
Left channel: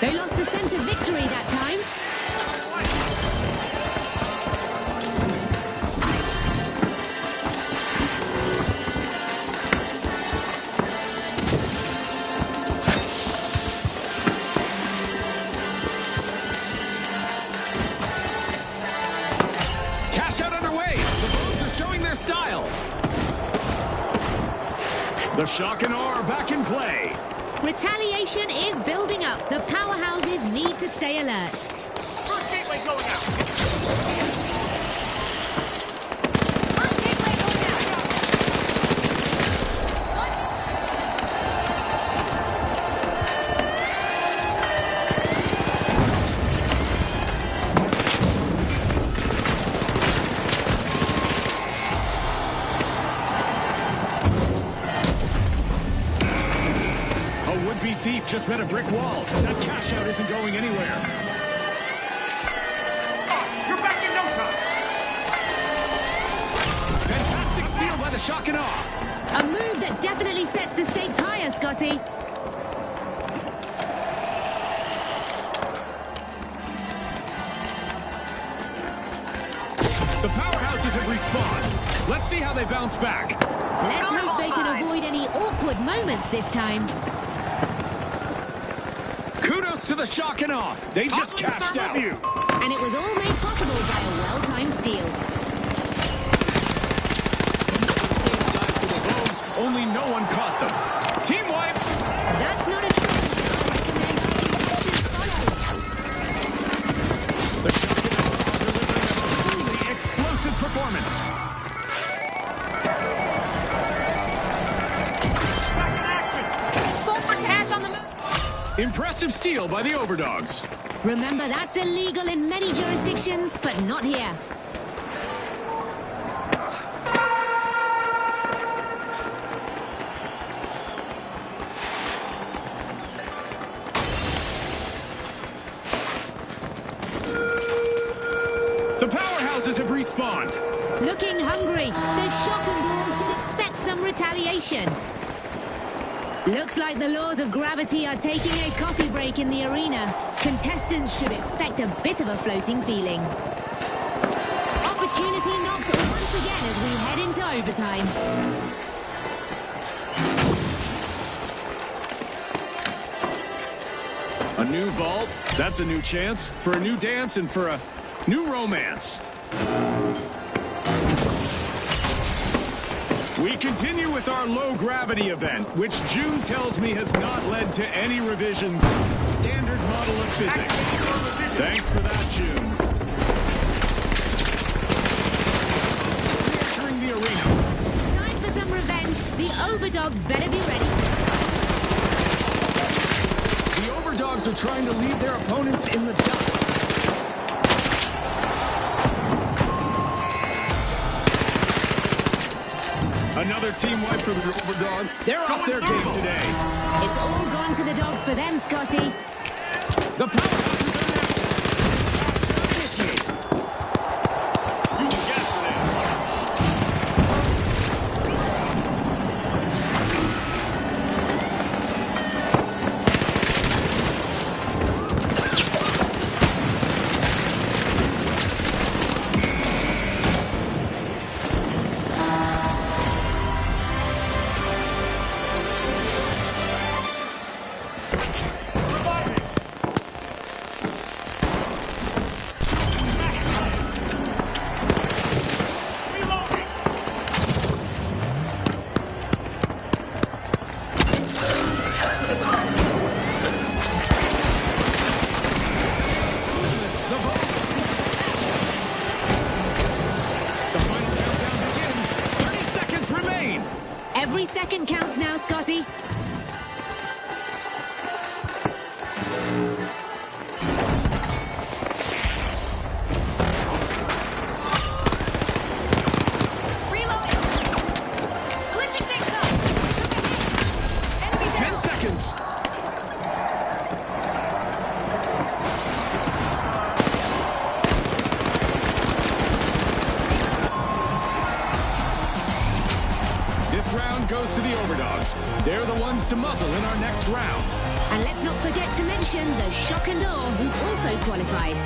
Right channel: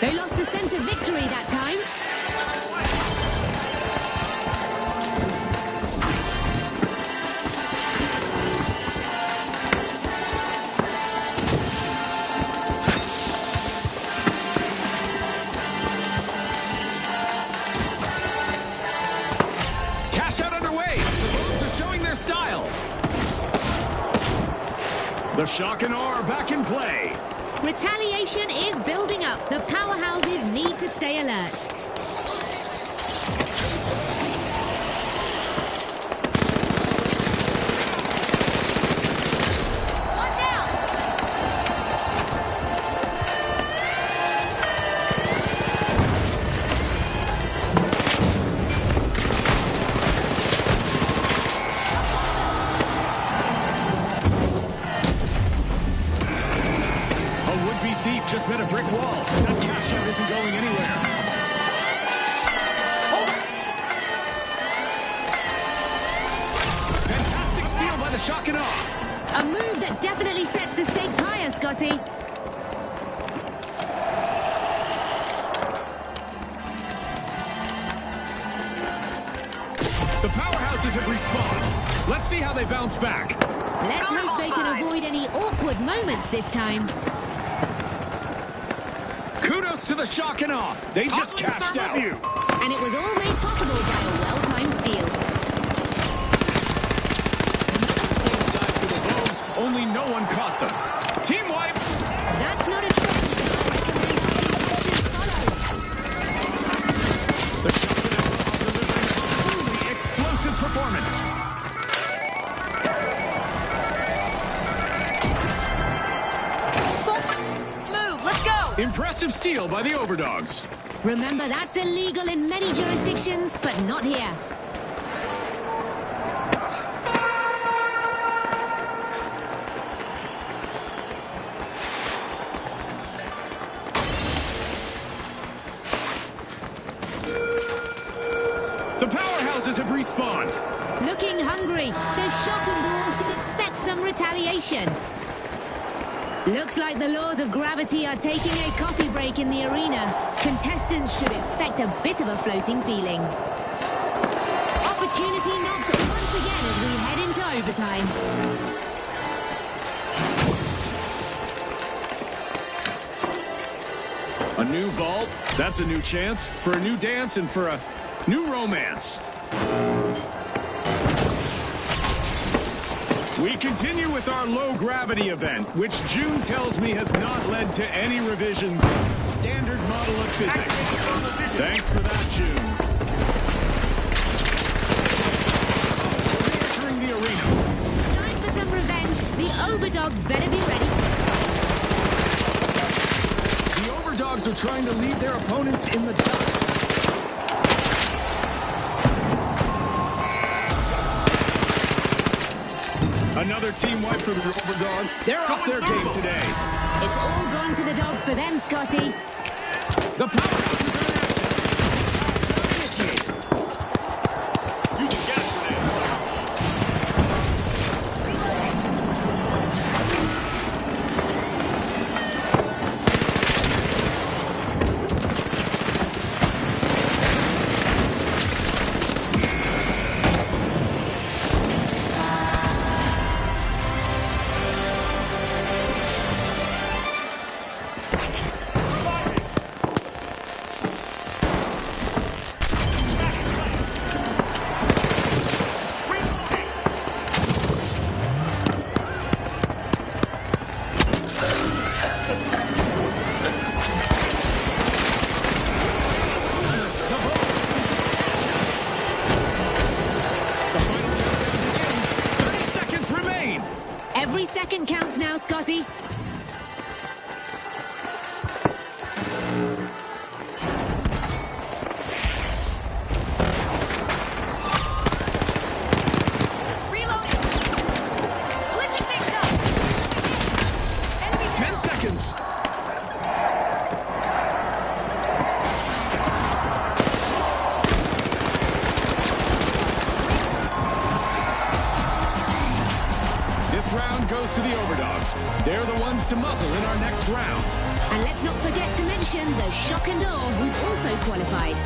They lost the sense of victory that time. Cash out underway. The Bulls are showing their style. The shock and awe are back in play. Retaliation is building up. The powerhouses need to stay alert. First gateway going out. One down. A would-be thief just met a brick wall. That cash out isn't going anywhere. Hold on. You're back in no time. Fantastic steal by the shock and awe. A move that definitely sets the stakes higher, Scotty. The powerhouses have respawned. Let's see how they bounce back. Let's hope they can avoid any awkward moments this time. Kudos to the shock and awe. They just cashed out. And it was all made possible by a well-timed steal. Stage dive for the Vogues, only no one caught them. Team wipe. That's not a trend that I recommend our contestants follow. The shock and awe are delivering a truly explosive performance. Full for cash on the move. Let's go. Impressive steal by the overdogs. Remember, that's illegal in many jurisdictions, but not here. The powerhouses have respawned. Looking hungry. The shock and awe should expect some retaliation. Looks like the laws of gravity are taking a coffee break in the arena. Contestants should expect a bit of a floating feeling. Opportunity knocks once again as we head into overtime. A new vault, that's a new chance for a new dance and for a new romance. We continue with our low-gravity event, which June tells me has not led to any revisions of the standard model of physics. Thanks for that, June. We're re-entering the arena. Time for some revenge. The overdogs better be ready. The overdogs are trying to leave their opponents in the dust. Another team wipe for the overdogs. They're off their game today. It's all gone to the dogs for them, Scotty. The powerhouses are in action. Initiate. Using gas grenade. Reviving. Reloading. The vote. The final countdown begins. 30 seconds remain. Every second counts now, Scotty. goes to the Overdogs. They're the ones to muzzle in our next round. And let's not forget to mention the Shock and Awe, who've also qualified.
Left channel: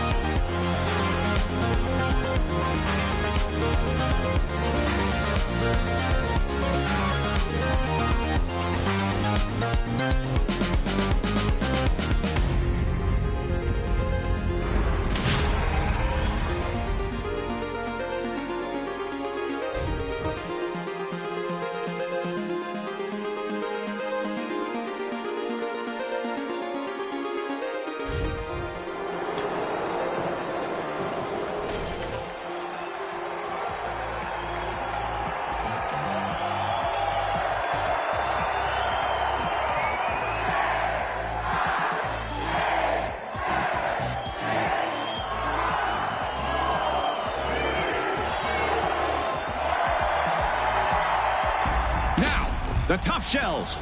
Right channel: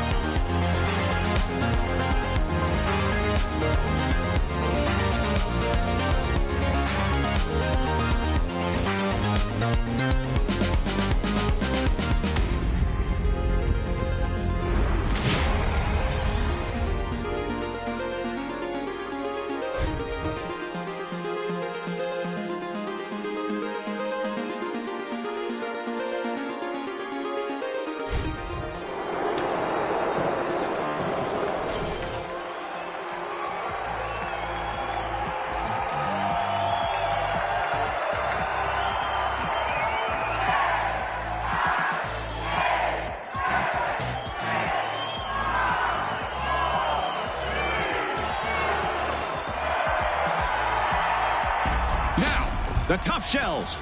The Tough Shells,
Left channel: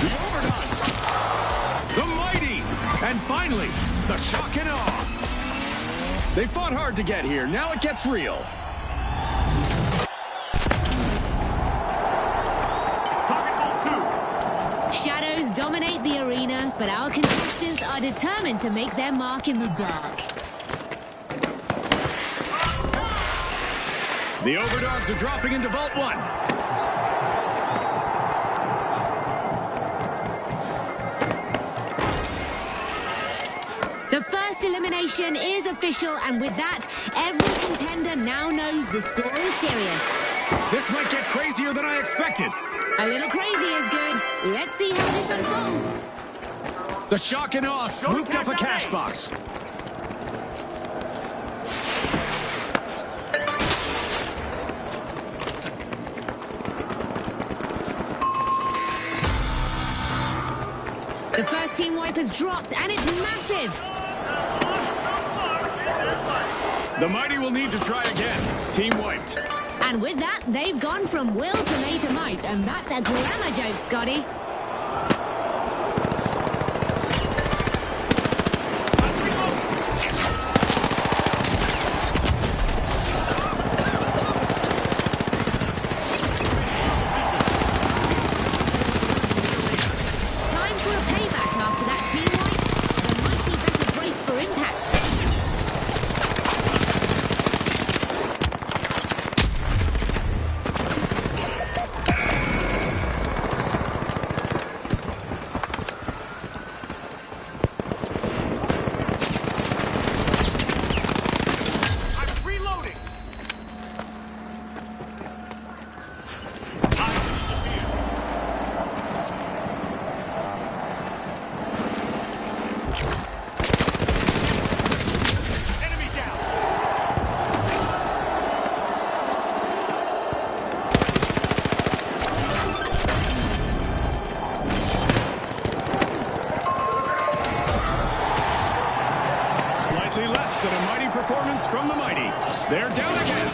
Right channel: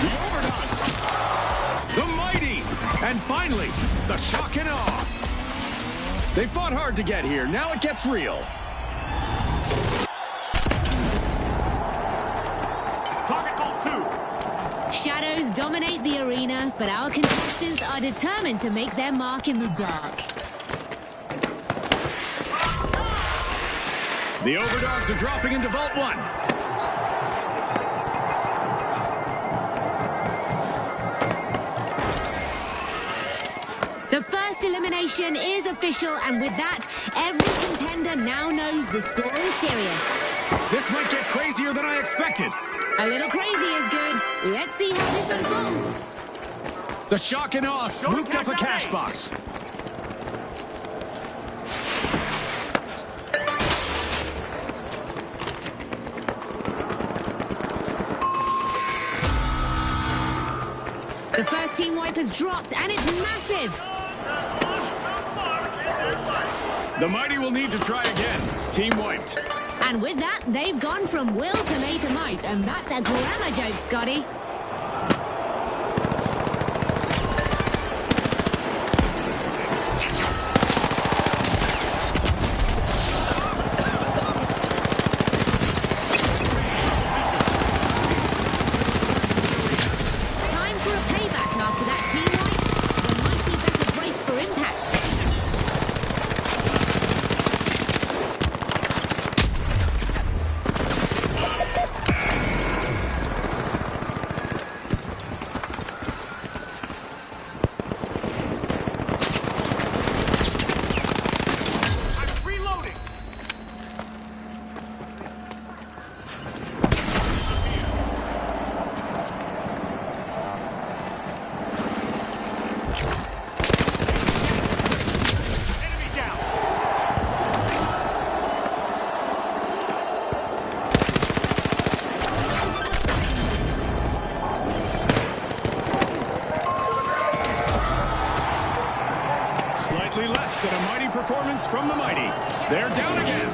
the Overdogs, the Mighty, and finally, the Shock and Awe. They fought hard to get here. Now it gets real. Target ball 2. Shadows dominate the arena, but our contestants are determined to make their mark in the dark. The Overdogs are dropping into Vault 1. The first elimination is official, and with that, every contender now knows the score is serious. This might get crazier than I expected. A little crazy is good. Let's see how this unfolds. The Shock and Awe swooped up a cash box. The first team wipe has dropped, and it's massive. The Mighty will need to try again. Team wiped. And with that, they've gone from will to may to might, and that's a grammar joke, Scotty. Time for a payback after that team wipe. The Mighty better brace for impact. Slightly less than a mighty performance from the Mighty. They're down again.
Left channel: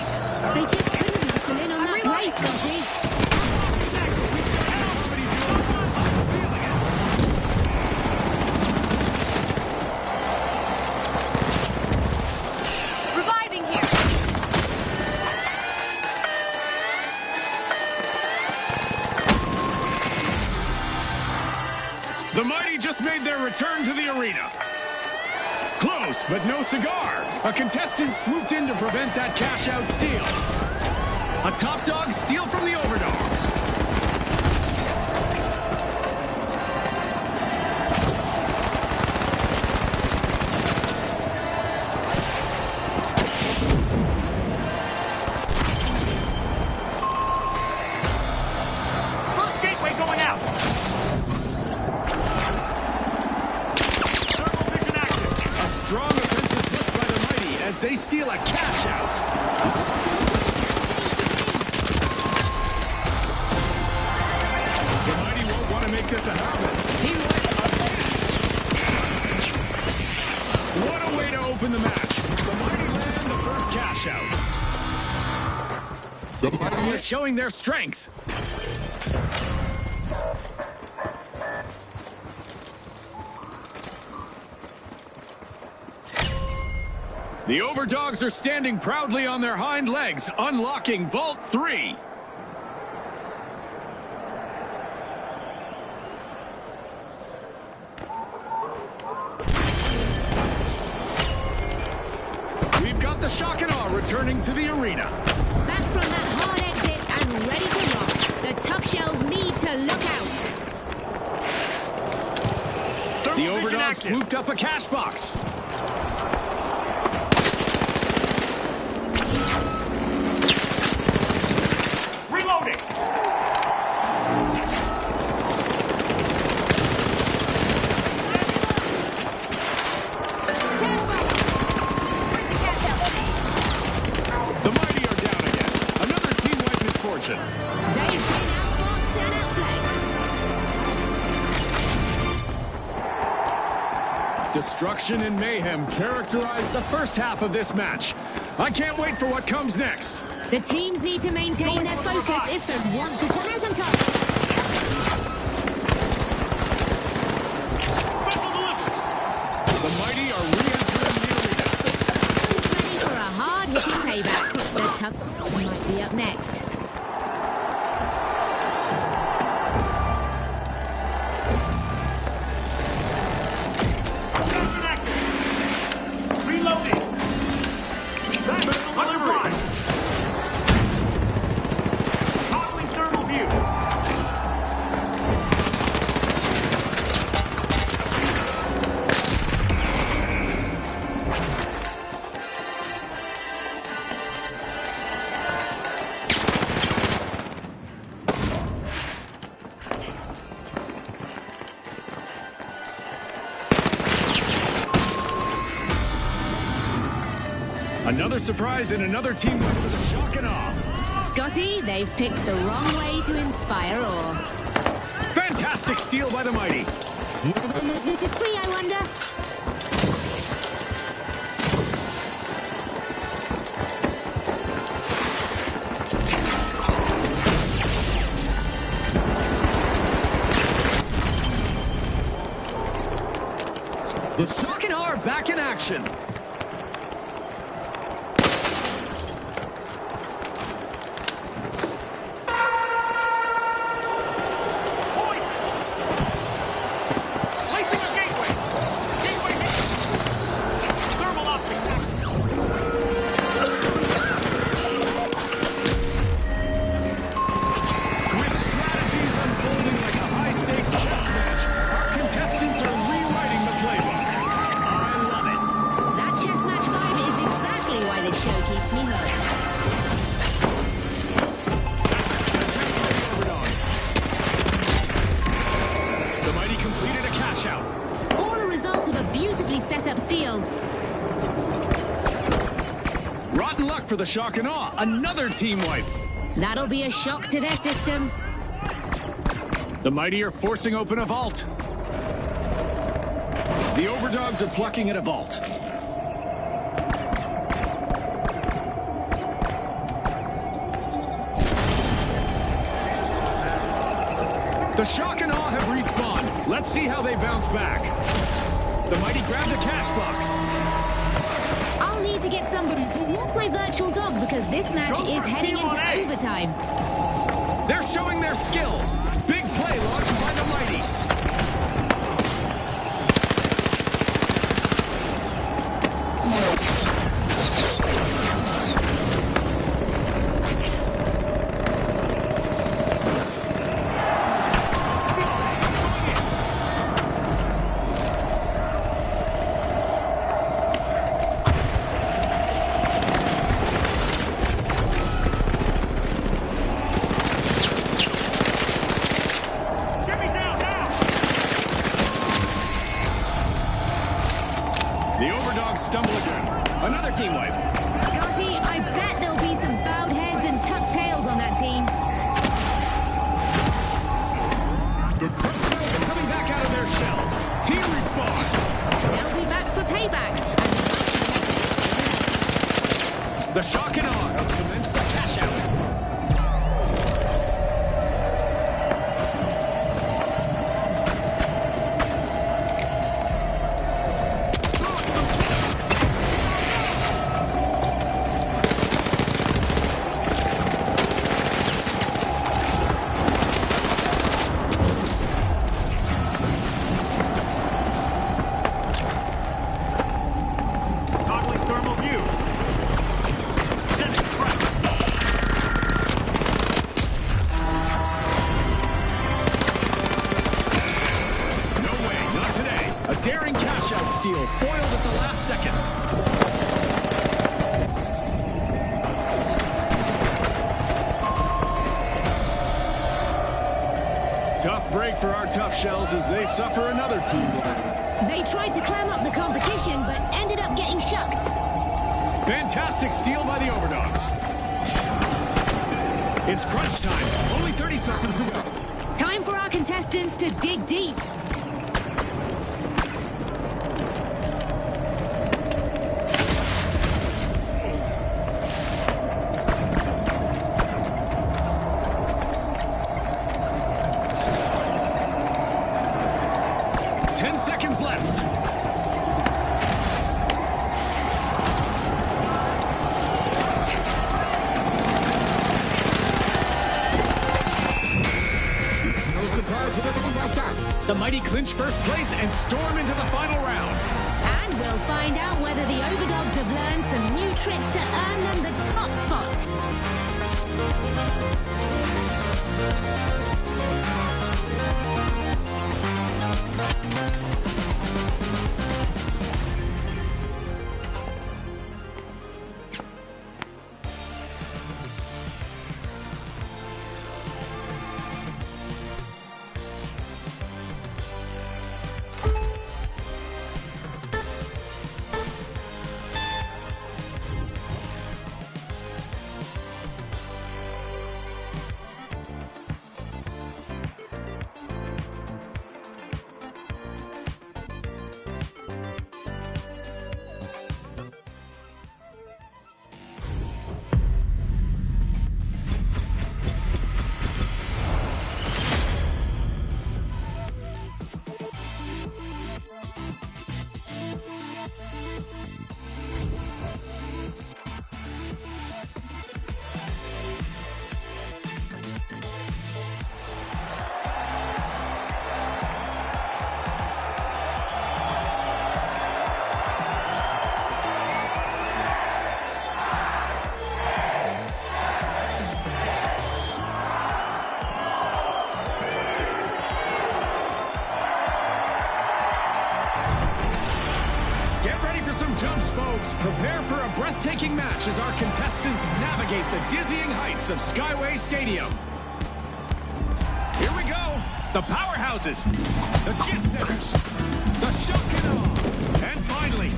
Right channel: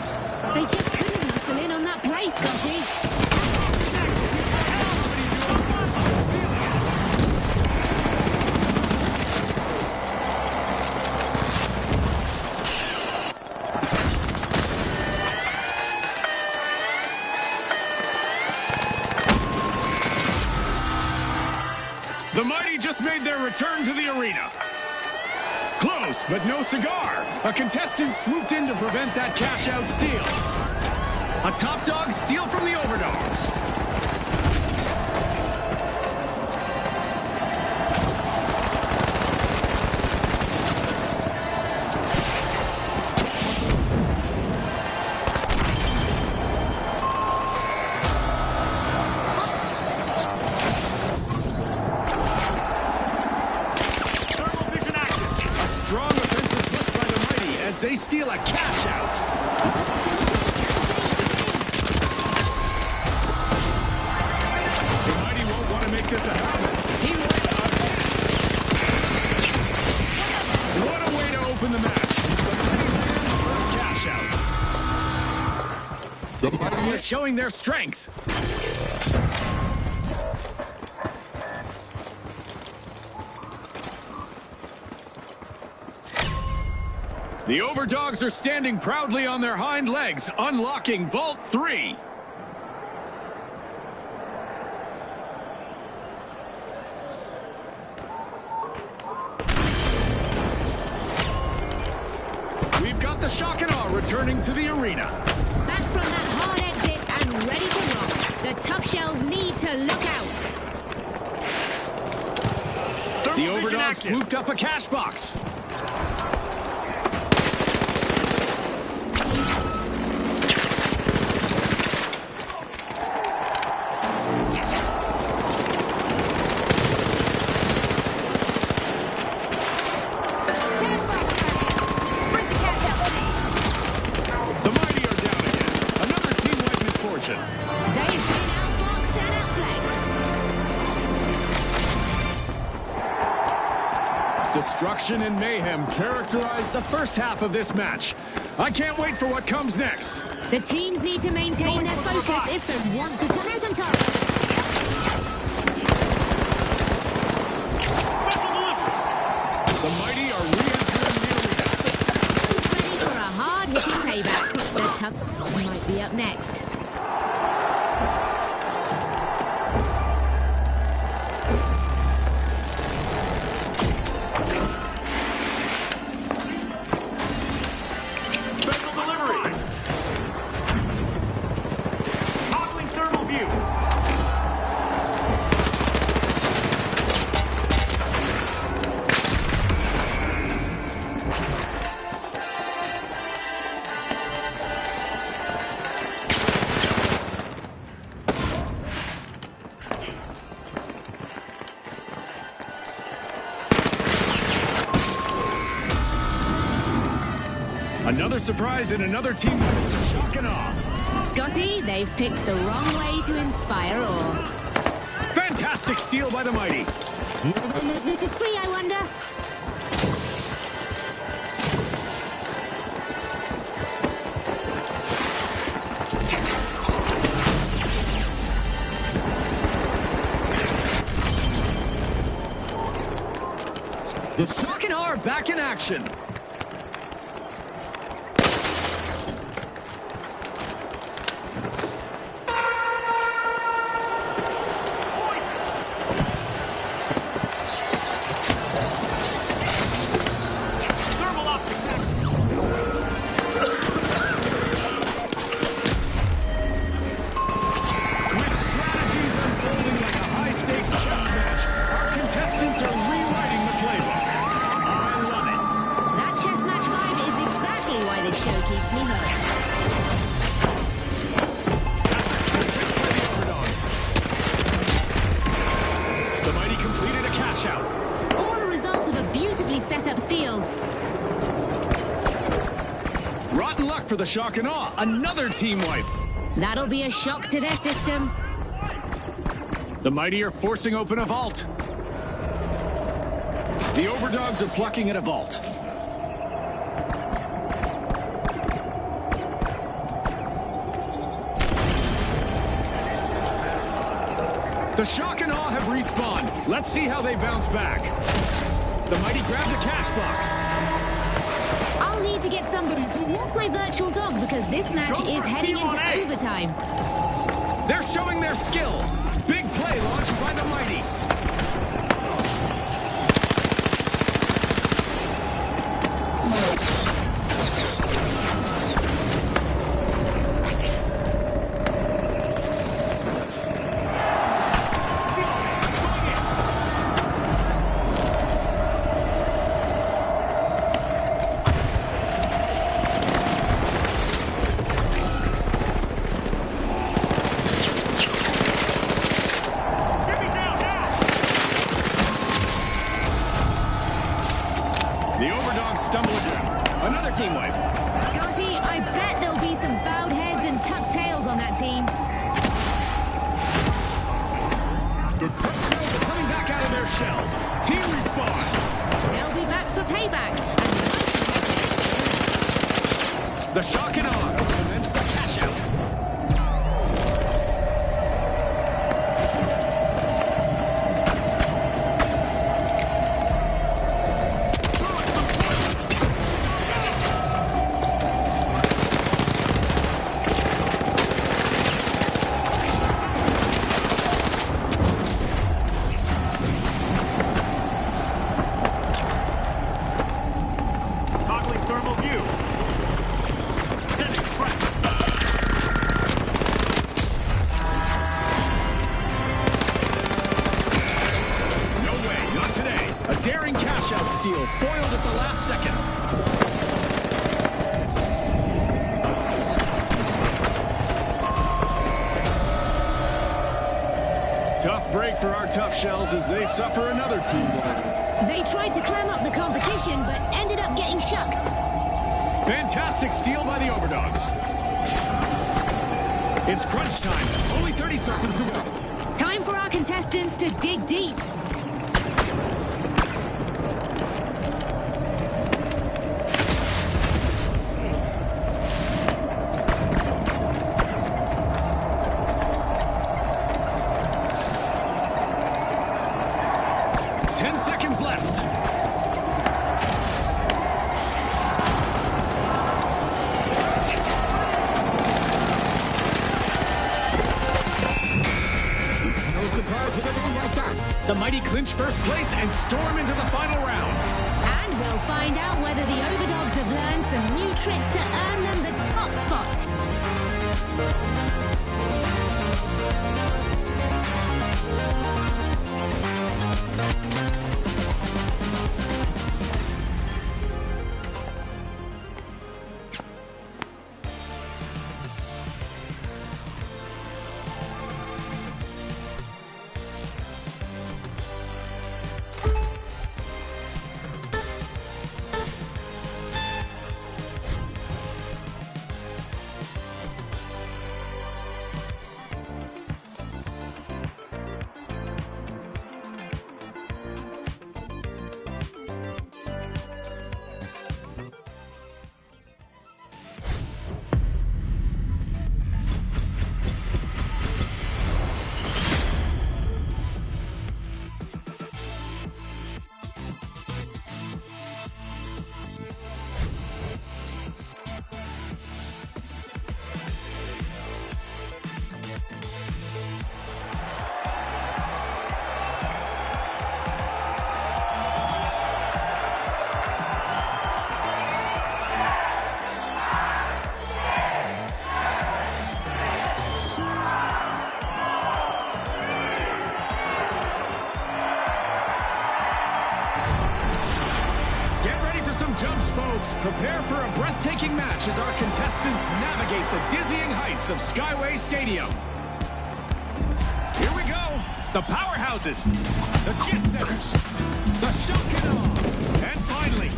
They just couldn't muscle in on that brace, Scotty. Reviving here. The Mighty just made their return to the arena. Close, but no cigar. A contestant swooped in to prevent that cash-out steal. A top dog steal from the Overdogs. First gateway going out. Thermal vision active. A strong offensive push by the Mighty as they steal a cash-out. The Mighty won't want to make this a habit. Team wipe again. What a way to open the match. The Mighty land the first cash-out. The Mighty is showing their strength. The Overdogs are standing proudly on their hind legs, unlocking Vault 3. shock and awe returning to the arena. Back from that hard exit and ready to rock. The tough shells need to look out. The overdog swooped up a cash box. Reloading. The mighty are down again. Another team-wide misfortune. They've been outboxed and outflexed. Destruction and mayhem characterize the first half of this match. I can't wait for what comes next. The teams need to maintain their focus if they want to come out on top. Special delivery. The mighty are re-entering the arena. Ready for a hard-hitting payback. The tough might be up next. Reloading. Special delivery. Toggling thermal view. Another surprise and another team win for the shock and awe. Scotty, they've picked the wrong way to inspire awe. Fantastic steal by the mighty. Free, I wonder? The shock and awe are back in action. Poison. Placing a gateway. Thermal optics active. With strategies unfolding like a high-stakes chess match, our contestants are rewriting the playbook. I love it. That chess match vibe is exactly why this show keeps me hooked. That's a catch-out by the overdogs. The mighty completed a cash-out. All a result of a beautifully set up steal. Rotten luck for the shock and awe. Another team wipe. That'll be a shock to their system. The mighty are forcing open a vault. The overdogs are plucking at a vault. The shock and awe have respawned. Let's see how they bounce back. The mighty grabs a cash box. I'll need to get somebody to walk my virtual dog because this match Go is for heading steal on into A. overtime. They're showing their skill. Big play launched by the mighty. Get me down now. The overdogs stumble again. Another team wipe. Scotty, I bet there'll be some bowed heads and tucked tails on that team. They're coming back out of their shells. Team respawn. They'll be back for payback, and the mighty have their say. The shock and awe have commenced the cash out. Toggling thermal view. knockout steal, foiled at the last second. Tough break for our tough shells as they suffer another team blow. They tried to clam up the competition, but ended up getting shucked. Fantastic steal by the Overdogs. It's crunch time. Only 30 seconds to go. Time for our contestants to dig deep. Left. The mighty clinch first place and storm into the final round. And we'll find out whether the Overdogs have learned some new tricks to earn them the top spot. Jumps, folks. Prepare for a breathtaking match as our contestants navigate the dizzying heights of Skyway Stadium. Here we go. The powerhouses, the jet setters, the shock and awe, and finally,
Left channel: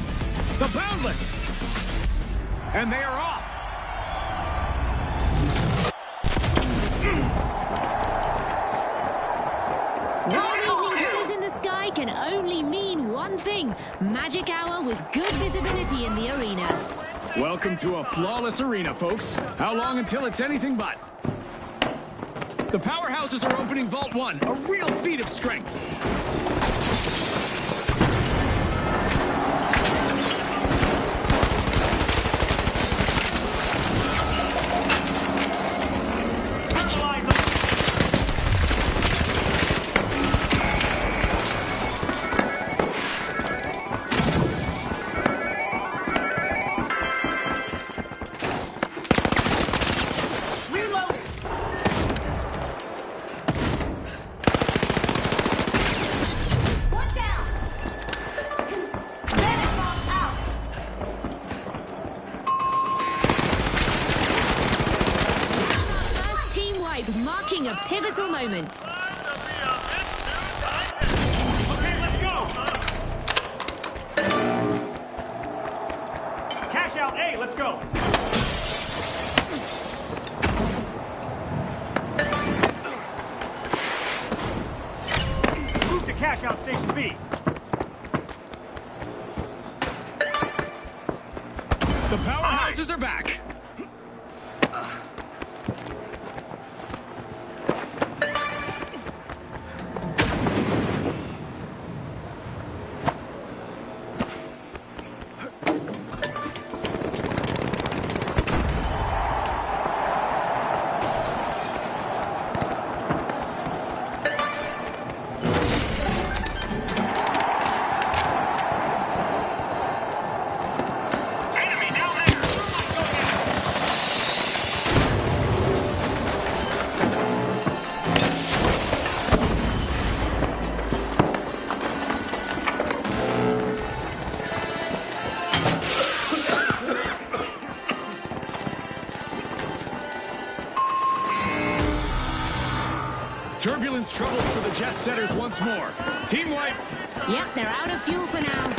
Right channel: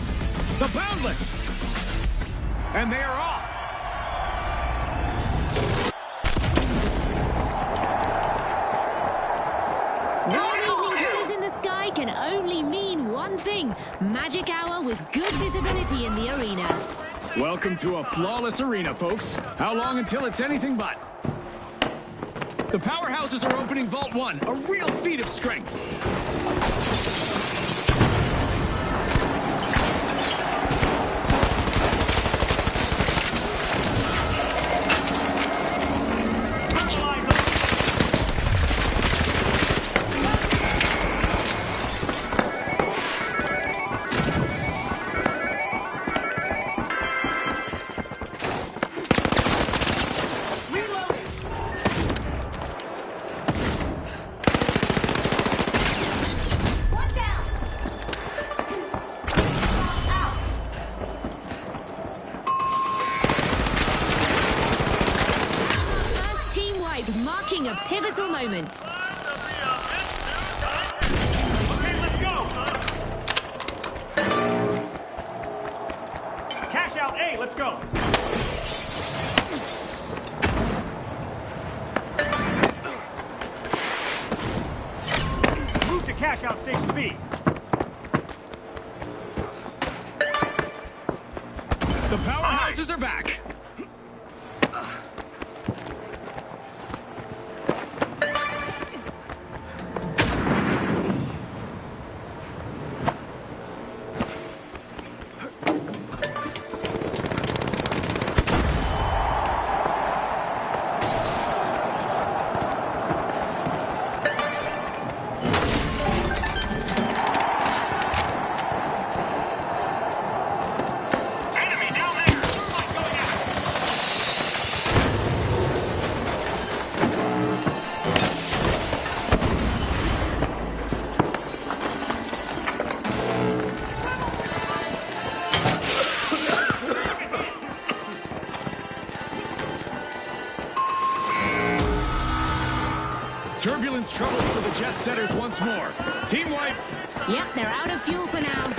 the boundless. And they are off. Can only mean one thing: magic hour with good visibility in the arena. Welcome to a flawless arena, folks. How long until it's anything but? The powerhouses are opening Vault 1, a real feat of strength. Marking a pivotal moment. Okay, let's go. Cash out A, let's go. Move to cash out station B. The powerhouses are back. Turbulence troubles for the jet setters once more. Team wipe. Yep, they're out of fuel for now.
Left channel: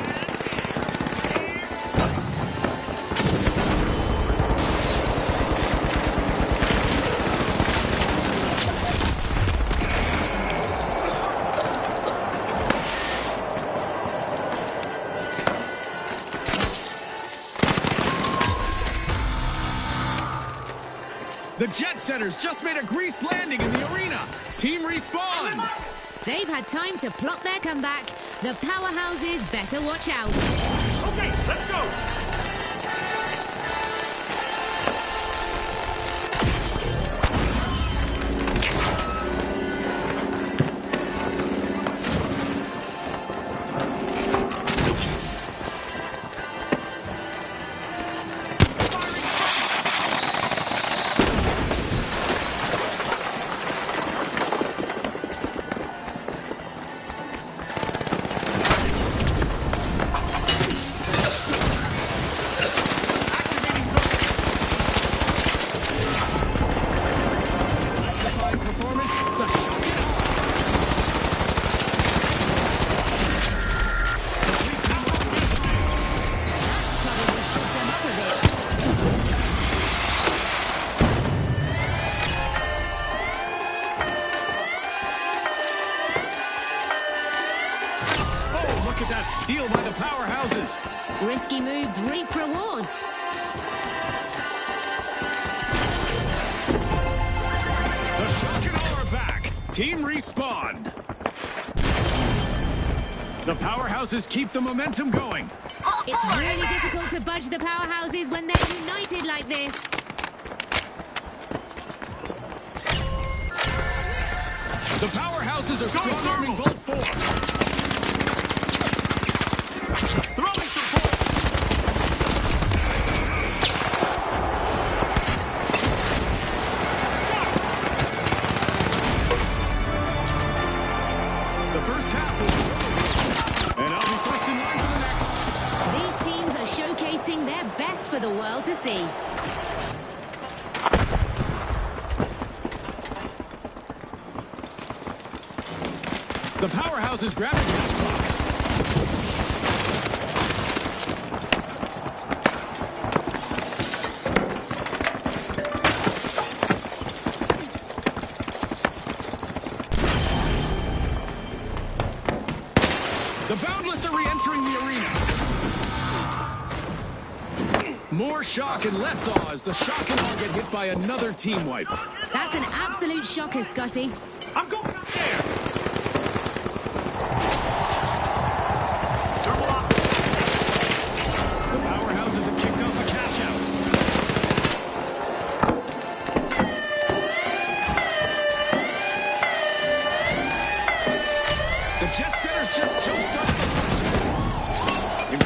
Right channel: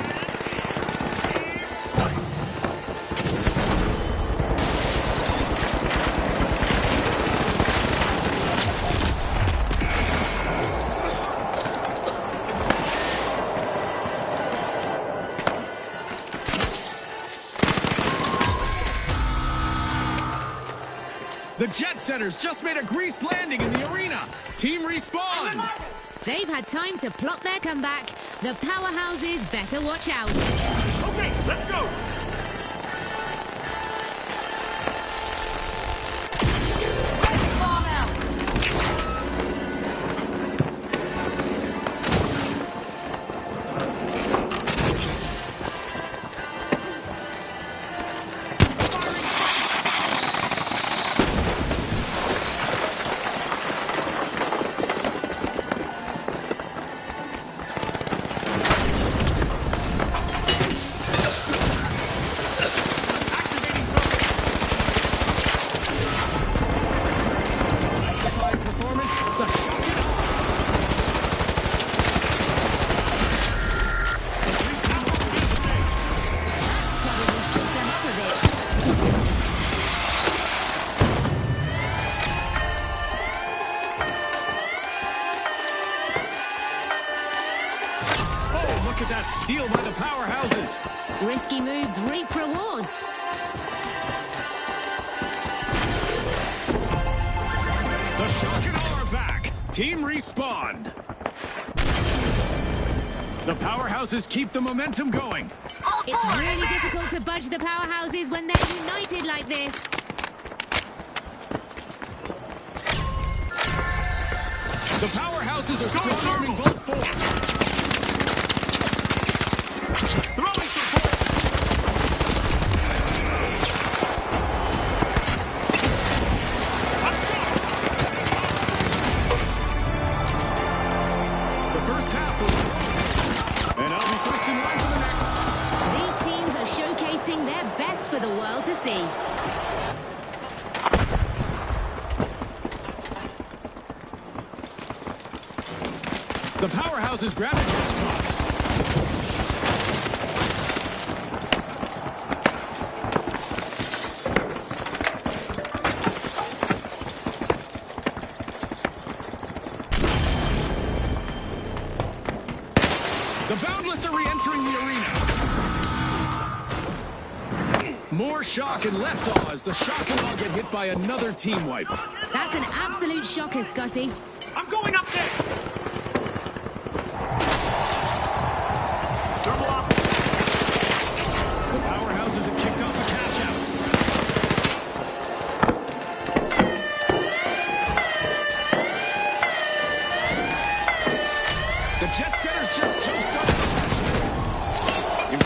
The jet setters just made a greased landing in the arena. Team respawn. They've had time to plot their comeback. The powerhouses better watch out. Okay, let's go. Look at that steal by the powerhouses. Risky moves reap rewards. The shock and awe are back. Team respawned. The powerhouses keep the momentum going. It's really difficult to budge the powerhouses when they're united like this. The powerhouses are strong-arming Bolt 4. Throwing some points. The first half was a roller coaster, and I'll be first in line for the next. These teams are showcasing their best for the world to see. The powerhouses grab the cash box. The Boundless are re-entering the arena. More shock and less awe as the shock and awe get hit by another team wipe. That's an absolute shocker, Scotty. I'm going up there. Thermal off. The powerhouses have kicked off a cash out. The jet setters just jump-started the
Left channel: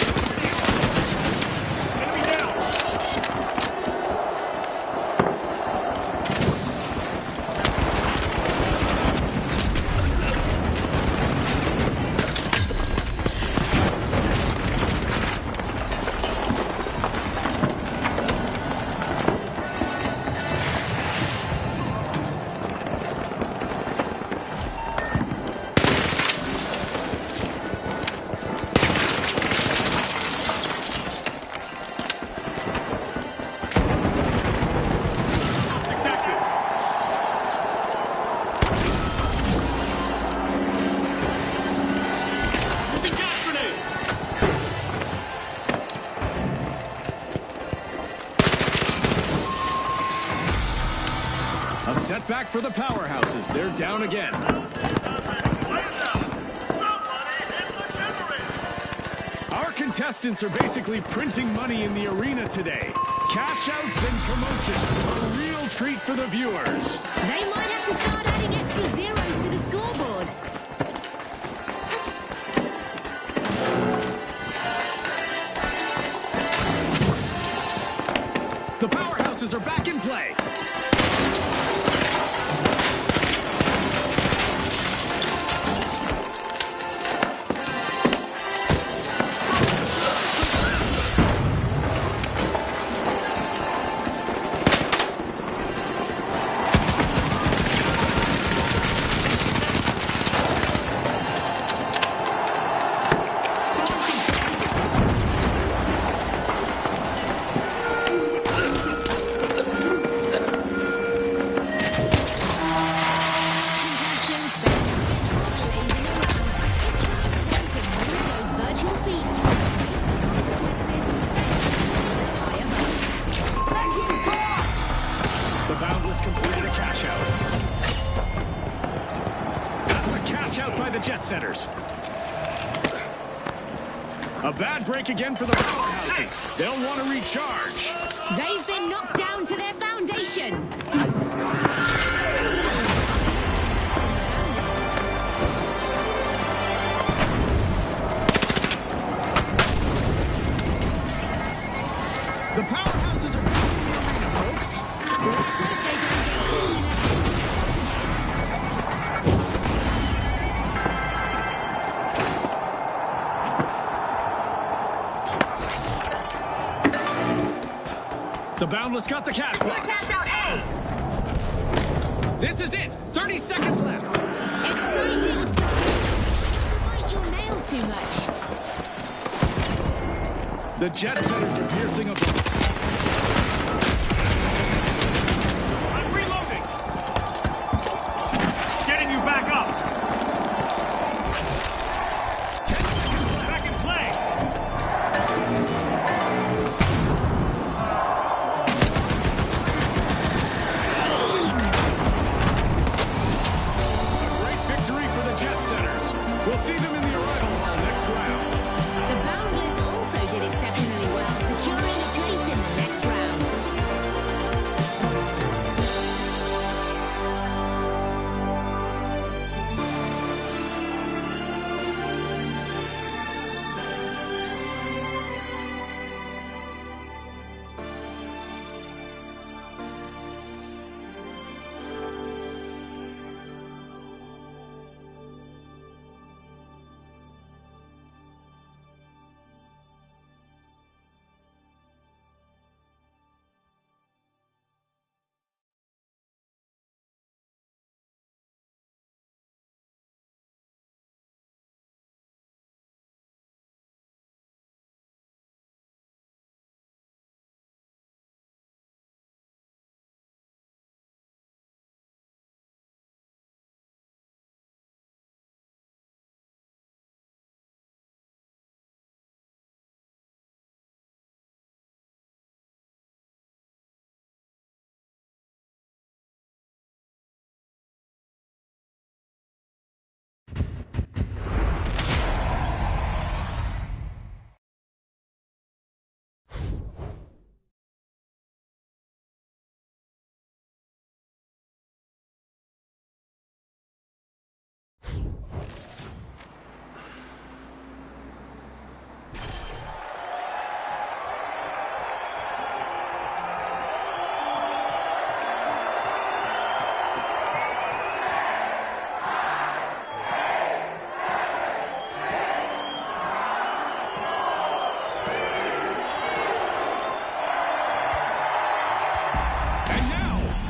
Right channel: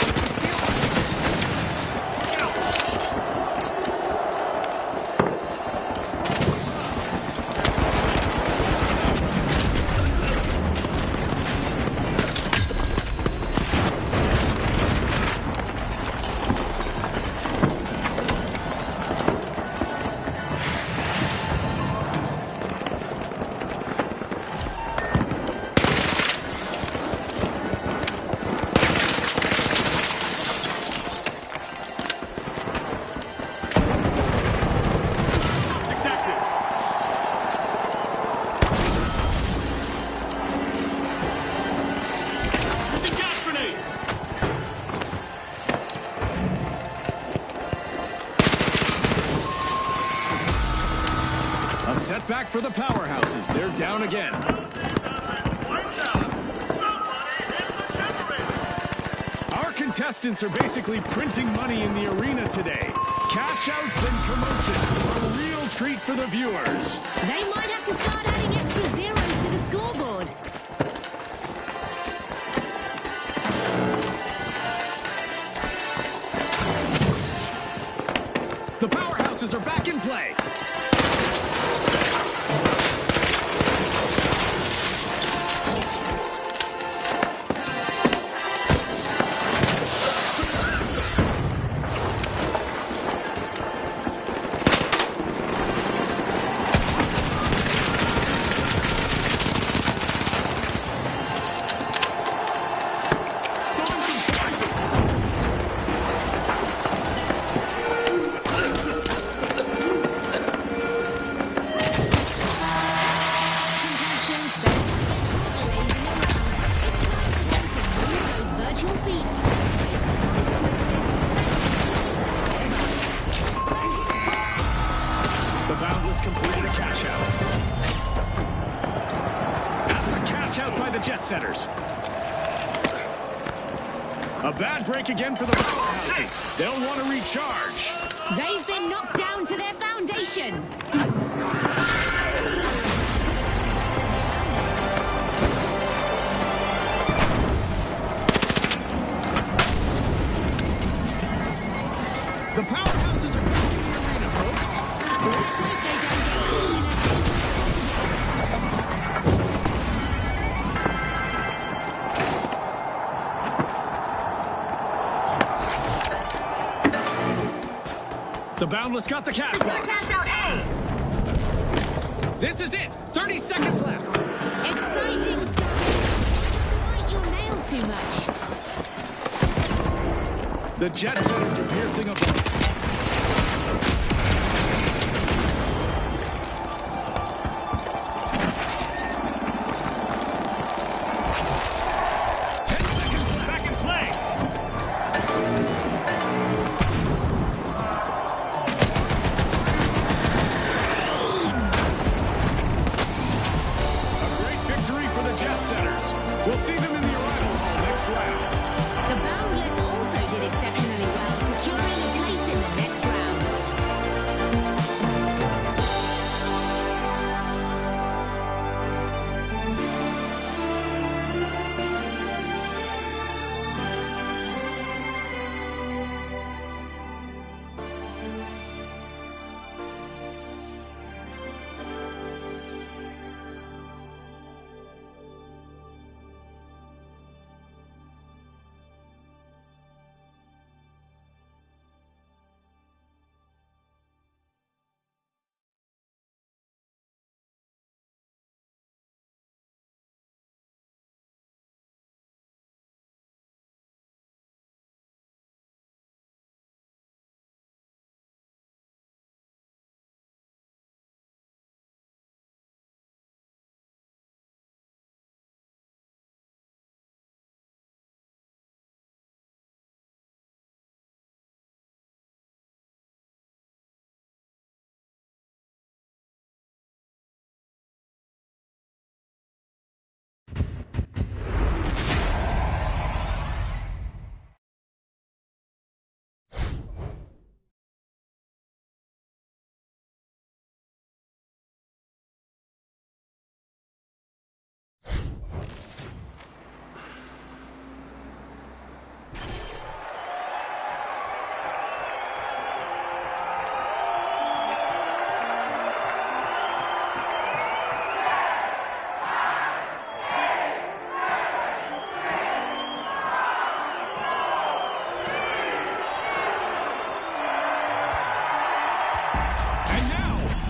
A setback for the powerhouses. They're down again. Our contestants are basically printing money in the arena today. Cash outs and commotion. A real treat for the viewers. They might have to start adding extra zeros to the scoreboard. The powerhouses are back in play. Boundless completed a cash out. That's a cash out by the Jet Setters. A bad break again for the powerhouses. They'll want to recharge. They've been knocked down to their foundation. The powerhouses are back in the arena, folks. Let's hope they don't get caught in a takeoff again. The Boundless got the cash box. Cash out A. This is it. 30 seconds left. Exciting stuff. Don't bite your nails too much. The Jet Setters are piercing up. Getting you back up. 10 seconds left. Back in play. A great victory for the Jet Setters. We'll see them in the arrival hall next round. The Boundless also did exceptionally well, securing a place in the next round.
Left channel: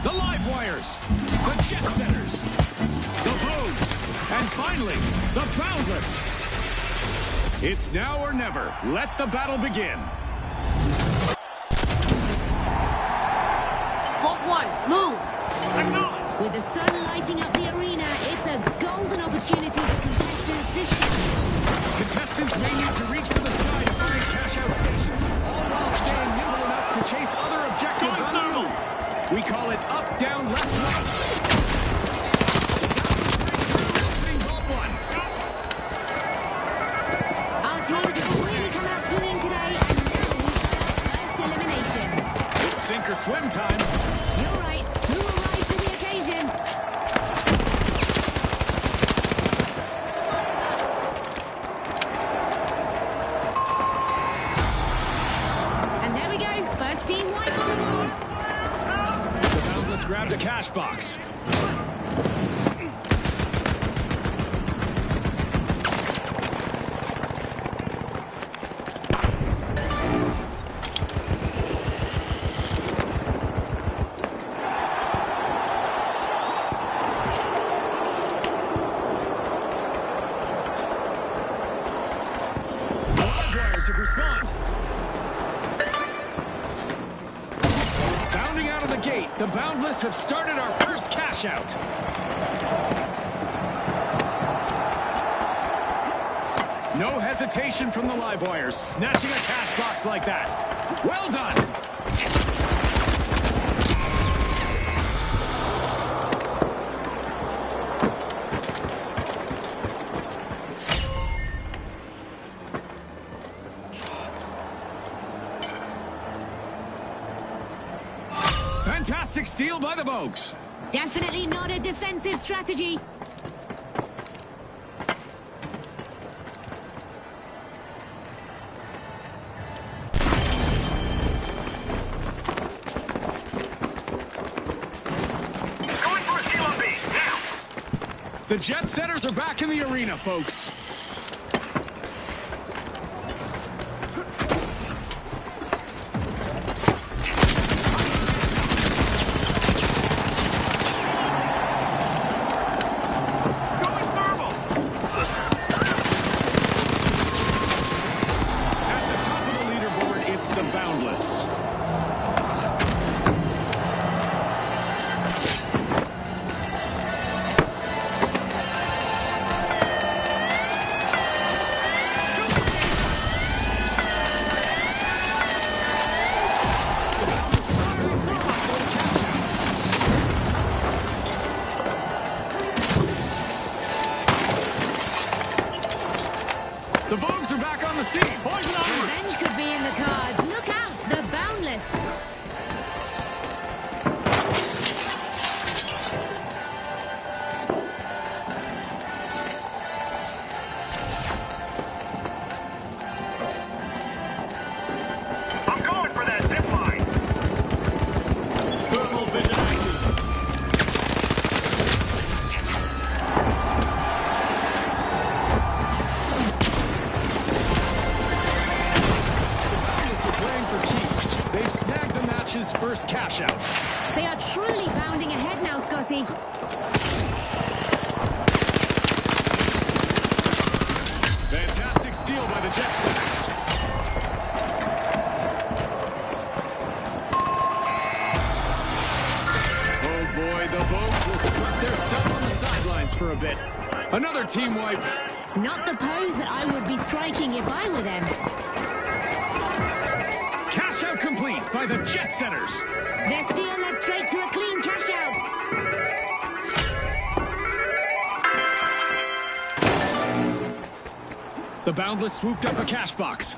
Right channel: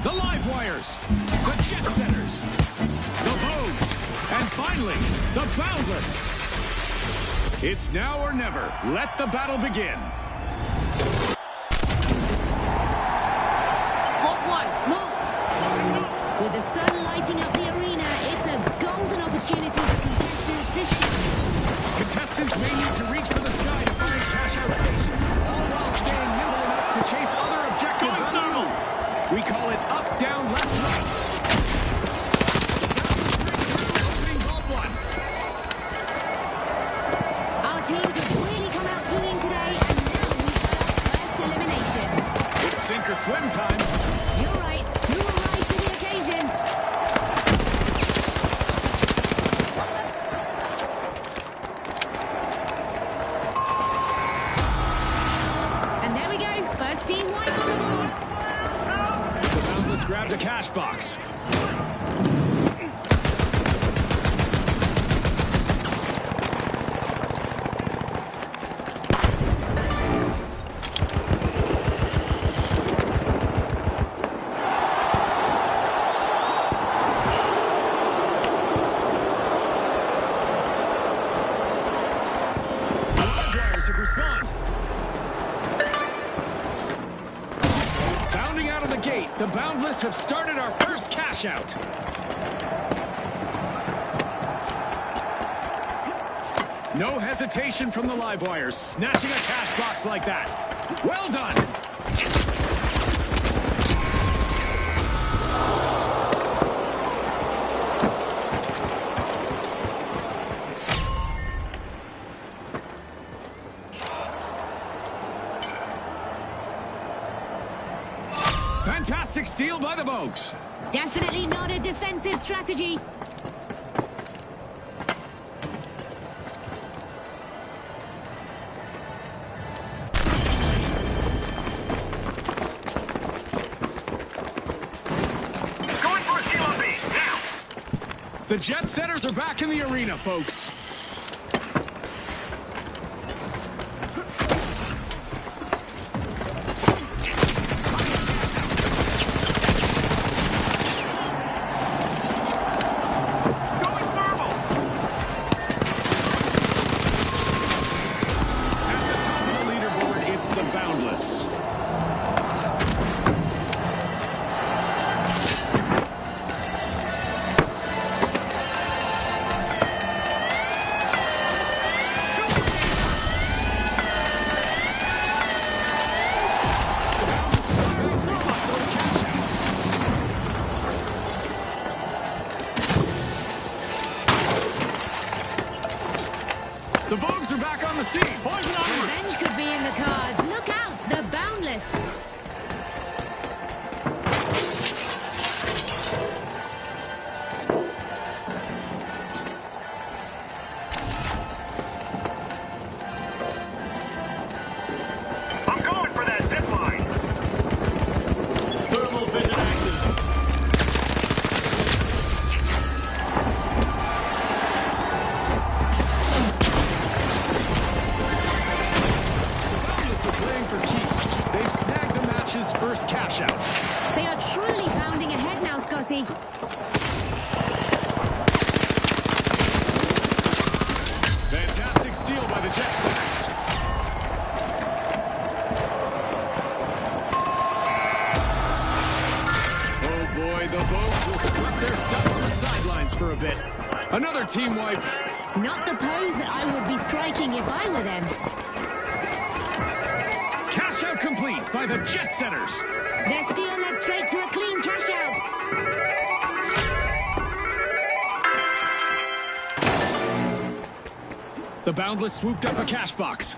The Live Wires, the Jet Setters, the Vogues, and finally, the Boundless. It's now or never. Let the battle begin. Vault 1, move. With the sun lighting up the arena, it's a golden opportunity for contestants to shine. Contestants may need to reach for the sky to find cash-out stations, all while staying nimble enough to chase other objectives on the move. We call it up, down, left, right. Opening Vault 1. Our teams have really come out swinging today, and now we've got our first elimination. It's sink or swim time. You're right. Who will rise to the occasion? And there we go. First team wipe on the board. The Boundless grabbed a cash box. Respond. Bounding out of the gate, the Boundless have started our first cash out. No hesitation from the Live Wires, snatching a cash box like that. Well done. Fantastic steal by the Vogues. Definitely not a defensive strategy. Going for a steal on B. Now. The Jet Setters are back in the arena, folks. Going thermal. At the top of the leaderboard, it's the Boundless. The Vogues are back on the scene. Poison onward. Revenge could be in the cards. Look out, the Boundless. I'm going for that zip line. Thermal vision active. The Boundless are playing for keeps. They've snagged the match's first cash out. They are truly bounding ahead now, Scotty. Fantastic steal by the Jet Setters. Oh boy, the Vogues will strut their stuff on the sidelines for a bit. Another team wipe. Not the pose that I would be striking if I were them. Cash out complete by the Jet Setters. Their steal led straight to a clean cash out. The Boundless swooped up a cash box.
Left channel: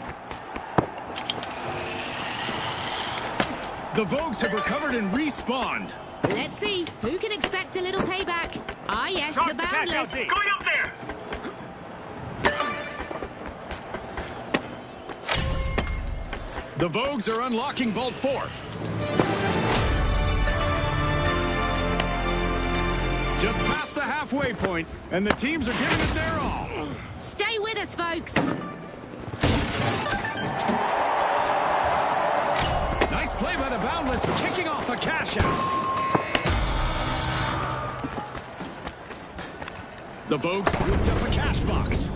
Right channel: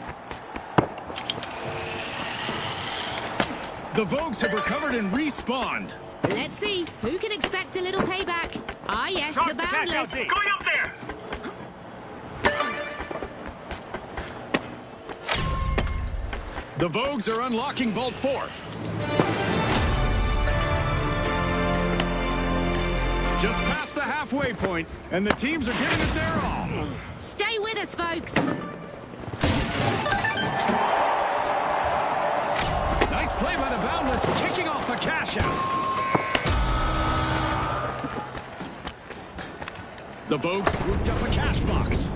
The Vogues have recovered and respawned. Let's see, who can expect a little payback? Ah yes, Toss the the cash out Boundless. D. Going up there. The Vogues are unlocking Vault 4. Just past the halfway point, and the teams are giving it their all. Stay with us, folks. Nice play by the Boundless, kicking off a cash out. The Vogues swooped up a cash box.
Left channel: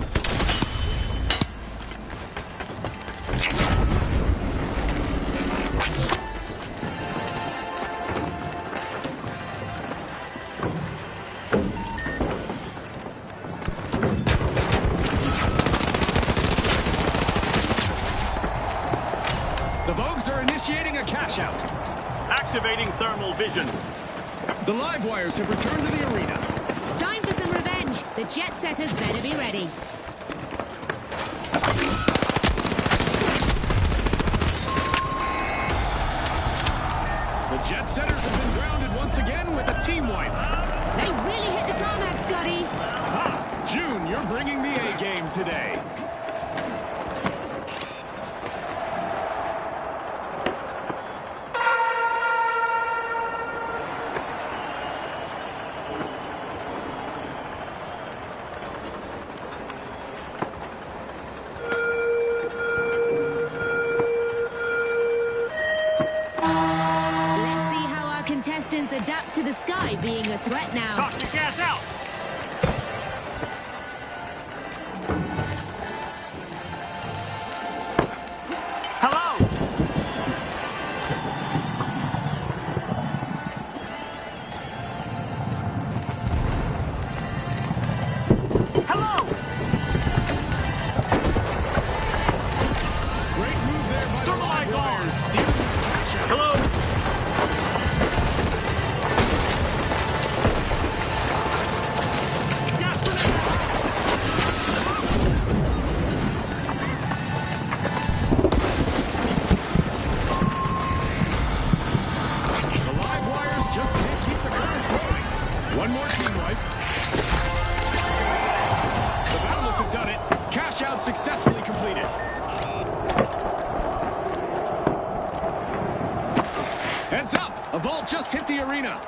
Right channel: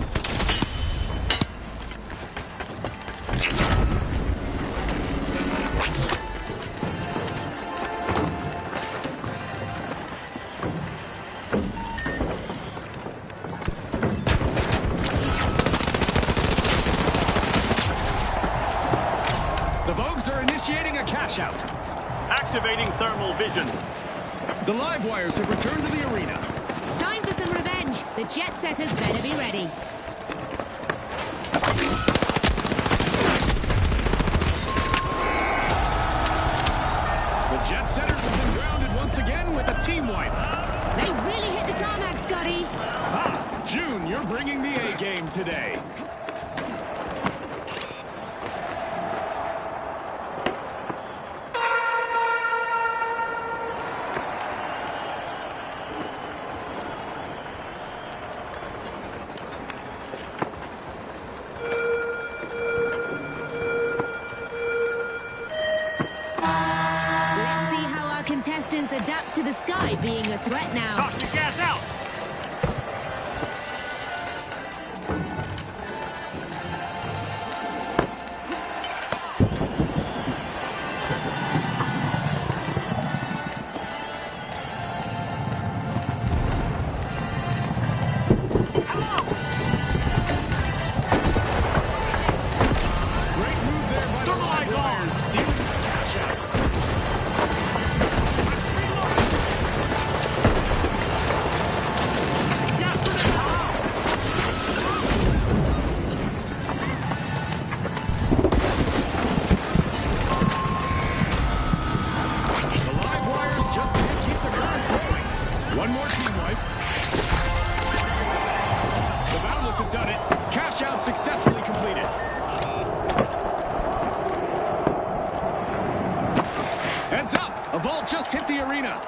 The Vogues are initiating a cash out. Activating thermal vision. The live wires have returned to the arena. Time for some revenge. The Jet Setters better be ready. The Jet Setters have been grounded once again with a team wipe. They really hit the tarmac, Scotty. Ha! June, you're bringing the A game today. Let's see how our contestants adapt to the sky being a threat now. Toxic gas out. Hello. Hello. Great move there by the live wires, stealing the cash out. Hello. One more team wipe. The Boundless have done it. Cash out successfully completed. Heads up! A vault just hit the arena.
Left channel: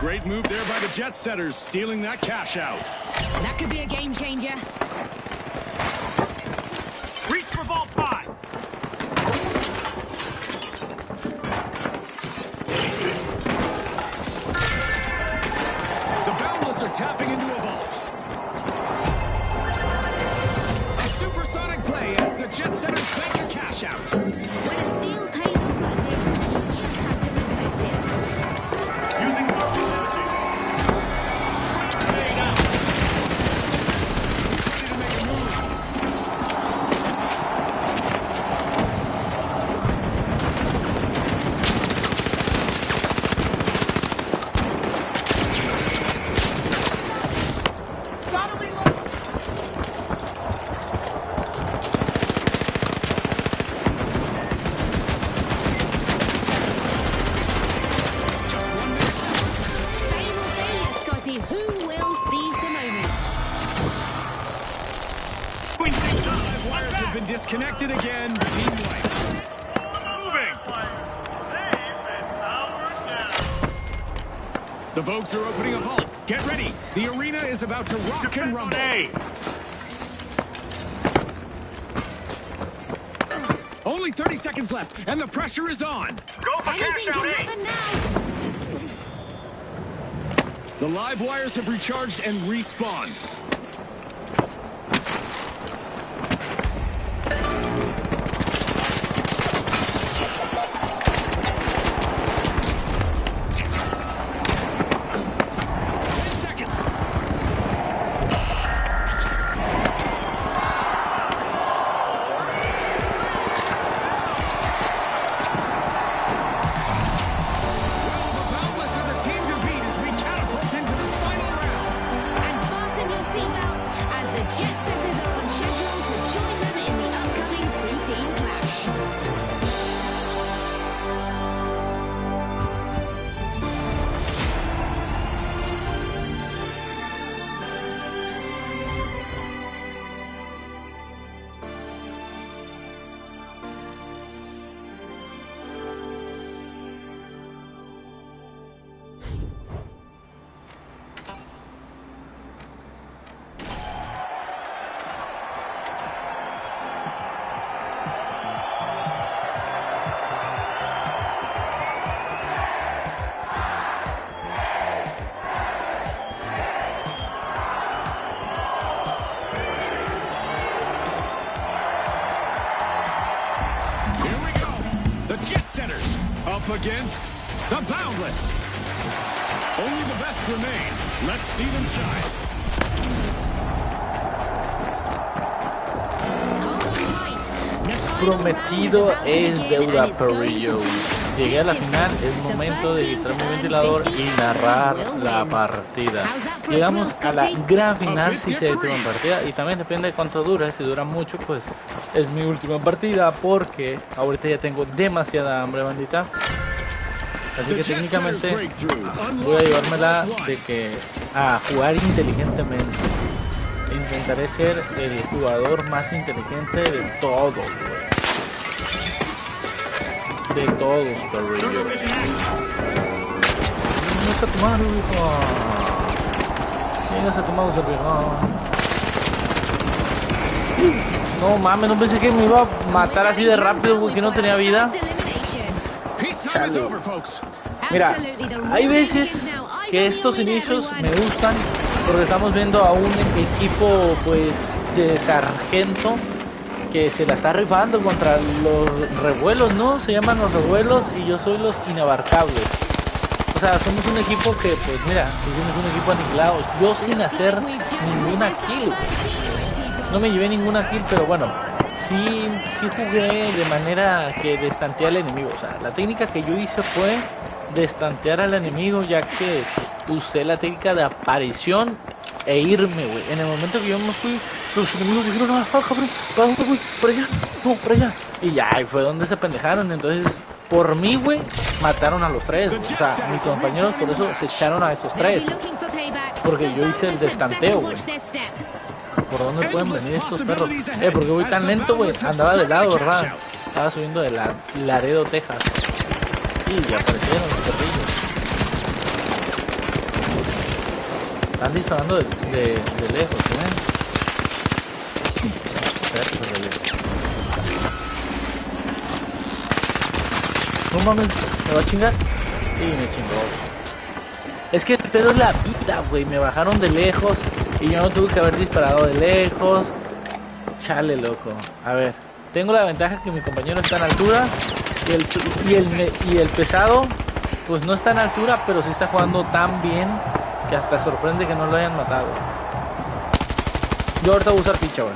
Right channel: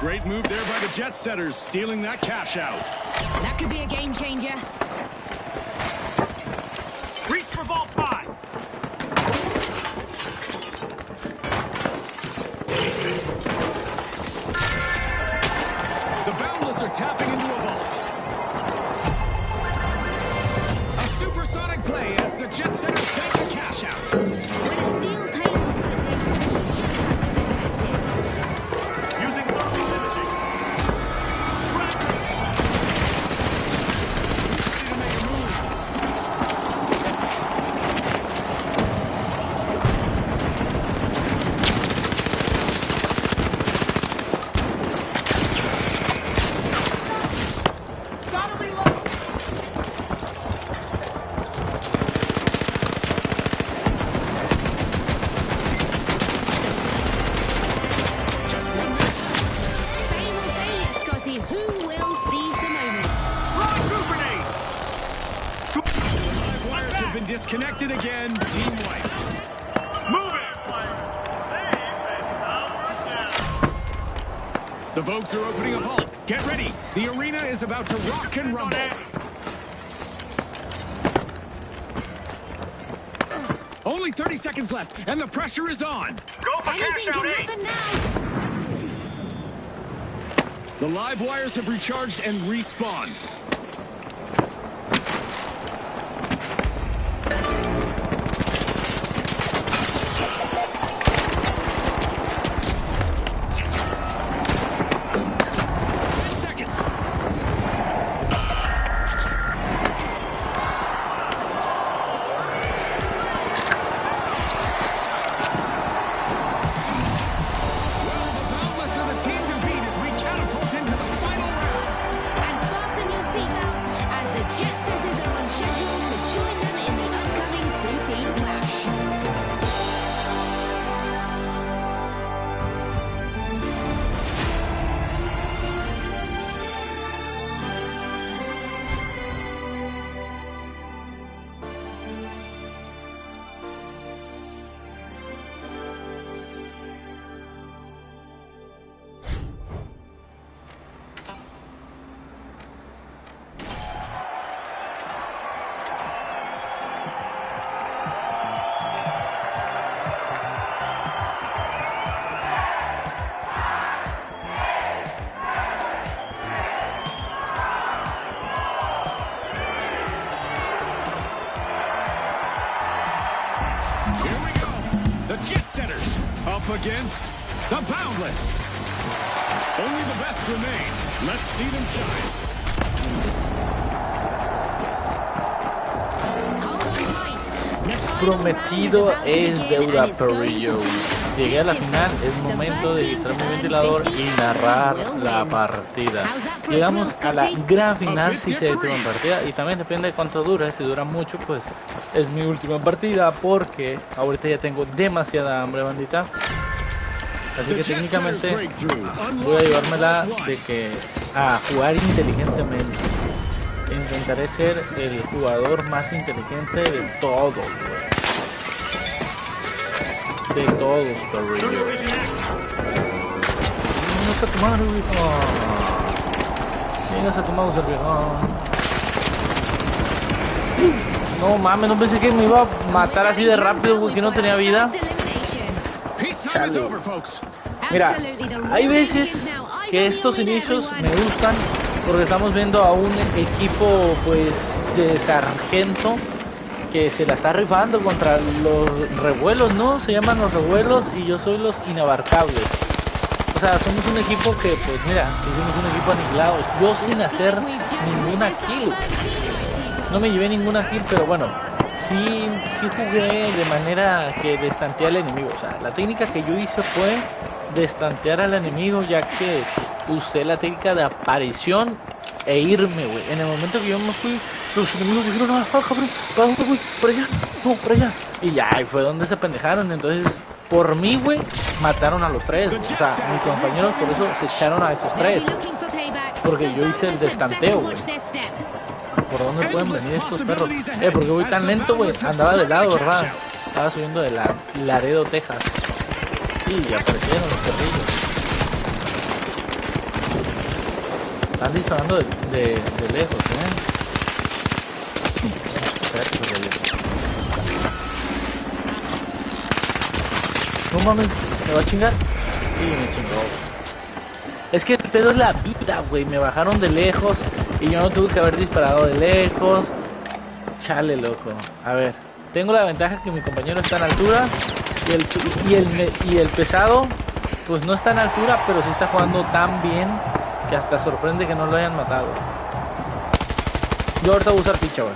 Great move there by the Jet Setters, stealing that cash out. That could be a game changer. Reach for Vault 5. The Boundless are tapping into a vault. A supersonic play as the Jet Setters bank a cash out. When a steal pays off like this, you just have to respect it. Using thermal imaging. Ready to make a move. Just 1 minute. Fame or failure, Scotty, who will seize the moment? To engage The live wires have been disconnected again. Team white. moving. The Vogues are opening a vault. Get ready. The arena is about to rock and rumble. Only 30 seconds left, and the pressure is on. Go for Anything cash out can A. happen now. The live wires have recharged and respawned. Up against the Boundless. Only the best remain. Let's see them shine. Prometido es deuda, Perrillo. Llegué a la final, es momento de quitarme el ventilador y narrar la partida. Llegamos a la gran final si se detuvo en partida, y también depende de cuánto dura. Si dura mucho, pues es mi última partida, porque ahorita ya tengo demasiada hambre, bandita. Así que técnicamente voy a llevármela de que a jugar inteligentemente. Intentaré ser el jugador más inteligente de todos, güey. De todos, Perrillo. No está tu madre, viejo. Llegas a tu mouse, viejo. No mames, no pensé que me iba a matar así de rápido, güey, que no tenía vida. Chale. Mira, hay veces que estos inicios me gustan porque estamos viendo a un equipo, pues, de sargento que se la está rifando contra los revuelos, ¿no? Se llaman los revuelos y yo soy los inabarcables. O sea, somos un equipo que, pues mira, hicimos un equipo aniquilado. Yo sin hacer ninguna kill. No me llevé ninguna kill, pero bueno, sí jugué de manera que destanteé al enemigo. O sea, la técnica que yo hice fue destantear al enemigo, ya que usé la técnica de aparición e irme, güey. En el momento que yo me fui, los enemigos dijeron, ah, cabrón, ¿para dónde, güey? Para allá, no, para allá. Y ya, ahí fue donde se pendejaron. Entonces, por mí, güey, mataron a los tres, güey. O sea, mis compañeros por eso se echaron a esos tres, porque yo hice el destanteo, güey. ¿Por dónde pueden venir estos perros? Porque voy tan lento, güey. Andaba de lado, ¿verdad? Estaba subiendo de Laredo, Texas. Y ya aparecieron los perrillos. Están disparando de lejos, Espérate, perrillo. No mames, ¿me va a chingar? Y me chingó. Es que el pedo es la vida, güey. Me bajaron de lejos y yo no tuve que haber disparado de lejos. Chale, loco. A ver, tengo la ventaja que mi compañero está en altura y el pesado, pues no está en altura, pero sí está jugando tan bien que hasta sorprende que no lo hayan matado. Yo ahorita voy a usar picha, güey.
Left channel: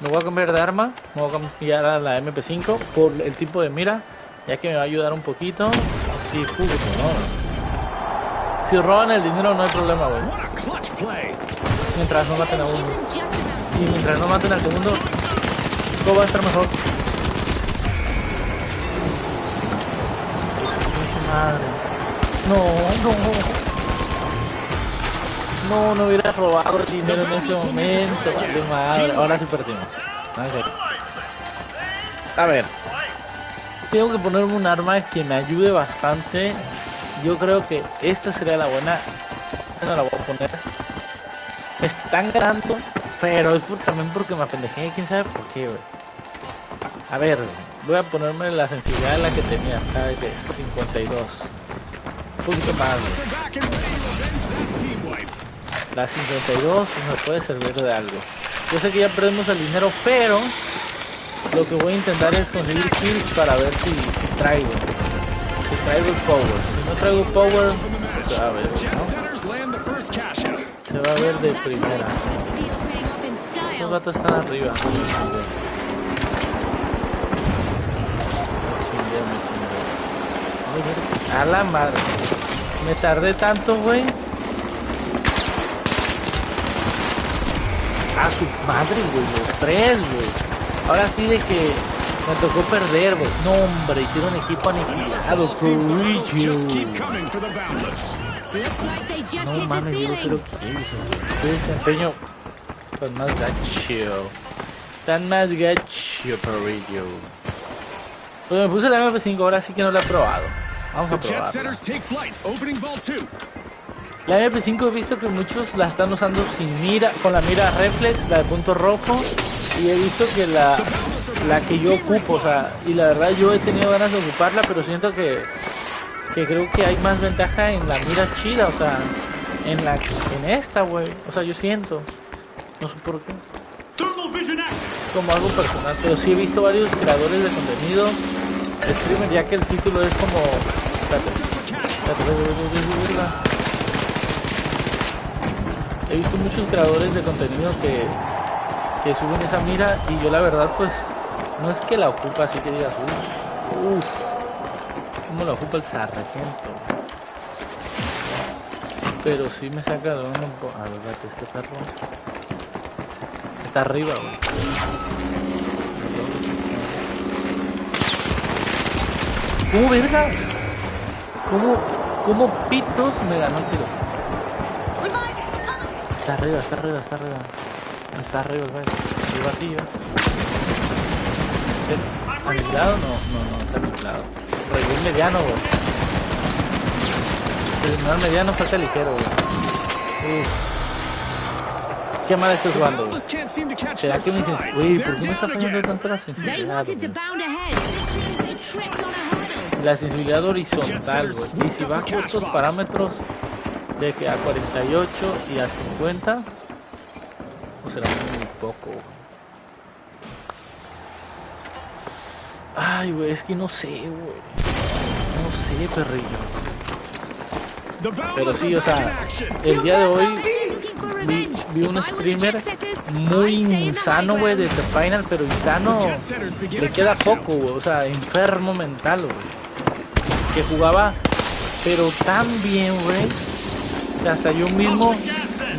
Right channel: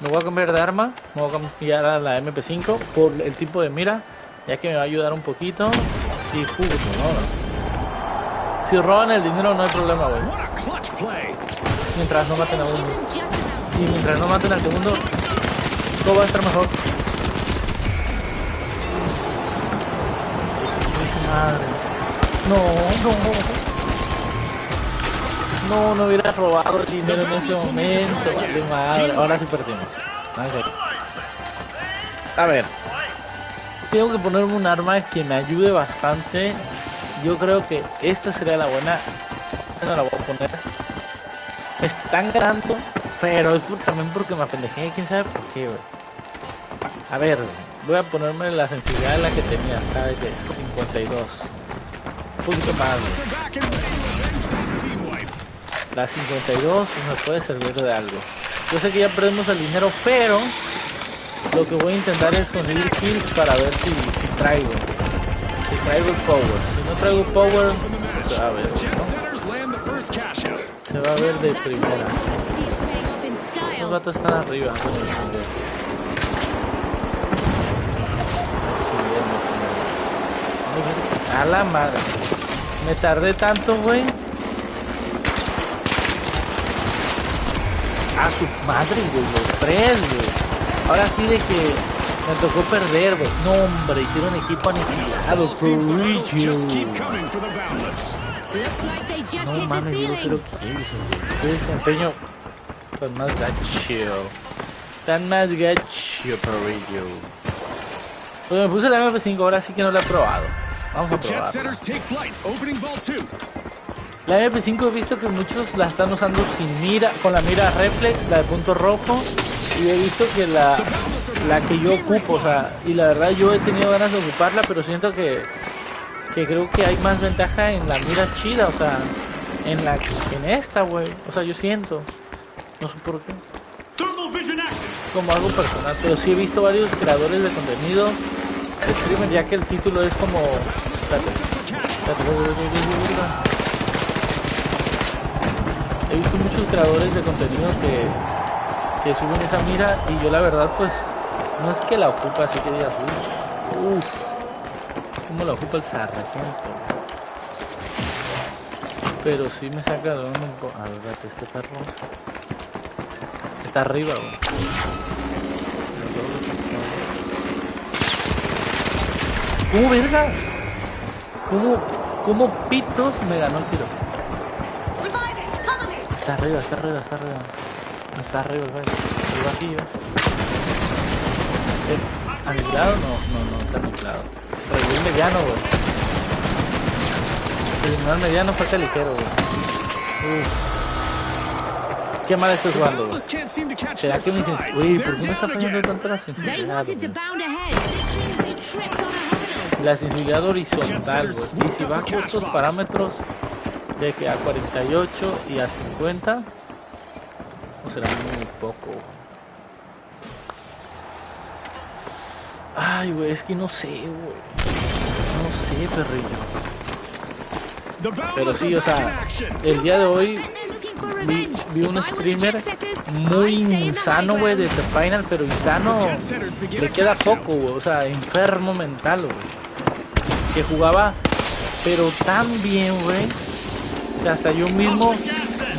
Me voy a cambiar de arma, me voy a cambiar a la MP5 por el tipo de mira, ya que me va a ayudar un poquito. Y jugo, no. Si roban el dinero no hay problema, güey. Mientras no maten a uno. Y mientras no maten al segundo, todo va a estar mejor. Madre. No hubiera robado el dinero en ese momento. Vale, madre. Ahora sí perdimos. A ver. Tengo que ponerme un arma que me ayude bastante. Yo creo que esta sería la buena. No la voy a poner. Me están ganando, pero es también porque me apendejé. Quién sabe por qué, güey. A ver, voy a ponerme la sensibilidad de la que tenía. ¿Sabes qué? 52. Un poquito más, güey. La 52 nos puede servir de algo. Yo sé que ya perdimos el dinero, pero lo que voy a intentar es conseguir kills para ver si traigo. Si traigo el power. Si no traigo power, pues se va a ver, ¿no? Se va a ver de primera. Los gatos están arriba. Me chingué. A la madre. Me tardé tanto, güey. A su madre, güey. Los tres, güey. Ahora sí de que me tocó perder, güey. No, hombre, hicieron equipo aniquilado. No mames, yo no sé lo que hizo, güey. Qué desempeño tan más gacho. Tan más gacho, perrillo. Pues me puse la MP5, ahora sí que no la he probado. Vamos a probarla. La MP5 he visto que muchos la están usando sin mira, con la mira reflex, la de punto rojo. Y he visto que la que yo ocupo, o sea, y la verdad yo he tenido ganas de ocuparla, pero siento que creo que hay más ventaja en la mira chida, o sea, en esta, güey. O sea, yo siento, no sé por qué, como algo personal, pero sí he visto varios creadores de contenido, streamer, ya que el título es como, he visto muchos creadores de contenido que suben esa mira y yo la verdad pues no es que la ocupa así que digas uff, como la ocupa el sargento, pero sí me saca de un poco. A ver, este perro está arriba, güey. ¿Cómo verga? ¿Cómo pitos me ganó el tiro? Está arriba. Está arriba el baile. El vacío. ¿Aniquilado? No, está aniquilado. Revivió el mediano, güey. Terminó el mediano, falta ligero, güey. Qué mal estoy jugando, güey. ¿Será que mi sensibilidad? Uy, ¿por qué me está fallando tanto la sensibilidad, güey? La sensibilidad horizontal, güey. Y si bajo estos parámetros de que a 48 y a 50, o será muy poco. Ay, güey, es que no sé, güey. No sé, perrillo. Pero sí, o sea, el día de hoy vi un streamer muy insano, güey, de The Final, pero insano le queda poco, güey. O sea, enfermo mental, güey. Que jugaba, pero tan bien, güey, que hasta yo mismo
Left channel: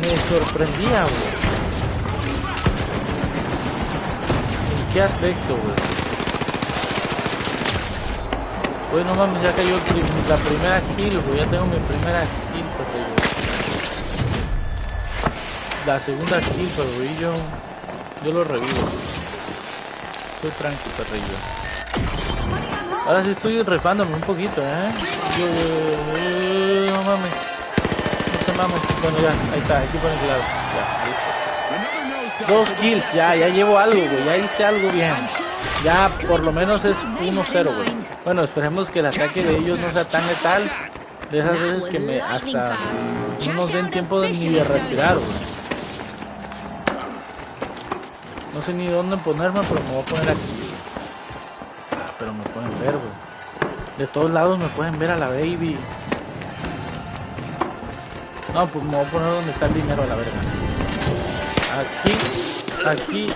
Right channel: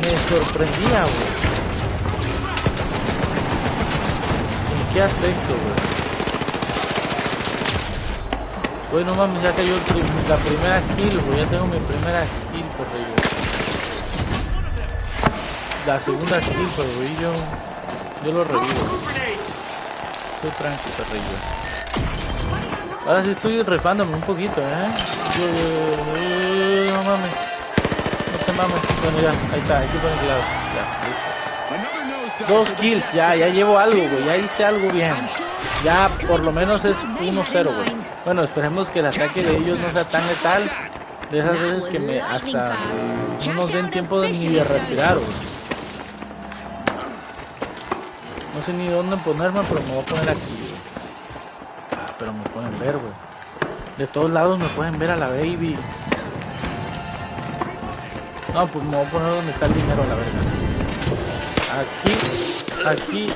me sorprendía, güey. ¿En qué aspecto, güey? Güey, no mames, ya cayó la primera kill, güey. Ya tengo mi primera kill, perrillo. La segunda kill, pero güey, yo lo revivo. Estoy tranqui, perrillo. Ahora sí estoy rifándome un poquito, no mames. No te mames. Bueno, ya, ahí está, equipo aniquilado. Ya, listo. 2 kills, ya llevo algo, güey. Ya hice algo bien. Ya por lo menos es 1-0, güey. Bueno, esperemos que el ataque de ellos no sea tan letal. De esas veces que me hasta no nos den tiempo ni de respirar, güey. No sé ni dónde ponerme, pero me voy a poner aquí, güey. Ah, pero me pueden ver, güey. De todos lados me pueden ver a la baby. No, pues me voy a poner donde está el dinero, a la verga. Aquí.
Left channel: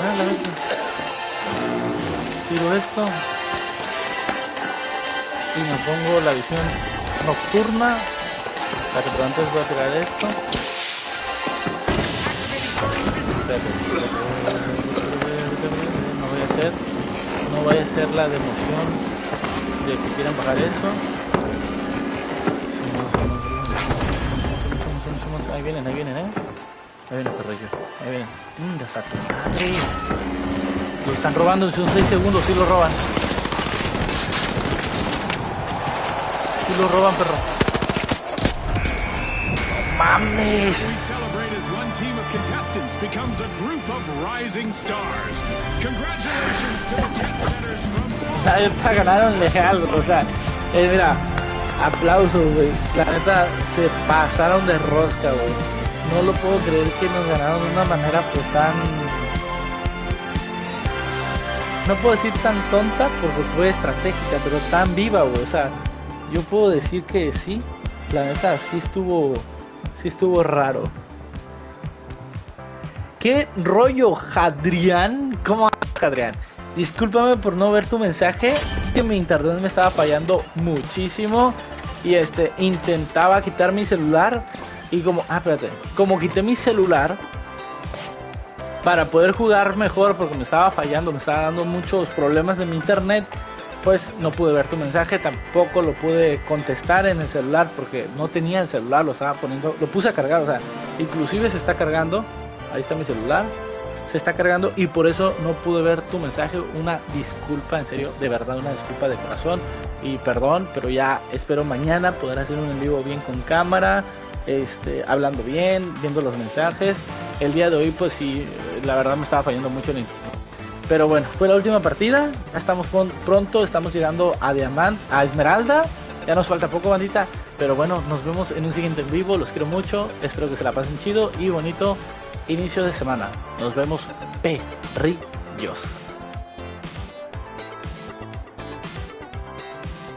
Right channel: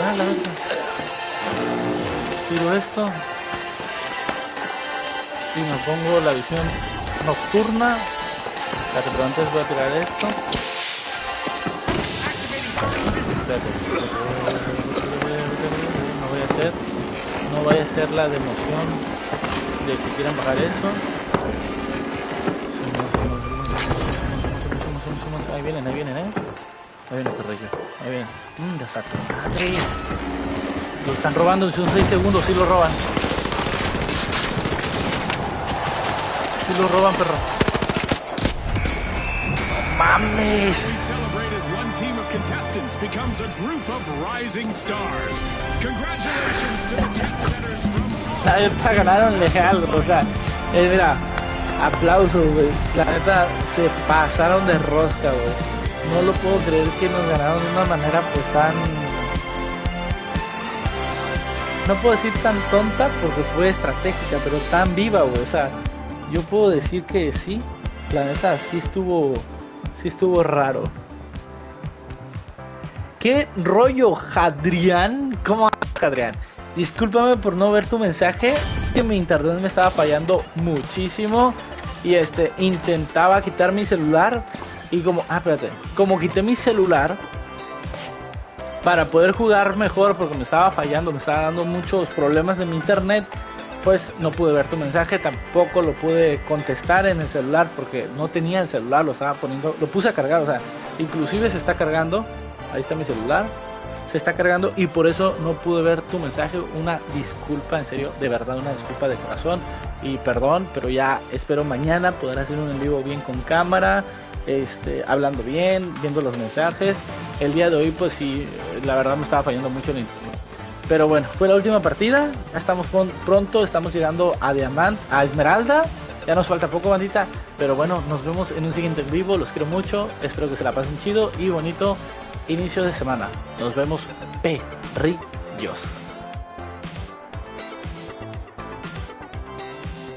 Ah, la verga. Tiro esto. Y me pongo la visión nocturna. Espérate, pero antes voy a tirar esto. Espérate. No vaya a ser la de emoción de que quieran bajar eso. Ahí vienen, Ahí viene perrillo. Ahí vienen. Ya está tu madre. Lo están robando, son 6 segundos, sí lo roban. Sí lo roban, perro. ¡No mames! Esta ganaron legal, o sea, mira, aplausos, güey. La neta, se pasaron de rosca, güey. No lo puedo creer que nos ganaron de una manera pues tan... No puedo decir tan tonta porque fue estratégica, pero tan viva, güey. O sea, yo puedo decir que sí. La neta, sí estuvo raro. ¿Qué rollo, Jadrián? ¿Cómo andas, Jadrián? Discúlpame por no ver tu mensaje, que mi internet me estaba fallando muchísimo. Y intentaba quitar mi celular. Y como quité mi celular para poder jugar mejor, porque me estaba fallando, me estaba dando muchos problemas de mi internet, pues no pude ver tu mensaje, tampoco lo pude contestar en el celular porque no tenía el celular, lo puse a cargar, o sea, inclusive se está cargando, ahí está mi celular, se está cargando y por eso no pude ver tu mensaje. Una disculpa, en serio, de verdad, una disculpa de corazón y perdón, pero ya espero mañana poder hacer un en vivo bien con cámara, hablando bien, viendo los mensajes. El día de hoy pues sí, la verdad me estaba fallando mucho el internet, pero bueno, fue la última partida. Ya estamos pronto, estamos llegando a a Esmeralda, ya nos falta poco, bandita, pero bueno, nos vemos en un siguiente en vivo. Los quiero mucho, espero que se la pasen chido y bonito inicio de semana. Nos vemos, perrillos.